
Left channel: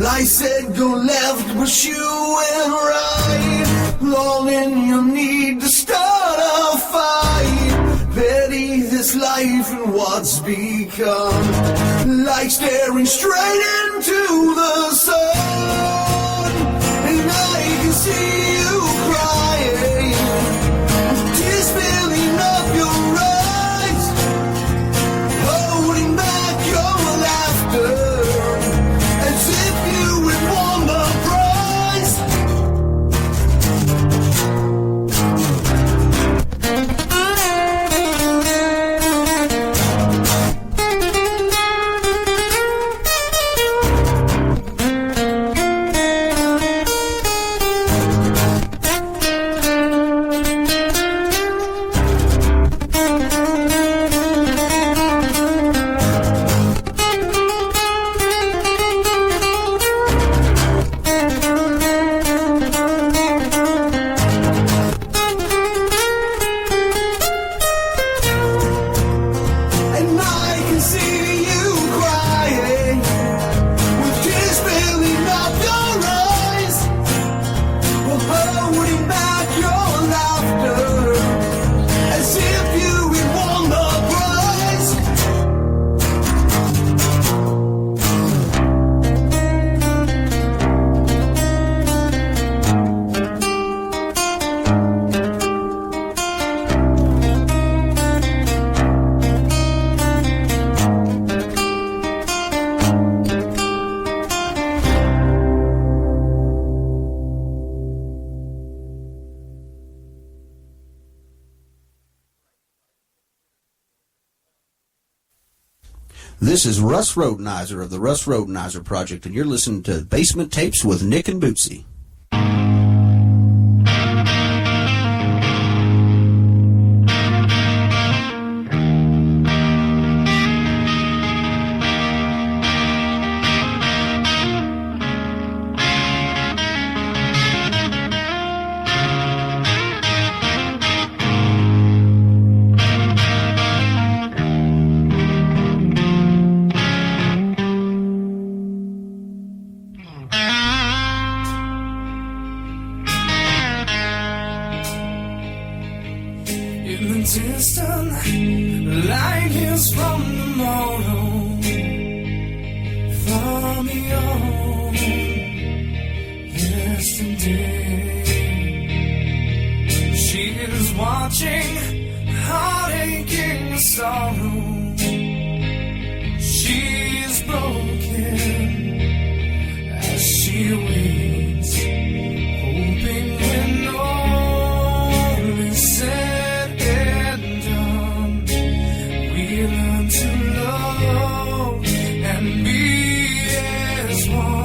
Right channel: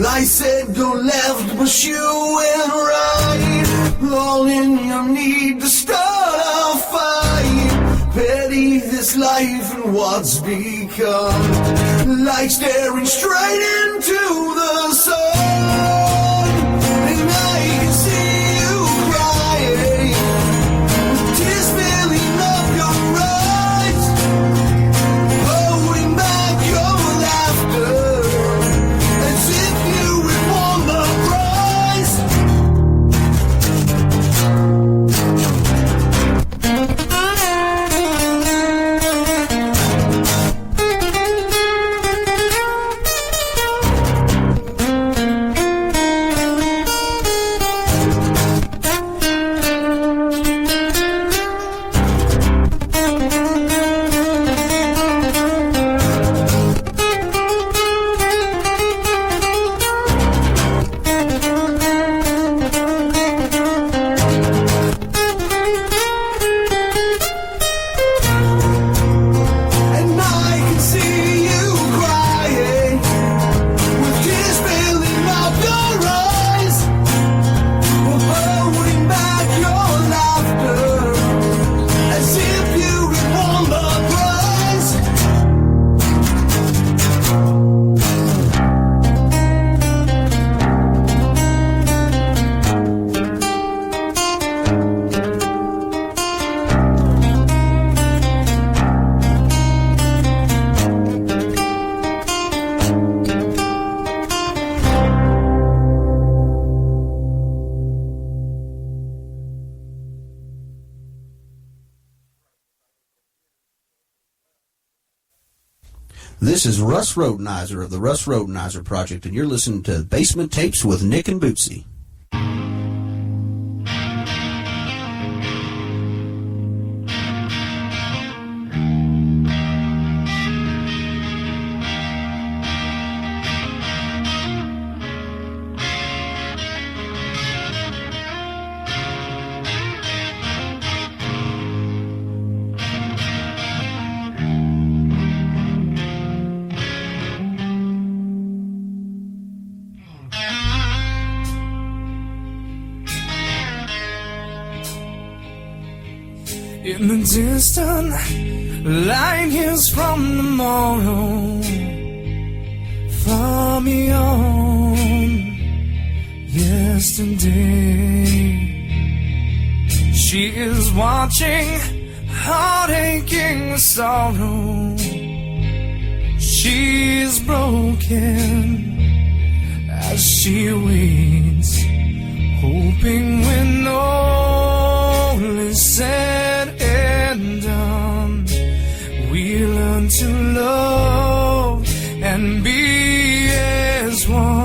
I said go left, but you went right, all in your need to start a fight. Petty this life and what's become, like staring straight into the sun, and I can see you crying, with tears filling up your eyes, holding back your laughter as if you had won the prize. This is Russ Rhodenizer of the Russ Rhodenizer Project, and you're listening to Basement Tapes with Nick and Bootsy. In the distant light is from tomorrow, far beyond yesterday. She is watching, heartache and sorrow. She is broken as she waits, hoping when all is said and done, we learn to love and be as one.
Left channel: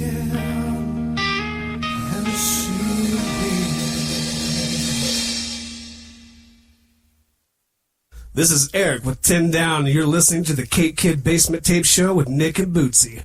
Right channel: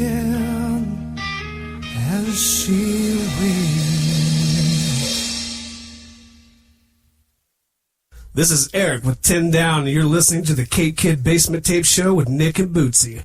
again as she will. This is Eric with 10 Down, and you're listening to the K-Kid Basement Tape Show with Nick and Bootsy.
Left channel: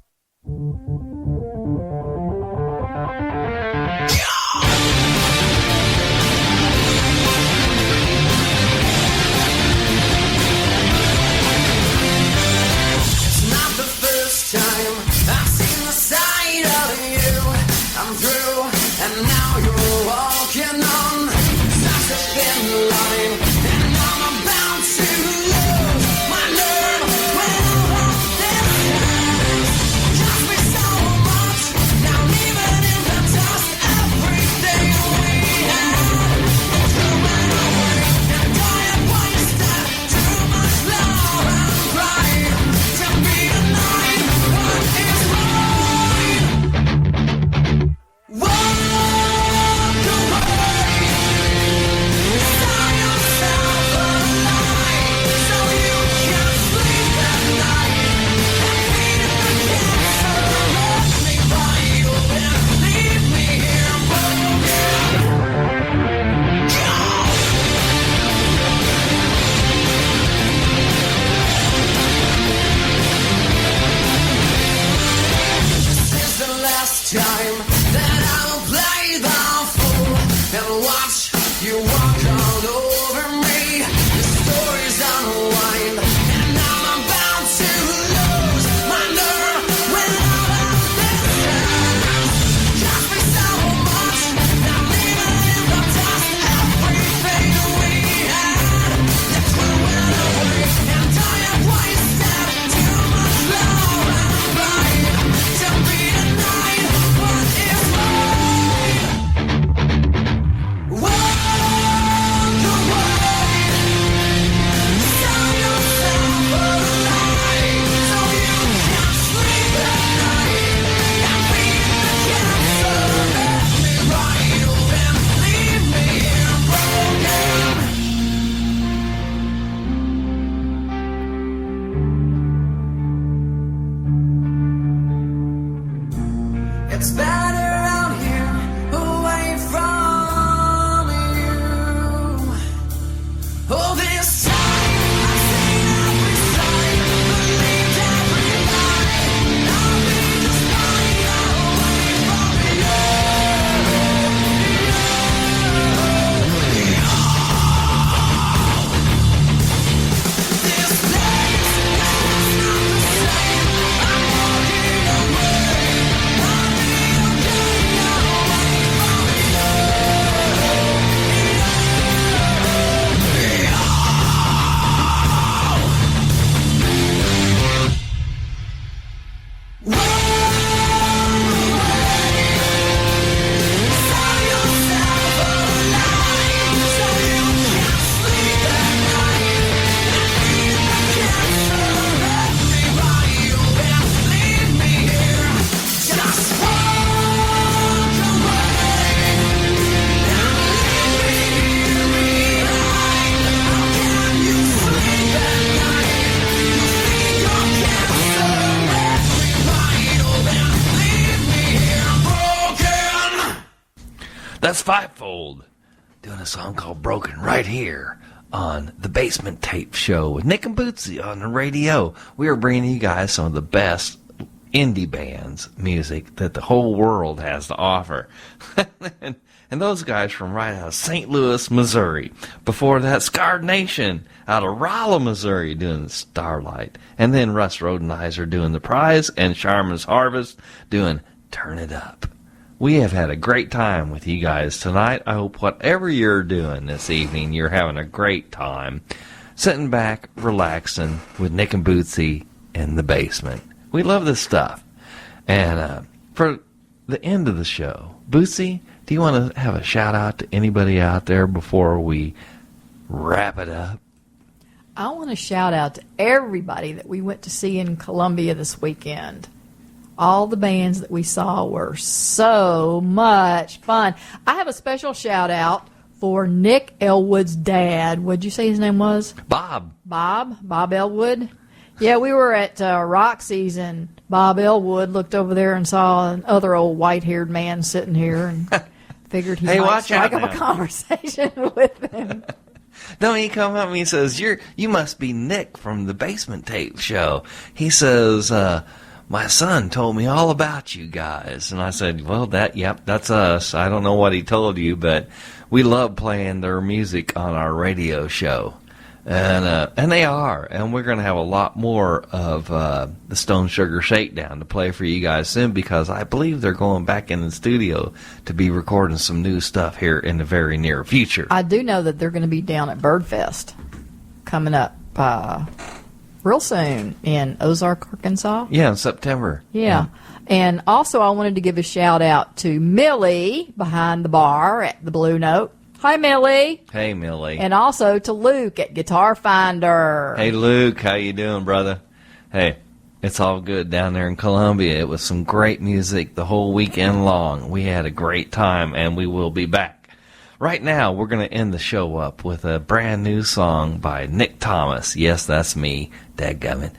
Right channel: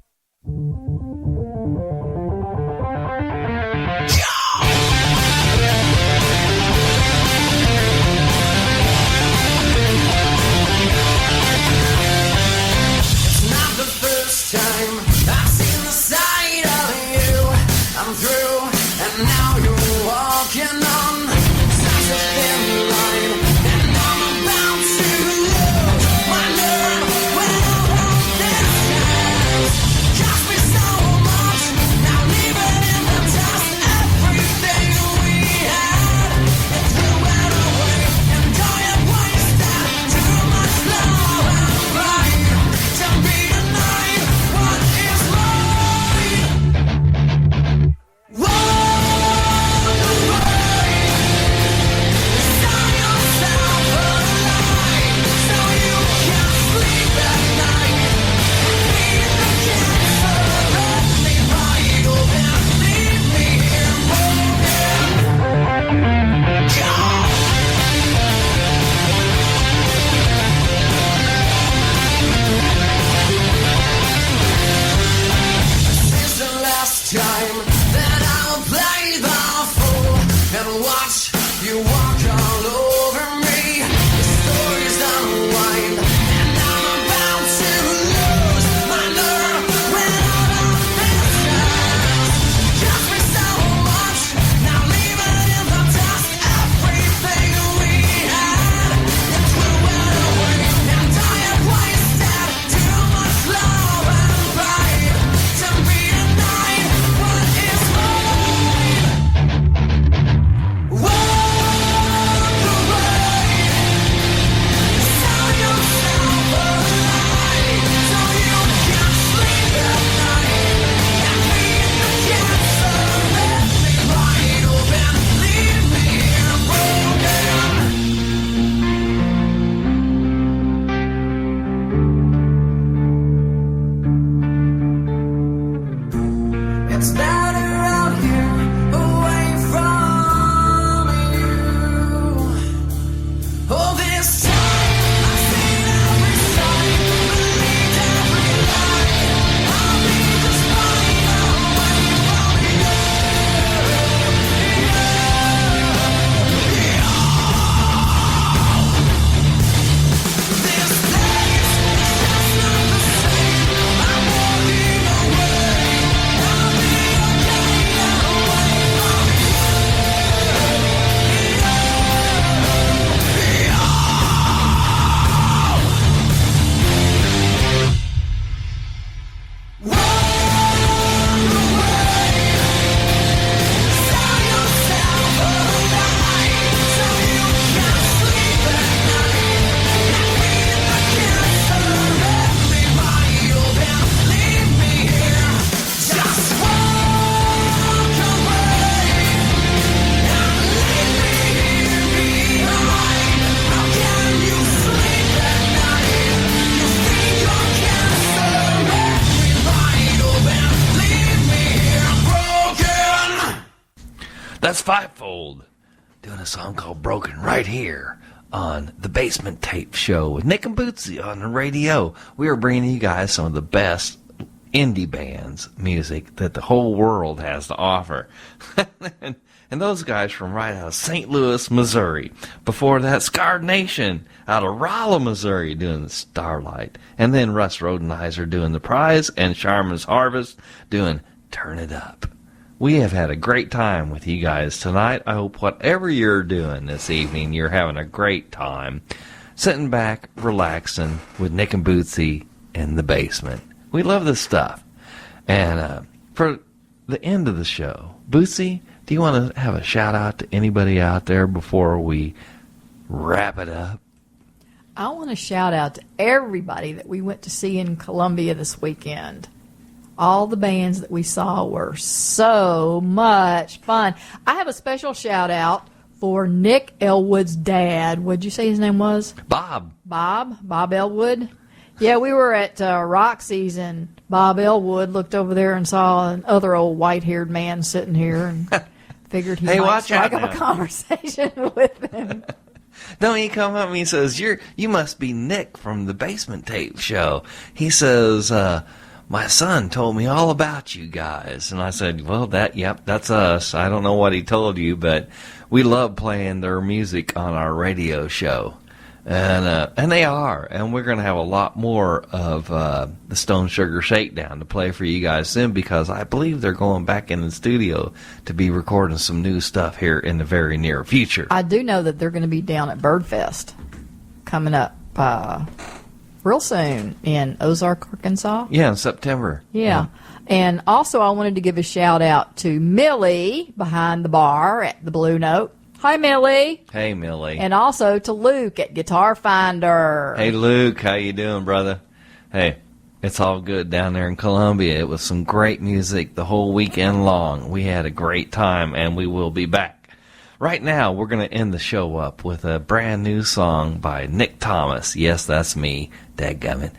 It's not the first time I've seen the side of you. I'm through, and now you're walking on such a thin line, and I'm about to lose my nerve when I'm on this side. Cost me so much, now leave it in the dust. Everything we had, threw it away, and I have wasted too much love and pride to be denied what is right. Walk away, sell yourself alive, so you can sleep at night and beat the cancer. Let me ride over and leave me here This is the last time that I'll play the fool and watch you walk all over me. The story's unwind, and I'm about to lose my nerve when I'm on this dance. Cost me so much, now leave it in the dust. Everything we had, you threw it away, and I have wasted too much love and pride to be denied what is right. Walk away, sell yourself alive, so you can sleep at night and beat the cancer. Let me ride over and leave me here broken. It's better out here, away from you. All this time, I've seen every side, believed every lie. I'll be just fine away from you. This place is just not the same. I'm walking away. I'll be okay away from sell yourself alive, so you can sleep at night and beat the cancer. Let me ride over and leave me here. Just walk away and leave me here behind. How can you sleep at night? You think you're cancer. Let me ride over and leave me here broken. That's Fivefold doing a song called Broken right here on the Basement Tape Show with Nick and Bootsy on the radio. We are bringing you guys some of the best indie bands music that the whole world has to offer. and those guys from right out of St. Louis, Missouri. Before that, Scarred Nation out of Rolla, Missouri doing the Starlight. And then Russ Rhodenizer doing The Prize and Shaman's Harvest doing Turn It Up. We have had a great time with you guys tonight. I hope whatever you're doing this evening, you're having a great time. Sitting back, relaxing with Nick and Bootsy in the basement. We love this stuff. And for the end of the show, Bootsy, do you want to have a shout out to anybody out there before we wrap it up? I want to shout out to everybody that we went to see in Columbia this weekend. All the bands that we saw were so much fun. I have a special shout out for Nick Elwood's dad. What'd you say his name was? Bob. Bob Elwood. Yeah, we were at Roxy's, and Bob Elwood looked over there and saw another old white-haired man sitting here and figured he Hey, might watch out strike up now. a conversation with him. Don't he come up to me and says, you must be Nick from the Basement Tape Show. He says, my son told me all about you guys. And I said, well, that's us. I don't know what he told you, but we love playing their music on our radio show. And they are. And we're going to have a lot more of the Stone Sugar Shakedown to play for you guys soon, because I believe they're going back in the studio to be recording some new stuff here in the very near future. I do know that they're going to be down at Birdfest coming up real soon in Ozark, Arkansas. Yeah, in September. Yeah. And also I wanted to give a shout out to Millie behind the bar at the Blue Note. Hi, Millie. Hey, Millie. And also to Luke at Guitar Finder. Hey, Luke. How you doing, brother? Hey, it's all good down there in Columbia. It was some great music the whole weekend long. We had a great time, and we will be back. Right now, we're going to end the show up with a brand new song by Nick Thomas. Yes, that's me. Dadgummit.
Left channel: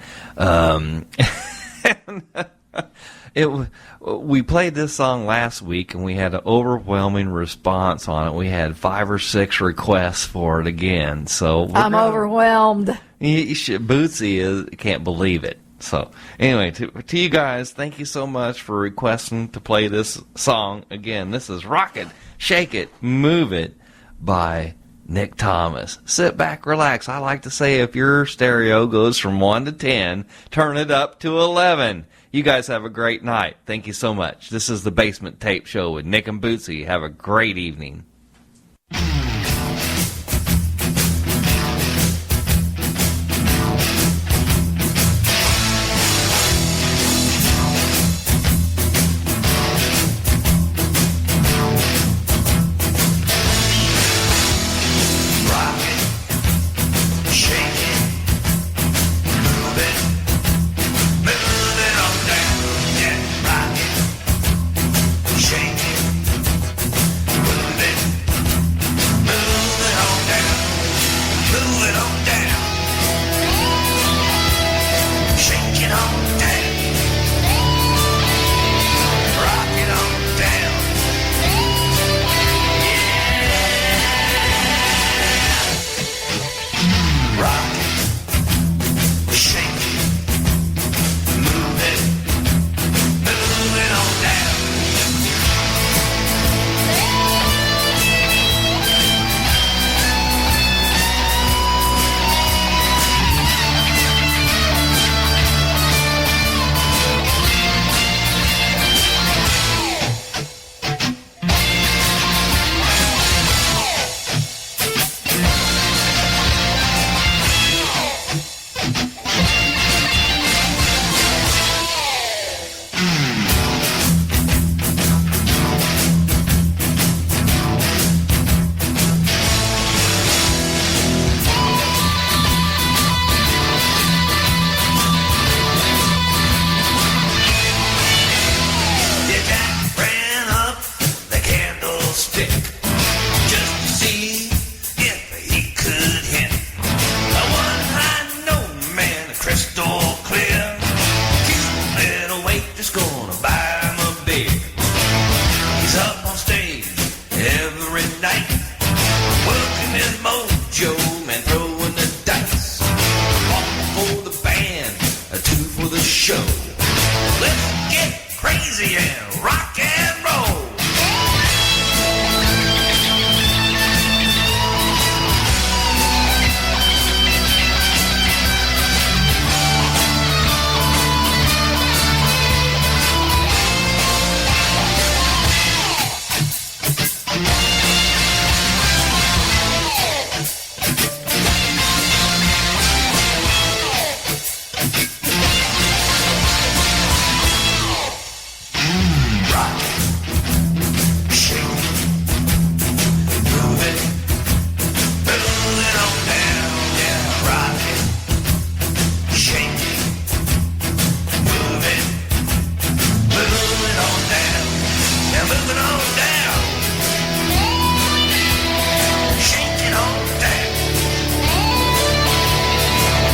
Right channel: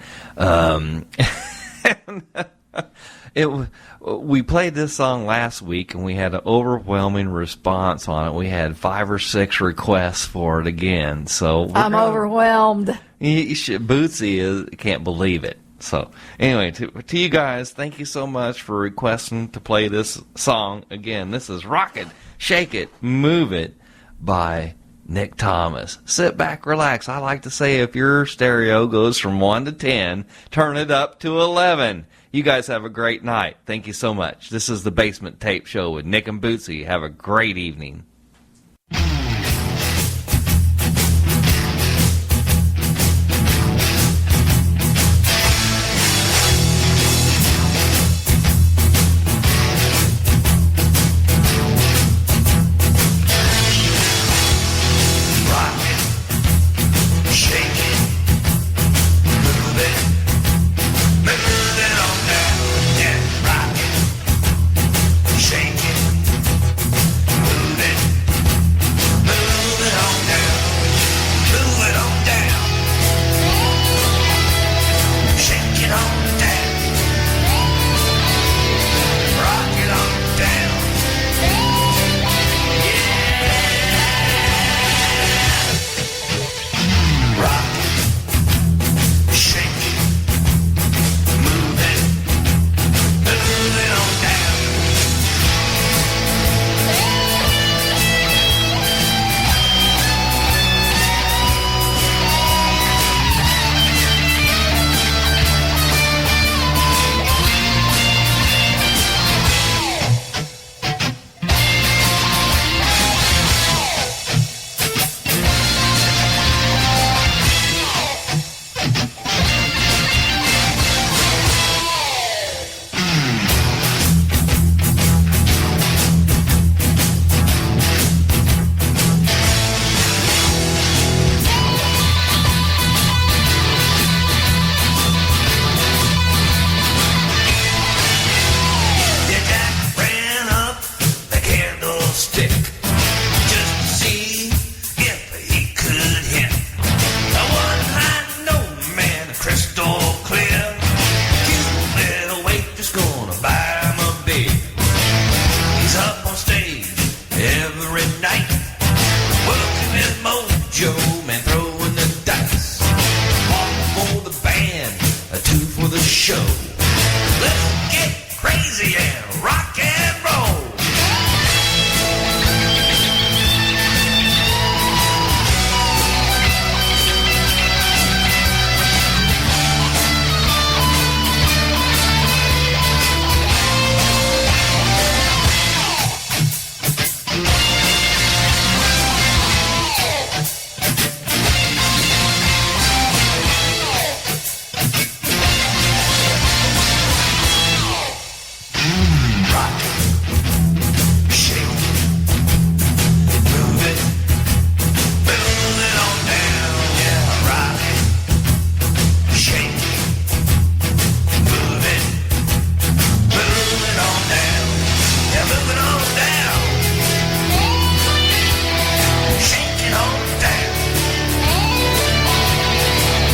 We played this song last week, and we had an overwhelming response on it. We had 5 or 6 requests for it again. So I'm overwhelmed. You should. Bootsy can't believe it. So anyway, to you guys, thank you so much for requesting to play this song again. This is Rock It, Shake It, Move It by Nick Thomas. Sit back, relax. I like to say, if your stereo goes from 1 to 10, turn it up to 11. You guys have a great night. Thank you so much. This is the Basement Tape Show with Nick and Bootsy. Have a great evening.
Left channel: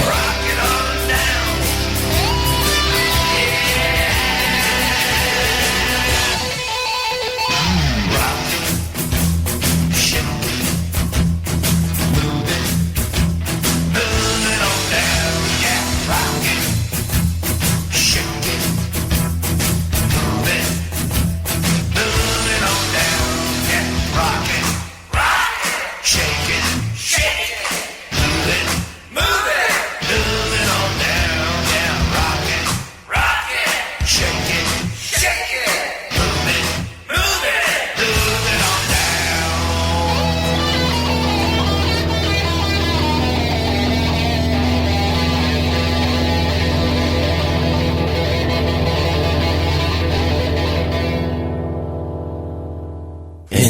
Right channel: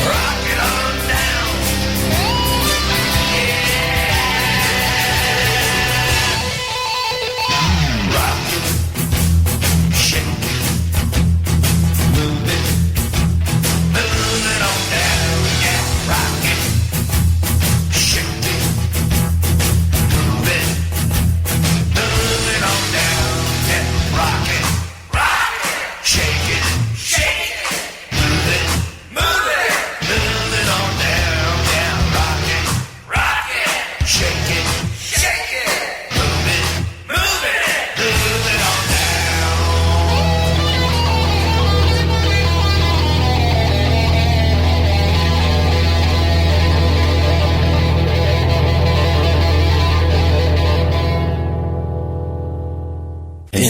Rock it on down.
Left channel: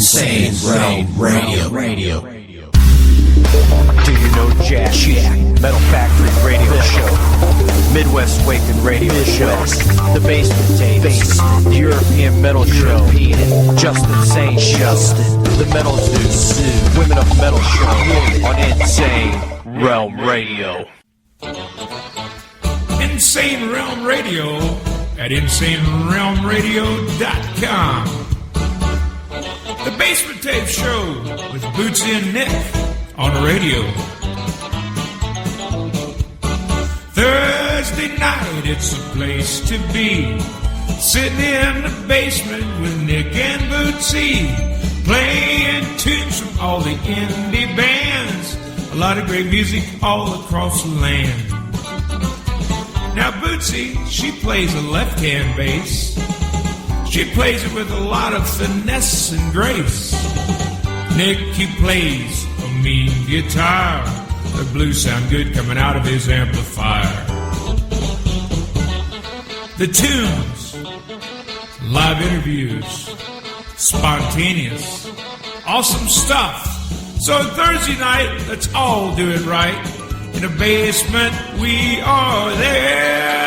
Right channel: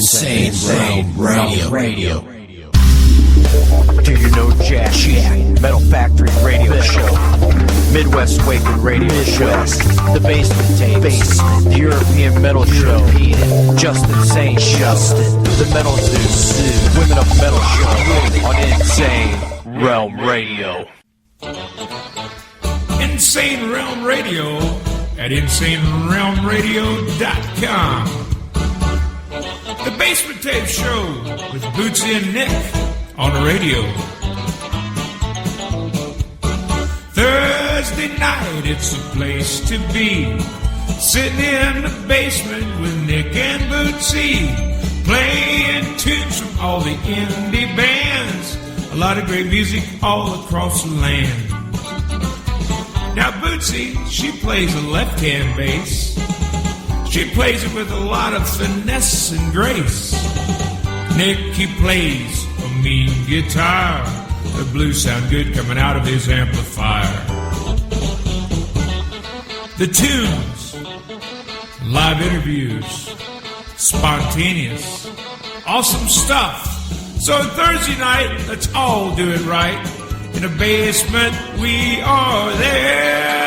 Insane Radio. Do you know Jack? Metal Factory Radio Show. Midwest Awakened Radio Show. The Basement Tapes. The European Metal Show. Just Insane Show. The Metal Zoo. Women of Metal Show on Insane Realm Radio. Insane Realm Radio at InsaneRealmRadio.com. The Basement Tape Show with Bootsy and Nick on the radio. Thursday night, it's a place to be. Sitting in the basement with Nick and Bootsy, playing tunes from all the indie bands. A lot of great music all across the land. Now Bootsy, she plays a left-hand bass. She plays it with a lot of finesse and grace. Nick, he plays a mean guitar. The blues sound good coming out of his amplifier. The tunes, live interviews, spontaneous, awesome stuff. So Thursday night, let's all do it right. In the basement, we are there.